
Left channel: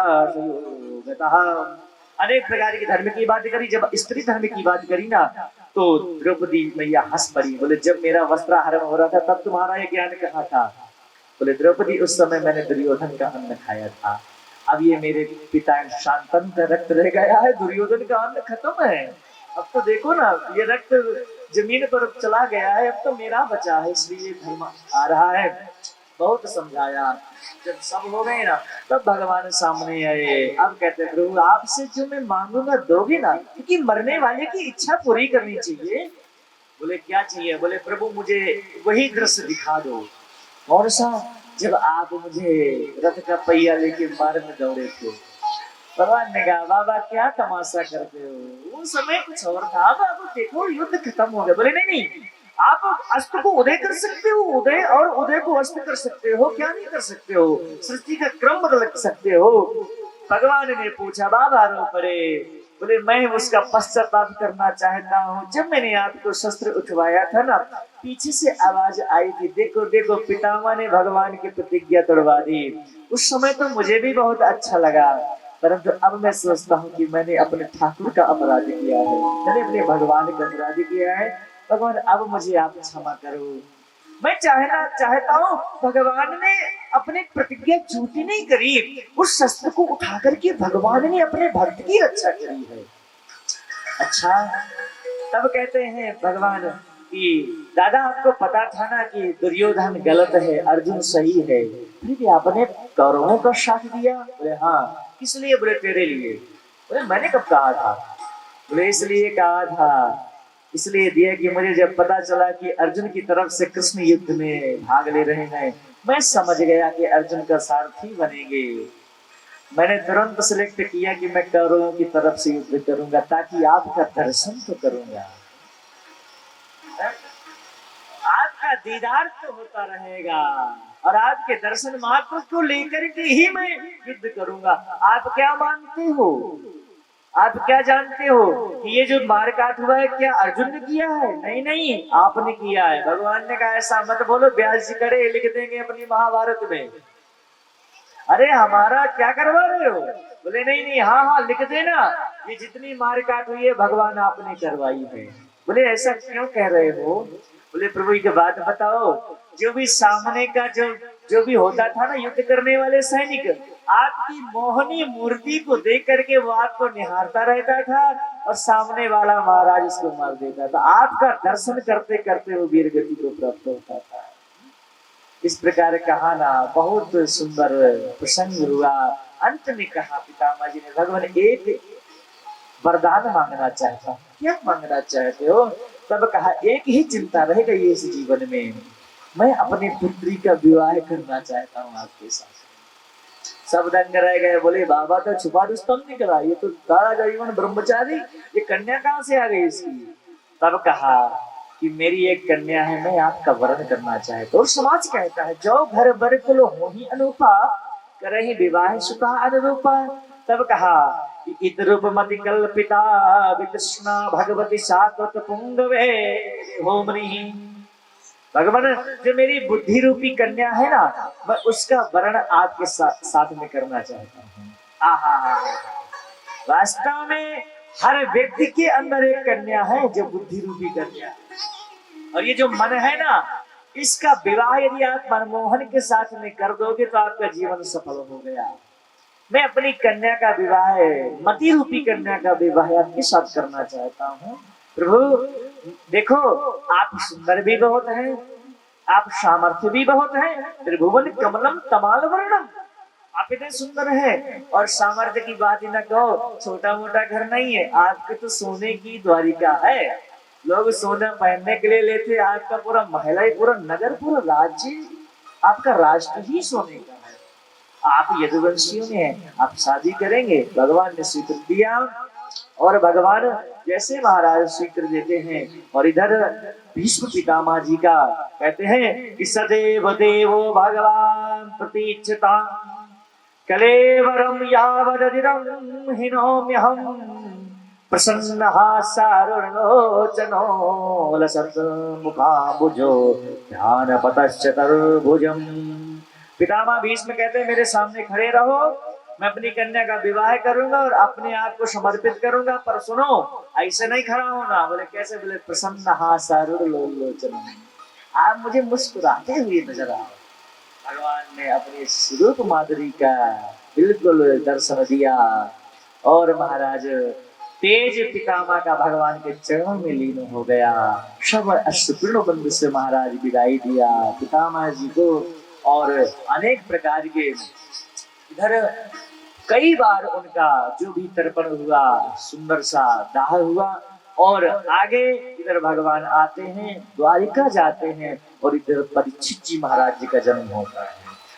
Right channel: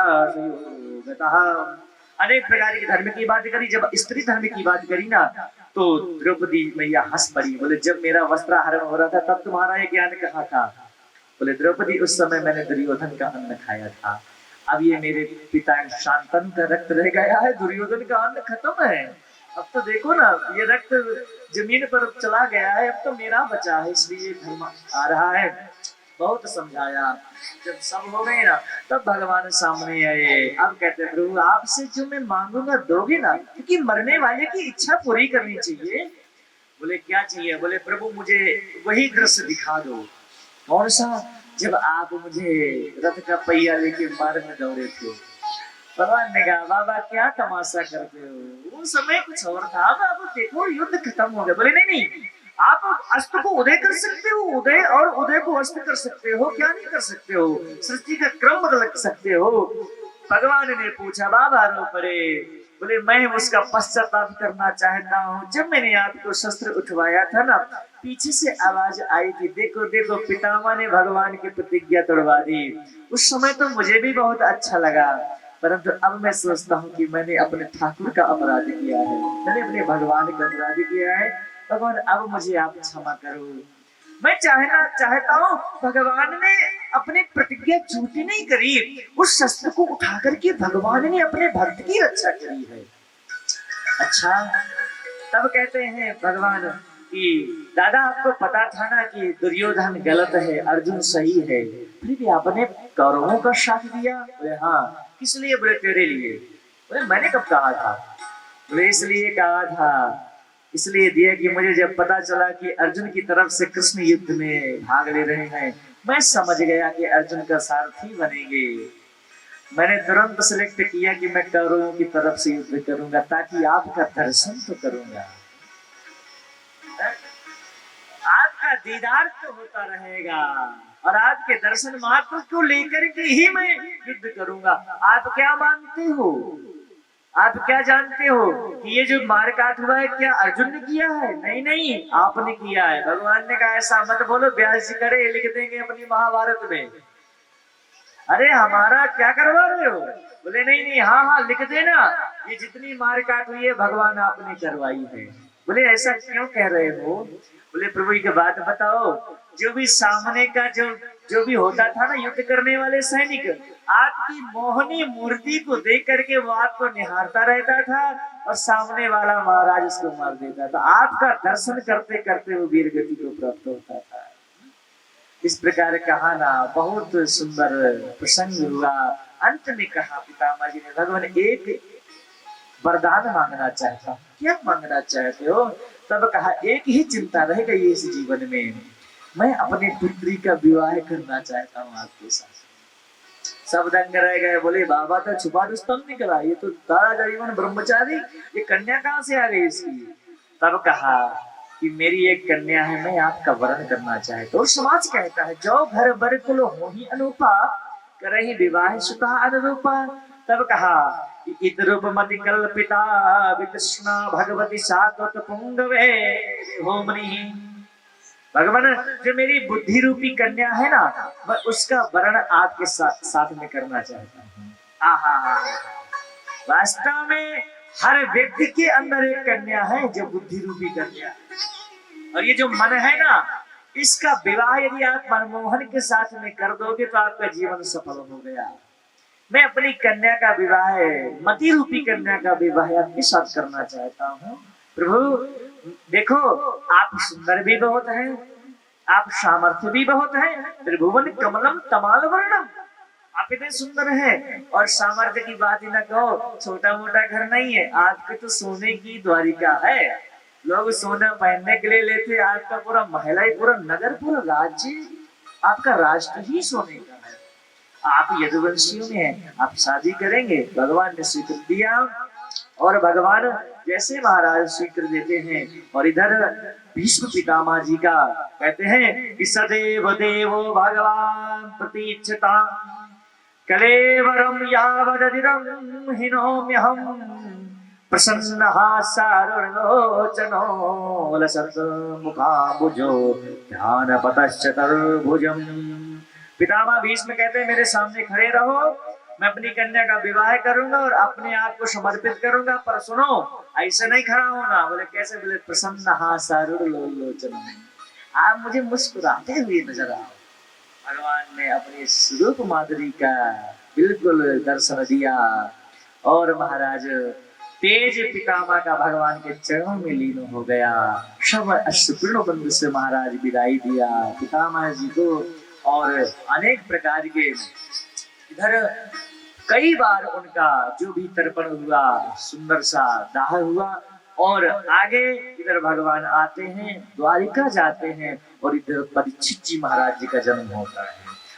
अनेक प्रकार के धर्म की बात करी। जब स्त्री धर्म की बात करी ना, तो द्रौपदी मैया हंस पड़ी। बोले जब मेरा वस्त्राहरण हो रहा था तब तुम्हारा ये ज्ञान कहाँ था? बोले द्रौपदी उस समय मैंने दुर्योधन का अन्न खाया था, अब ये मेरे पिता शांतनु का रक्त रह गया है, दुर्योधन का अन्न खत्म है। अब तो देखो ना ये रक्त जमीन पर चला गया है, अब तो मेरा बचा है, इसलिए धर्म आ रहा है। बहुत समझाया। जब सब हो गए ना तब भगवान सामने आए। अब कहते प्रभु आपसे जो मैं मांगूंगा दोगे ना, क्योंकि मरने वाले की इच्छा पूरी करनी चाहिए। बोले क्या चाहिए? बोले प्रभु मुझे वही दृश्य दिखा दो। कौन सा? जब आप मुझे रथ का पहिया लेके मार्ग में दौड़े थे। भगवान ने कहा बाबा क्या तमाशा करते हो, वो समय कुछ और था, बाबा देखो युद्ध खत्म हो गया। बोले नहीं नहीं, आप अस्त को उदय कर सकते हो, उदय और उदय को अस्त कर सकते हो, क्या नहीं कर सकते हो? सृष्टि का क्रम बदल सकते हो। भगवान ने पूछा बाबा रो पड़े। बोले मैं उसका पश्चाताप करना चाहता हूँ। जब मैंने आपको शस्त्र उठवाया था ना, पीछे से आवाज आई थी देखो देखो पितामह ने भगवान की प्रतिज्ञा तोड़वा दी। उस समय तो मुझे भी बहुत अच्छा लगा, परंतु अब मैं सोचता हूँ कि मैंने अपने ठाकुर का अपराध किया है, मैंने अपने भगवान का अपराध किया है। भगवान अब मुझे आप क्षमा करो। मैं चाहता हूँ, भगवान ने अपनी प्रतिज्ञा झूठी नहीं करी, उस शस्त्र को उठा करके भगवान ने अपने भक्त की रक्षा करी है। अच्छा, तब कहते हैं भगवान कि दादा आपको पता था ना कि दुर्योधन गलत है, अर्जुन सही है, फिर भी आपने कौरवों का साथ दिया। बोले हाँ, किस लिए? बोले तेरे लिए। बोले मैंने कब कहा था? बोले इसलिए कहा था, इसलिए दिया कि मुझे जब पता चला कि अर्जुन की तरफ से कृष्ण युद्ध में भाग ले रहे हैं, मैं समझ गया कि अर्जुन का सारथी बनेंगे। मैंने तुरंत सिलेक्ट किया कि मैं कौरवों की तरफ से युद्ध करूंगा, ताकि आपका दर्शन तो करूंगा, आपका दीदार तो होता रहेगा, और आपके दर्शन मात्र को लेकर के ही मैं युद्ध करूंगा। आप क्या मानते हो? आप क्या जानते हो कि ये जो मारकाट हुआ है क्या अर्जुन ने किया है? नहीं नहीं, आपने किया है। भगवान ने कहा ऐसा मत बोलो, व्यास जी करे लिख देंगे अपनी महाभारत में। अरे हमारा क्या करवा रहे हो? बोले नहीं नहीं, हाँ हाँ लिख देना, ये जितनी मारकाट हुई है भगवान आपने करवाई है। बोले ऐसा क्यों कह रहे हो? बोले प्रभु एक बात बताओ, जो भी सामने का जो भी होता था ना, युद्ध करने वाले सैनिक, आपकी मोहनी मूर्ति को देख करके वो आपको निहारता रहता था, और सामने वाला महाराज उसको मार देता था। आपका दर्शन करते करते वो वीर गति को प्राप्त होता था। इस प्रकार कहा ना, बहुत सुंदर प्रसंग हुआ। अंत में कहा पितामह जी ने, भगवान एक वरदान मांगना चाहता हूँ। क्या मांगना चाहते हो? तब कहा एक ही चिंता रह गई इस जीवन में, मैं अपनी पुत्री का विवाह करना चाहता हूँ आपके साथ। सब दंग रह गए, बोले बाबा तो छुपा रुस्तम नहीं करा, ये तो सारा जीवन ब्रह्मचारी, ये कन्या कहाँ से आ गई इसकी? तब कहा कि मेरी एक कन्या है, मैं आपका वरण करना चाहता हूँ। और समाज कहता है जो घर बर कुल हो ही अनूपा, करहि विवाह सुता अनुरूपा। तब कहा इत रूप मति कल्पिता वितृष्णा भगवती सात्वत पुंगवे होमनी। भगवान जो मेरी बुद्धि रूपी कन्या है ना, मैं उसका वर्ण आपके साथ में करना चाहता हूँ। आहा, वास्तव में हर व्यक्ति के अंदर एक कन्या है जो बुद्धि रूपी कन्या है, और ये जो मन है ना, इसका विवाह यदि आप मनमोहन के साथ में कर दोगे तो आपका जीवन सफल हो गया। मैं अपनी कन्या का विवाह, मति रूपी कन्या का विवाह आपके साथ करना चाहता हूँ। प्रभु देखो, आप सुंदर भी बहुत हैं, आप सामर्थ्य भी बहुत हैं, त्रिभुवन कमलम तमाल वर्णम, आप इतने सुंदर हैं, और सामर्थ्य की बात ही ना कहो, छोटा मोटा घर नहीं है आपके, तो सोने की द्वारिका है, लोग सोना पहनने के लिए लेते, आपका पूरा महल है, पूरा नगर, पूरा राज्य, आपका राष्ट्र ही सोने का है। आप यदुवंशियों में हैं, आप शादी करेंगे, भगवान ने स्वीकृत दिया, और भगवान जैसे महाराज स्वीकृत देते हैं। और इधर भीष्म पितामह जी का कहते हैं कि सदैव देवो भगवान प्रतीक्षता कलेवरम यावदधिरम हिनोम्यहम प्रसन्नः सारुणलोचनो लसत् मुखाम्बुजो ध्यानपतश्चतुर्भुजम्। पितामह भीष्म कहते हैं मेरे सामने खड़े रहो, मैं अपनी कन्या का विवाह करूंगा और अपने आप को समर्पित करूंगा, पर सुनो ऐसे नहीं खड़ा होना। बोले कैसे? बोले प्रसन्नः सारुणलोचनो, आप मुझे मुस्कुराते हुए नजर आओ। भगवान ने अपने स्वरूप माधुरी का बिल्कुल दर्शन दिया, और महाराज तेज पितामह का भगवान के चरणों में लीन हो गया। सब अश्रुपूर्ण बंधु से महाराज विदाई दिया पितामह जी को, और अनेक प्रकार के इधर कई बार उनका जो भी तर्पण हुआ, सुंदर सा दाह हुआ, और आगे इधर भगवान आते हैं, द्वारिका जाते हैं, और इधर परीक्षित जी महाराज जी का जन्म होता है।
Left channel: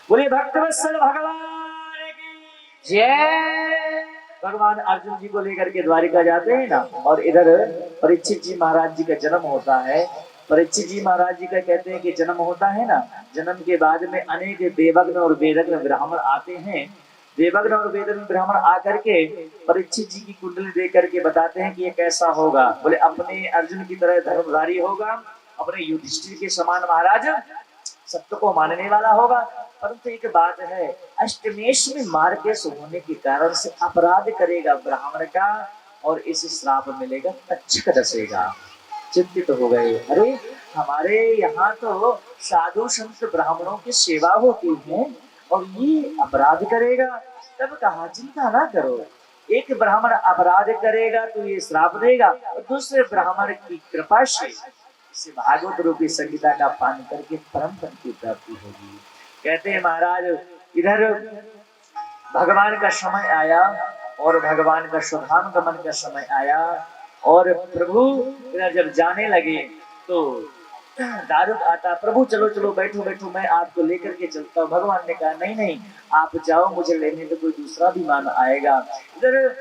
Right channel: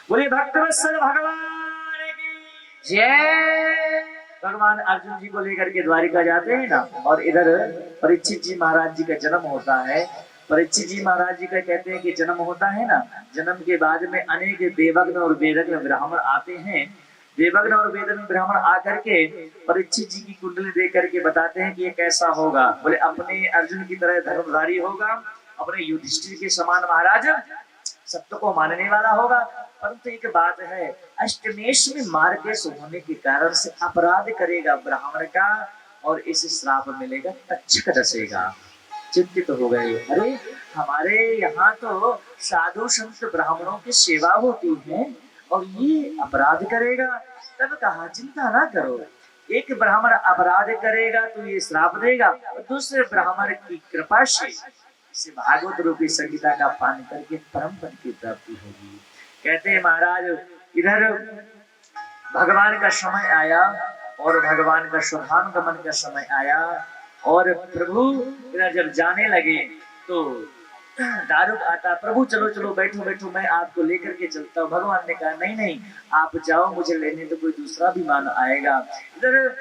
बोले भक्तवत्सल भगवान की जय। भगवान अर्जुन जी को लेकर के द्वारिका जाते हैं ना, और इधर परीक्षित जी महाराज जी का जन्म होता है। परीक्षित जी महाराज जी का कहते हैं कि जन्म होता है ना, जन्म के बाद में अनेक देवज्ञ और वेदज्ञ ब्राह्मण आते हैं। देवज्ञ और वेदज्ञ ब्राह्मण आकर के परीक्षित जी की कुंडली देख करके बताते हैं कि ये कैसा होगा। बोले अपने अर्जुन की तरह धर्मधारी होगा, अपने युधिष्ठिर के समान महाराज सत्य को मानने वाला होगा, परंतु एक बात है, अष्टमेश में मार्गेश होने के कारण से अपराध करेगा ब्राह्मण का, और इसे श्राप मिलेगा, तक्षक डसेगा। चिंतित हो गए। अरे हमारे यहाँ तो साधु संत ब्राह्मणों की सेवा होती है और ये अपराध करेगा। तब कहा चिंता ना करो, एक ब्राह्मण अपराध करेगा तो ये श्राप देगा और दूसरे ब्राह्मण की कृपा से इसे भागवत रूपी संगीता का पान करके परम पद की प्राप्ति होगी। कहते हैं महाराज इधर भगवान का समय आया और भगवान का शुभागमन का समय आया और प्रभु इधर जब जाने लगे तो दारुक आता, प्रभु चलो चलो बैठो बैठो मैं आपको लेकर के चलता हूँ। भगवान ने कहा नहीं नहीं आप जाओ, मुझे लेने तो कोई दूसरा विमान आएगा। इधर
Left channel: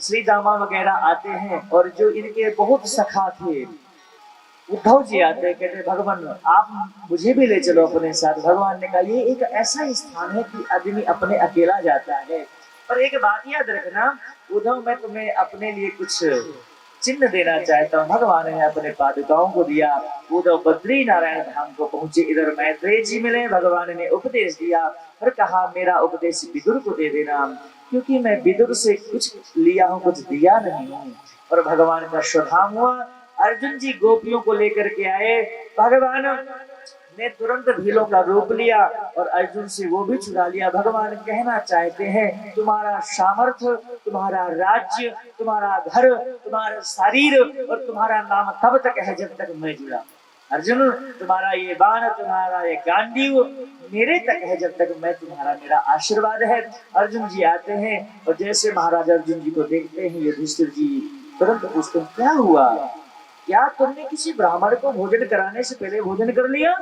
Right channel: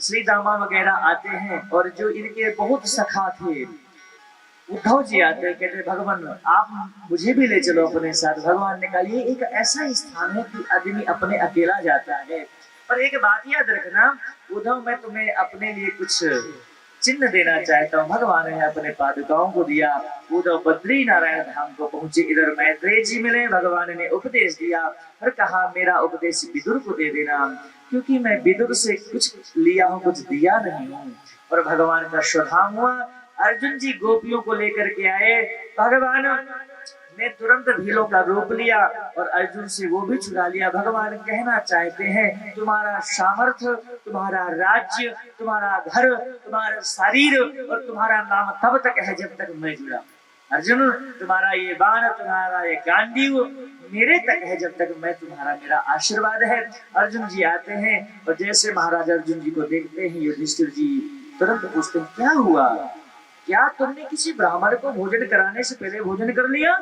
श्री दामा वगैरह आते हैं और जो इनके बहुत सखा थे उद्धव जी आते हैं, कहते भगवान आप मुझे भी ले चलो अपने साथ। भगवान ने कहा ये एक ऐसा स्थान है कि आदमी अपने अकेला जाता है, पर एक बात याद रखना उद्धव मैं तुम्हें अपने लिए कुछ चिन्ह देना चाहता हूँ। भगवान ने अपने पादुकाओं को दिया। उद्धव बद्री नारायण धाम को पहुंचे। इधर मैत्रेय जी मिले, भगवान ने उपदेश दिया और कहा मेरा उपदेश विदुर को दे देना क्योंकि मैं विदुर से कुछ लिया हूँ कुछ दिया नहीं हूँ। और भगवान का शुभाम हुआ। अर्जुन जी गोपियों को लेकर के आए, भगवान ने तुरंत भीलों का रूप लिया और अर्जुन से वो भी चुरा लिया। भगवान कहना चाहते हैं तुम्हारा सामर्थ्य, तुम्हारा राज्य, तुम्हारा घर, तुम्हारा शरीर और तुम्हारा नाम तब तक है जब तक मैं जुड़ा। अर्जुन तुम्हारा ये बाण, तुम्हारा ये गांडीव मेरे तक है जब तक मैं तुम्हारा, मेरा आशीर्वाद है। अर्जुन जी आते हैं और जैसे महाराज अर्जुन जी को देखते हैं युधिष्ठिर जी तुरंत पूछते हैं क्या हुआ, क्या तुमने किसी ब्राह्मण को भोजन कराने से पहले भोजन कर लिया?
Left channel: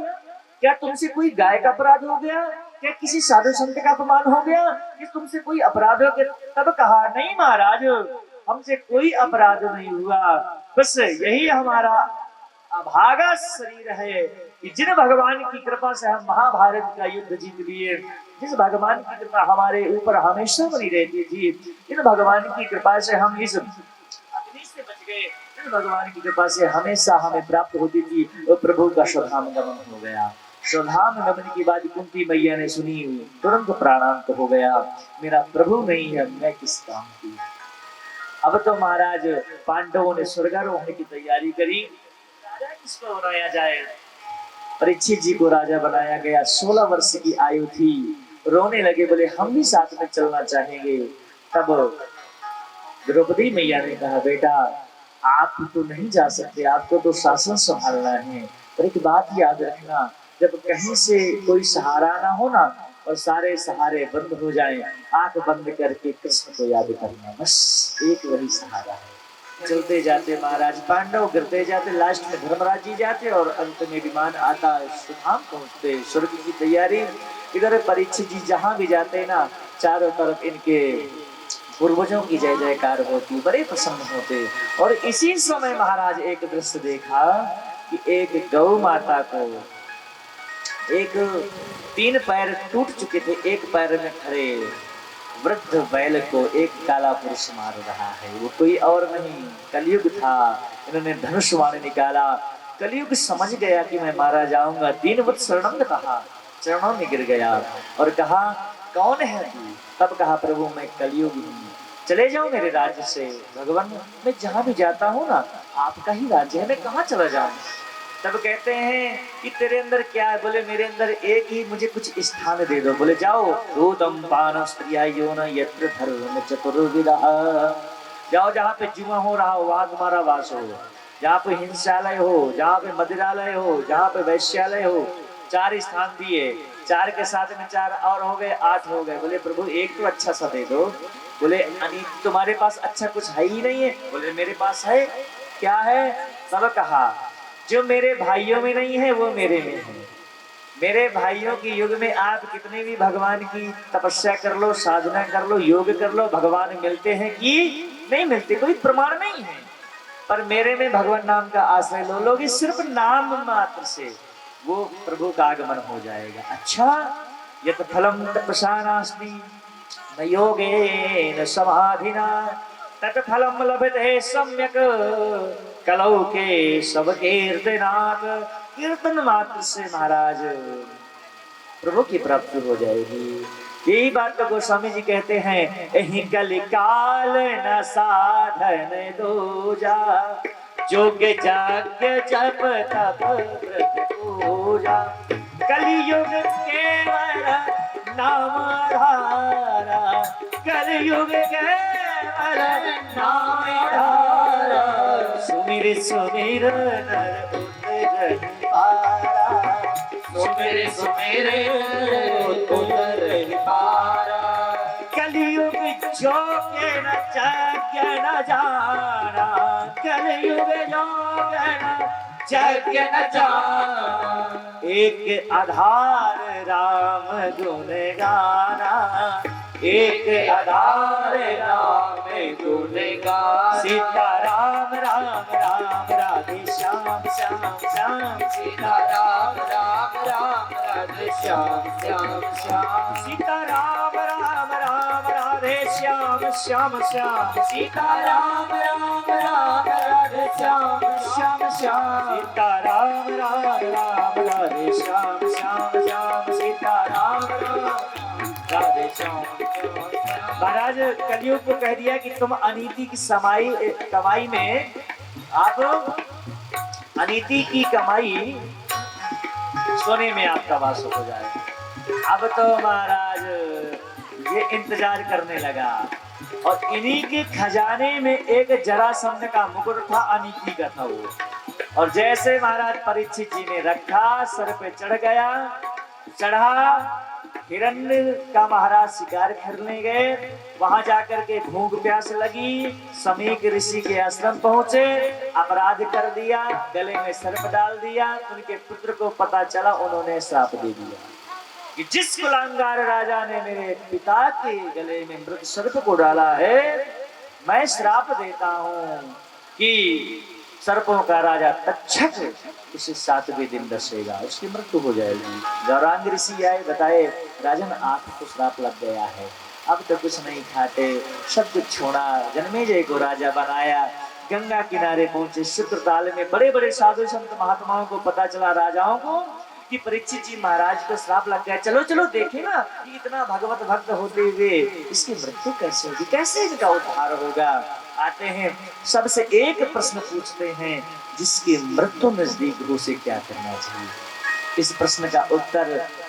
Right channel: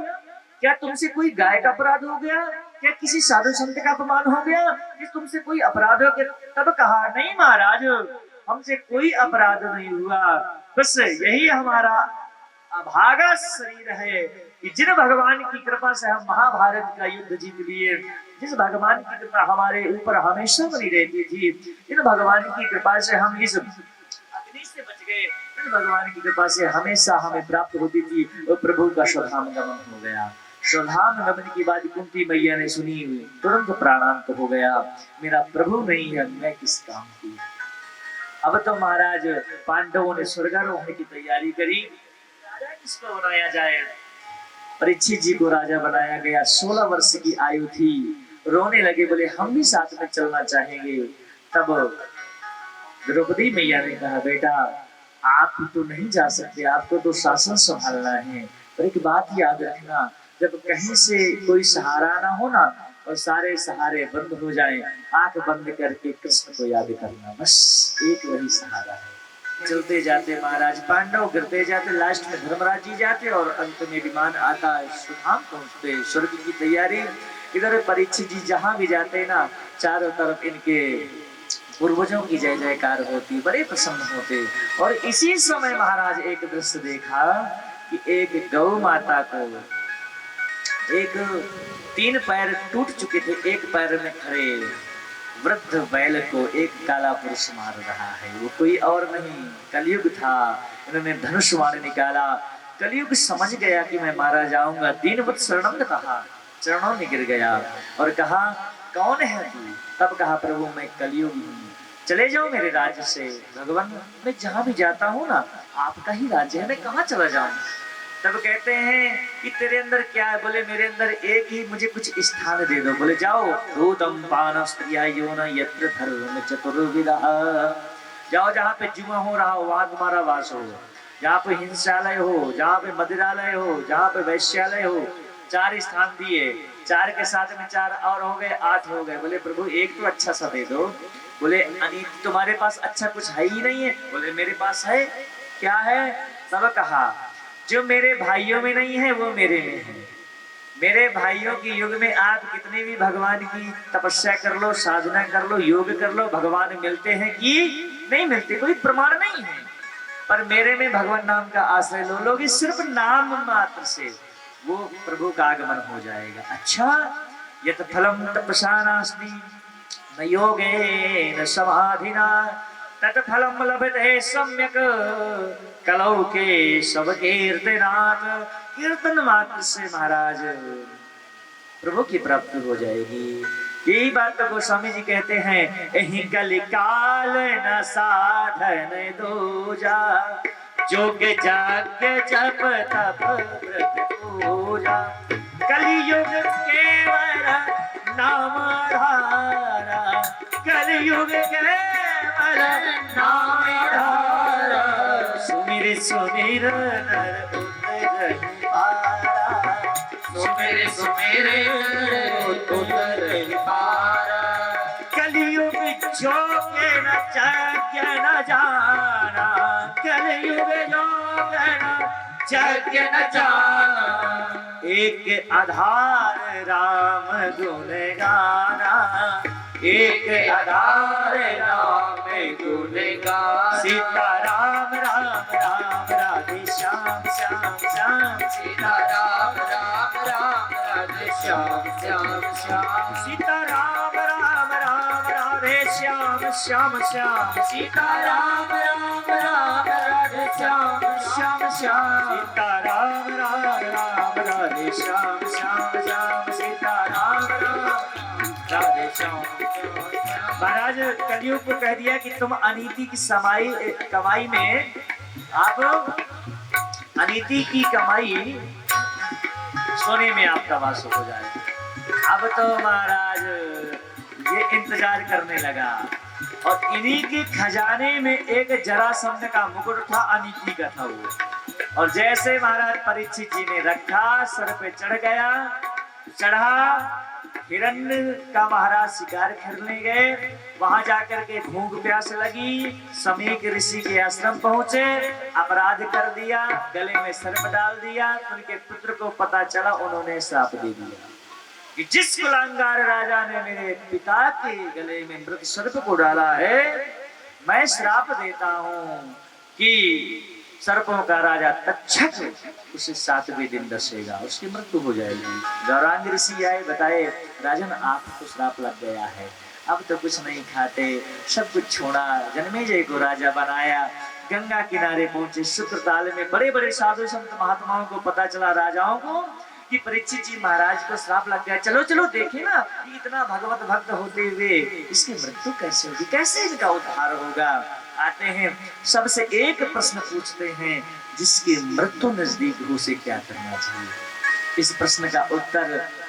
क्या तुमसे कोई गाय का अपराध हो गया? क्या किसी साधु संत का अपमान हो गया? कि तुमसे कोई अपराध हो गया? तब कहा नहीं महाराज हमसे कोई अपराध नहीं हुआ, बस यही हमारा अभागा शरीर है कि जिन भगवान की कृपा से हम महाभारत का युद्ध जीत लिए, जिस भगवान की कृपा हमारे ऊपर हमेशा बनी रहती थी, जिन भगवान की कृपा से हम इस अग्नि से बच गए, भगवान की कृपा से हमेशा हमें प्राप्त होती थी और प्रभु का शुभागमन हो गया। शुभागमन की बात कुंती मैया ने सुनी, तुरंत प्राणांत हो गया। मेरा प्रभु नहीं है मैं किस काम की। अब तो महाराज पांडवों ने स्वर्गारोहण की तैयारी करी। राजा किसको बनाया जाए? परीक्षित जी को राजा बनाया गया। 16 वर्ष की आयु थी। रोने लगे, बोले हम भी साथ में चलना चाहेंगे। तब द्रौपदी मैया ने कहा बेटा आप तो नहीं जा सकते, आपको तो शासन संभालना है। पर एक बात याद रखना, जब कहीं से कोई सहारा ना हो ना और सारे सहारे बंद हो जाएं, आंख बंद करके कृष्ण को याद करना, बस एक वही सहारा है। चलते जाते महाराज पांडव गिरते जाते, लास्ट में धर्मराज जी जाते और अंत में विमान आता, सुधाम पहुंचते, स्वर्ग की तैयारी। इधर परीक्षित जी जहां भी जाते ना चारों तरफ इनके पूर्वजों की जय जयकार होती, बड़े प्रसन्न होते। और इसी समय महाराज एक दृश्य देखा कि एक गौ माता को, एक 3 पैर टूट चुके थे, एक पैर में खड़े वृद्ध बैल को एक काला पुरुष मार रहा है। वो कोई और नहीं, कलयुग था। इन्होंने धनुष बाण निकाला। कलयुग समझ गया कि मैं मारा जाऊंगा। दीनवत् शरणम कहा, चरणों में गिर गया और कहा कौन है तू? तब कहा प्रभु मैं कलयुगी हूँ, चले जाओ मेरे राज्य से। भगवान मैं जहाँ भी जाता हूँ ना आपका ही राज्य है, मैं कहाँ चला जाऊँ? तब कहते हैं कि तेरे अंदर क्या है? बोले मेरे अंदर एक ही, मुझे कुछ स्थान दे दो। बोले जाओ दूतम पान स्त्रिया योन यत्र धर्म चतुर्विदा, जाओ जहाँ पे जुआ हो रहा हो वहां तुम्हारा वास हो, जहाँ पे हिंसालय हो, जहाँ पे मदिरालय हो, जहाँ पे वैश्यालय हो। 4 स्थान दिए, 4 के साथ में 4 और हो गए, 8 हो गए। बोले प्रभु एक तो अच्छा सा दे दो। बोले तुम्हारे पास अच्छा कुछ है ही नहीं है? बोले मेरे पास है। क्या है? तब कहा जो मेरे भाइयों में नहीं है वो मेरे में है। मेरे भाइयों के युग में आप कितने भी भगवान की तपस्या कर लो, साधना कर लो, योग कर लो, भगवान मिलते हैं कि नहीं मिलते, कोई प्रमाण नहीं है। पर मेरे में भगवान नाम का आश्रय लो लोगे, सिर्फ नाम मात्र से वो प्रभु का आगमन हो जाएगा। अच्छा यत फलम तपसा नास्ति न योगेन समाधिना तत्फलम लभते सम्यक कलौ के सब कीर्तनात्। कीर्तन मात्र से महाराज प्रभु की प्राप्ति हो जाएगी। यही बात तो गोस्वामी जी कहते हैं, एहि कलि काल न साधन दूजा जोग जाग जप तप व्रत पूजा कलयुग केवल नाम धारा कलयुग केवल नाम धारा सुमिर सुमिर नर पारा सुमिर सुमिर पारा कलयुग जोग न जाग्य न जाना कलयुग जोग न जाग्य न जाना एक आधार राम गुण गाना एक आधार राम गुण गाना सीता राम राम राम राधे श्याम श्याम श्याम सीता राम राम राम राधे श्याम श्याम श्याम सीता राम राम राम राधे श्याम श्याम श्याम सीता राम राम राम राधे श्याम श्याम श्याम सीता राम राम राम राधे श्याम श्याम श्याम सीता राम राम राधे श्याम। महाराज कलयुग को कह दिया कि तुम अनीति की कमाई में आप अनीति की कमाई सोने में आपका वास हो जाए। अब तो महाराज ये इंतजार करने लगा और इन्हीं के खजाने में एक जरासंध का मुकुट था, अनीति का था वो। और जैसे महाराज परीक्षित जी ने रखा सर पे चढ़ गया, चढ़ा हिरण्य का महाराज शिकार करने गए। वहां जाकर के भूख प्यास लगी, समीक ऋषि के आश्रम पहुंचे, अपराध कर दिया, गले में सर्प डाल दिया। उनके पुत्र को पता चला, उन्होंने श्राप दे दिया कि जिस कुलांगार राजा ने मेरे पिता के गले में मृत सर्प को डाला है, मैं श्राप देता हूं कि सर्पों का राजा तक्षक उसे 7वें दिन दसेगा, उसकी मृत्यु हो जाएगी। गौरांग ऋषि आए, बताए राजन आपको श्राप लग गया है, अब तो कुछ नहीं खाते, सब कुछ छोड़ा, जन्मेजय को राजा बनाया। गंगा किनारे पहुंचे, शुक्रताल में बड़े बड़े साधु संत महात्माओं को पता चला, राजाओं को, कि परीक्षित जी महाराज को श्राप लग गया। चलो चलो देखे ना, इतना भगवत भक्त होते हुए इसकी मृत्यु कैसे होगी, कैसे इनका उद्धार होगा। आते हैं, सबसे एक प्रश्न पूछते हैं, जिसकी मृत्यु नजदीक हो उसे क्या करना चाहिए। इस प्रश्न का उत्तर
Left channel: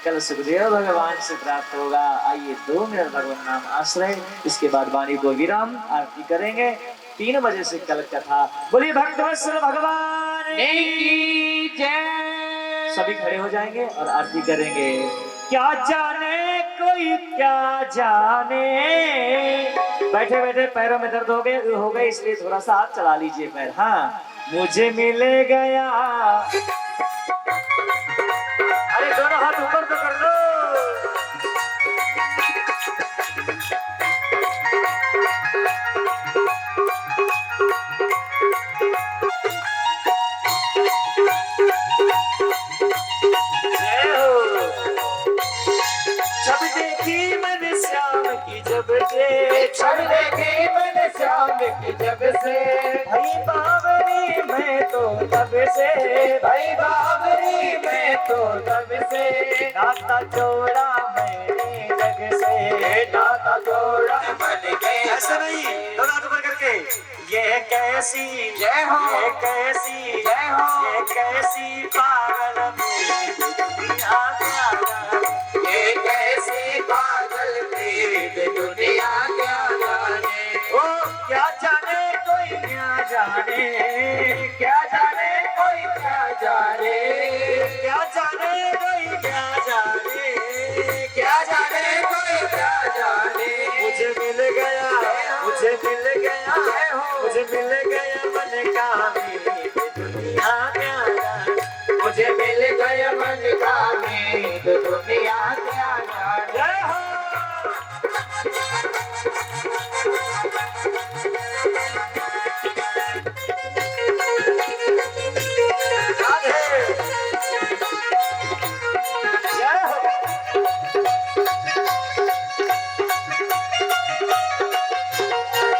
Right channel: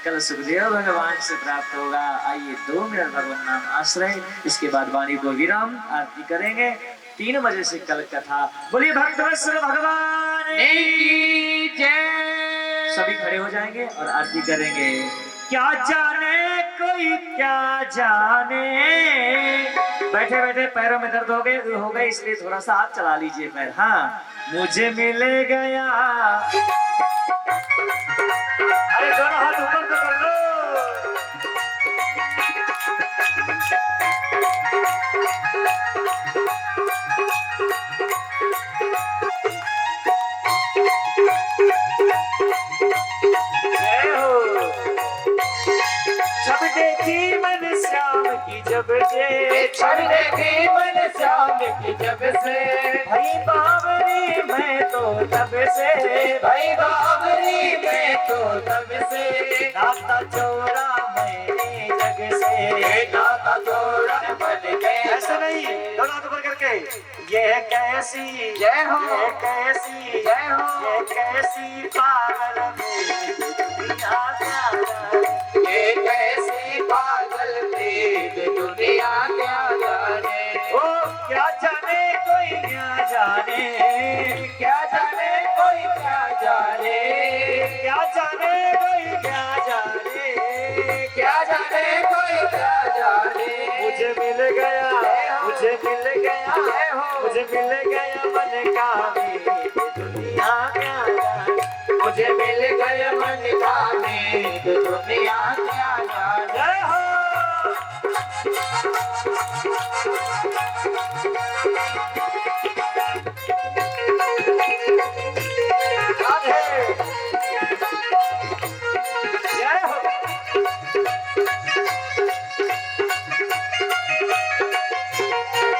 कल सुखदेव भगवान से प्राप्त होगा। आइए 2 मिनट भगवान नाम आश्रय, इसके बाद वाणी को विराम, आरती करेंगे। 3 बजे से कल कथा। बोलिए भक्तवत्सल भगवान की जय। सभी खड़े हो जाएंगे और आरती करेंगे। क्या जाने कोई क्या जाने, बैठे बैठे पैरों में दर्द हो गए इसलिए थोड़ा सा हाथ चला लीजिए पैर। हाँ, मुझे मिल गया, अरे दोनों हाथ ऊपर तो कर लो। जब देखी मन श्याम की जब से, छड़ देखी मन श्याम की जब से, भाई बाबरी मैं तो तब से, भाई बाबरी में तो तब से, नाता जोड़ा मैंने जग से, नाता जोड़ा मन गए। ऐसा नहीं, दोनों हाथ ऊपर करके, ये कैसी जय हो, ये कैसी जय हो, ये कैसी पागल दुनिया क्या जाने, ये कैसी पागल प्रीत दुनिया क्या जाने। ओ क्या जाने कोई क्या जाने, क्या जाने कोई क्या जाने, क्या जाने कोई क्या जाने, क्या जाने कोई क्या जाने। मुझे मिल गया, मुझे मिल गया, मुझे मिल गया मन का मीत दुनिया क्या जाने, मुझे मिल गया मन का मीत दुनिया क्या जाने। जय हो। जय हो।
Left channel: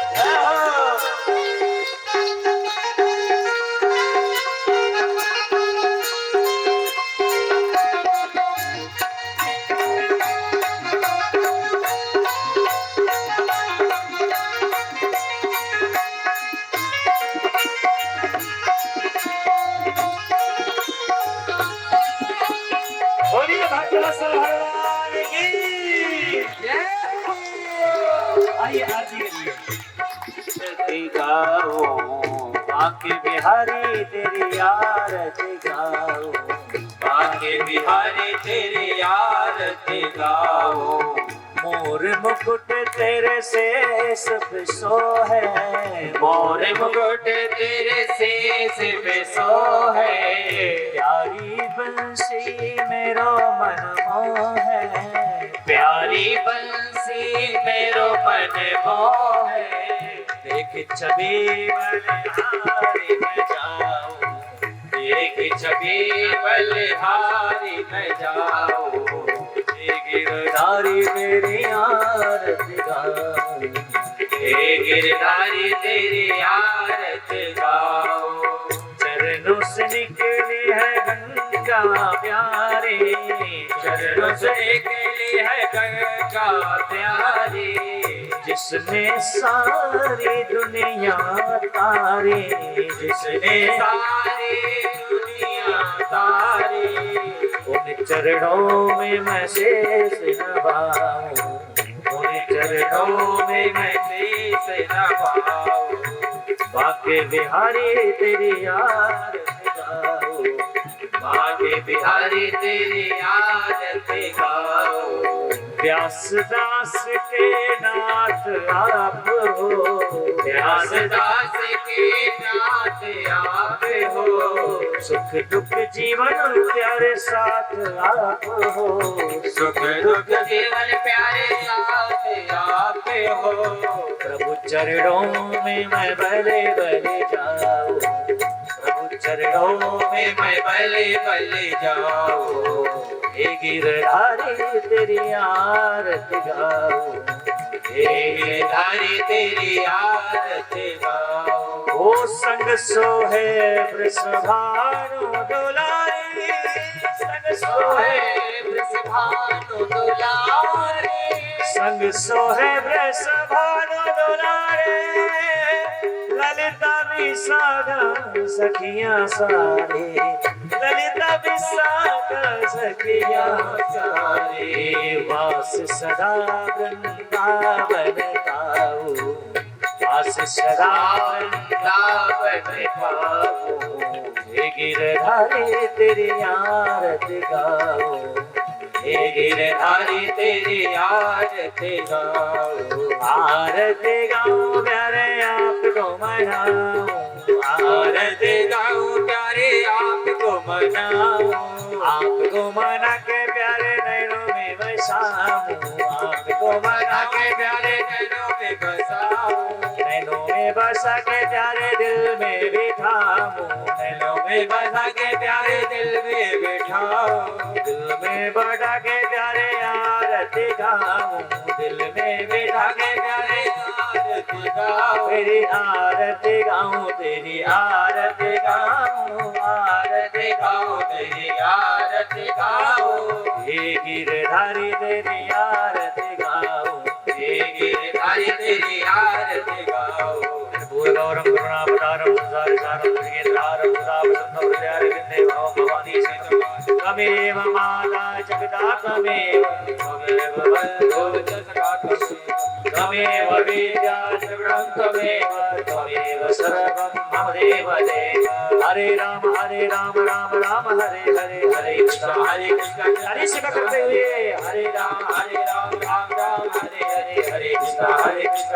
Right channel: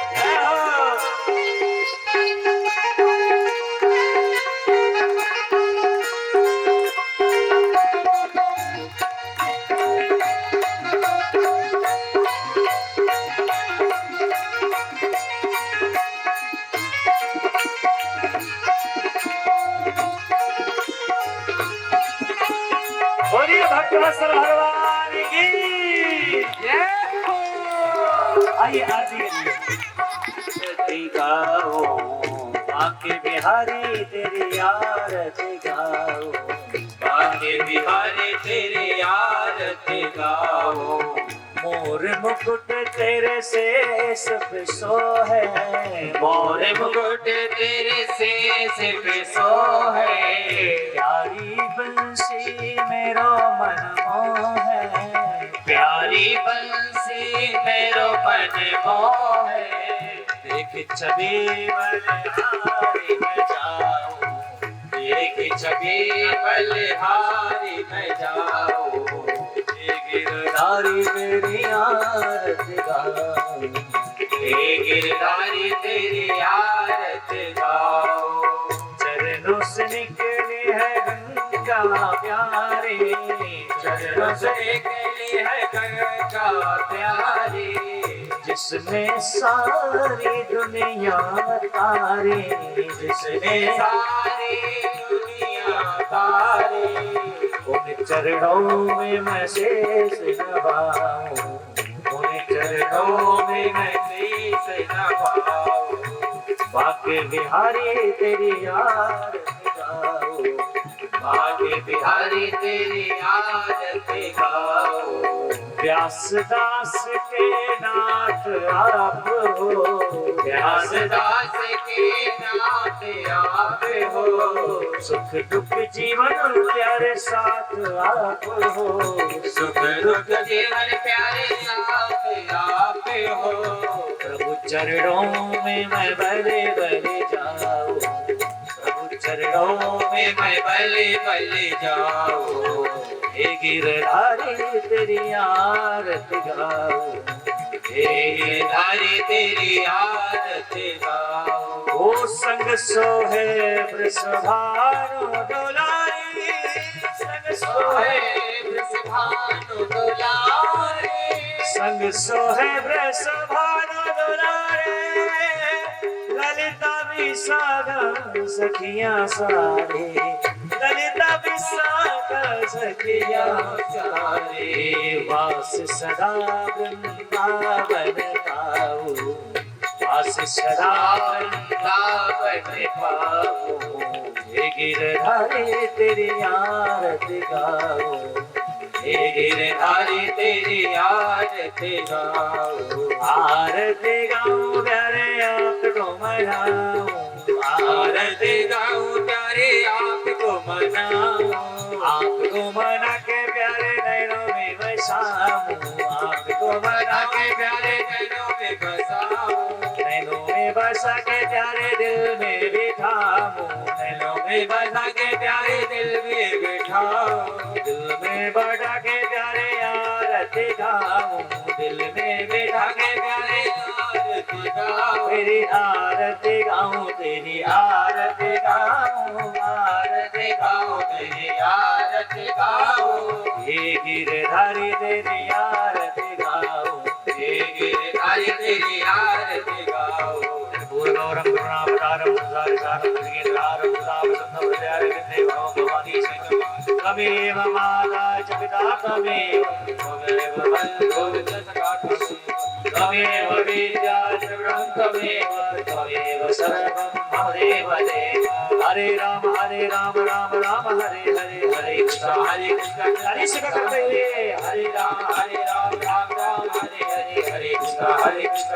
जय हो। भक्तवत्सल भगवान की जय हो। आइए आरती करिए। गाओ बांके बिहारी तेरी आरती गाओ, बांके बिहारी तेरी आरती गाओ। मोर मुकुट तेरे शेष पे सो है, मोर मुकुट तेरे शेष पे सो है। प्यारी बंसी मेरो मन मोह है, प्यारी बंसी मेरो मन मोह है। देख छवि बलिहारी में जाओ, देख छवि बलिहारी में जाओ। गिरधारी तेरी आरती गाओ, हे गिरधारी तेरी आरती गाओ। चरणों से निकली है गंगा प्यारी, चरणों से निकली है गंगा प्यारी। जिसने सारी दुनिया तारी, जिसने सारी दुनिया तारी। उन चरणों में मैं शेष नभाऊं, उन चरणों में मैं शीश नभाऊं। बांके बिहारी तेरी आरती गाओ, बांके बिहारी तेरी आरती गाओ। व्यास दास के नाथ आप हो, व्यास दास के नाथ आप हो। सुख दुख जीवन प्यारे साथ आप हो, सुख दुख जीवन प्यारे साथ आप हो। प्रभु चरणों में मैं भले भले जाऊं, प्रभु चरणों में मैं बले बले जाओ। हे गिरधारी तेरी आरती गाओ, हे गिरधारी तेरी आरती गाओ। ओ संग सोहे वृषभानु दुलारी, संग सोहे वृषभानु दुलारे। संग सोहे वृषभानु दुलारे, ललिता विशाखा सखियां सारे, ललिता विशाखा सखियां सारे। वास सदा वृंदावन पाओ, वास सदा वृंदावन पाओ। हे गिरधारी तेरी आरती गाओ, हे गिरधारी तेरी आरती गाओ। आरती गाऊं प्यारे आपको मनाऊं, आरती गाऊं प्यारे आपको मनाऊं। आपको मना के प्यारे नैनों में बसाऊं, आपको मना के प्यारे नैनों में बसाऊं। नैनों में बसा के प्यारे दिल में बिठाऊं, नैनों में बसा के प्यारे दिल में बिठाऊं। दिल में बैठा के प्यारे आरती गाऊं, दिल में बैठा के प्यारे आरती गाऊं। तेरी आरती गाऊं, तेरी आरती गाऊं, आरती गाऊं तेरी आरती गाऊं। हे गिरधारी तेरी आरती गाऊं, हे गिरधारी तेरी आरती गाऊं। भूगौरम करुणावतारम संसार सारम दुर्गेन्द्रारम सुधावसंतम हृदयार विद्ये भव भवानी शंकर। तमेव माता च पिता तमेव, त्वमेव बन्धुः च सखा त्वमेव। तमेव विद्या च गुणं तमेव, त्वमेव सर्वं मम देव देव। हरे राम राम राम हरे हरे, हरे कृष्ण हरे शिव करते हुए हरे राम राम राम हरे हरे। हरे कृष्ण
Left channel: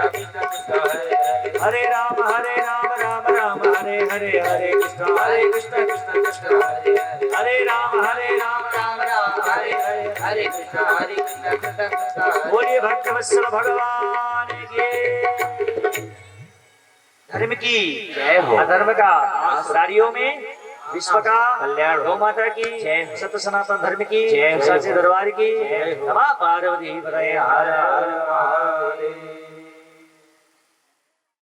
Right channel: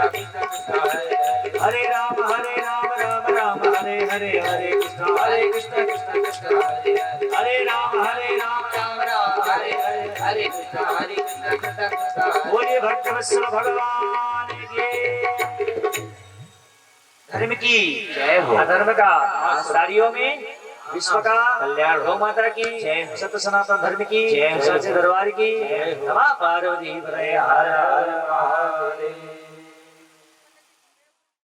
कृष्ण कृष्ण हरे हरे। हरे राम राम हरे हरे, हरे कृष्ण कृष्ण कृष्ण हरे हरे। हरे राम राम राम हरे हरे। हरे कृष्ण कृष्ण कृष्ण हरे। बोलिए भक्तवत्सल भगवान की धर्म की जय हो। अधर्म का नारियों में विश्व का कल्याण, गौ माता की जय, सत्य सनातन धर्म की जय, सच्चे दरबार की। नमः पार्वती हर हर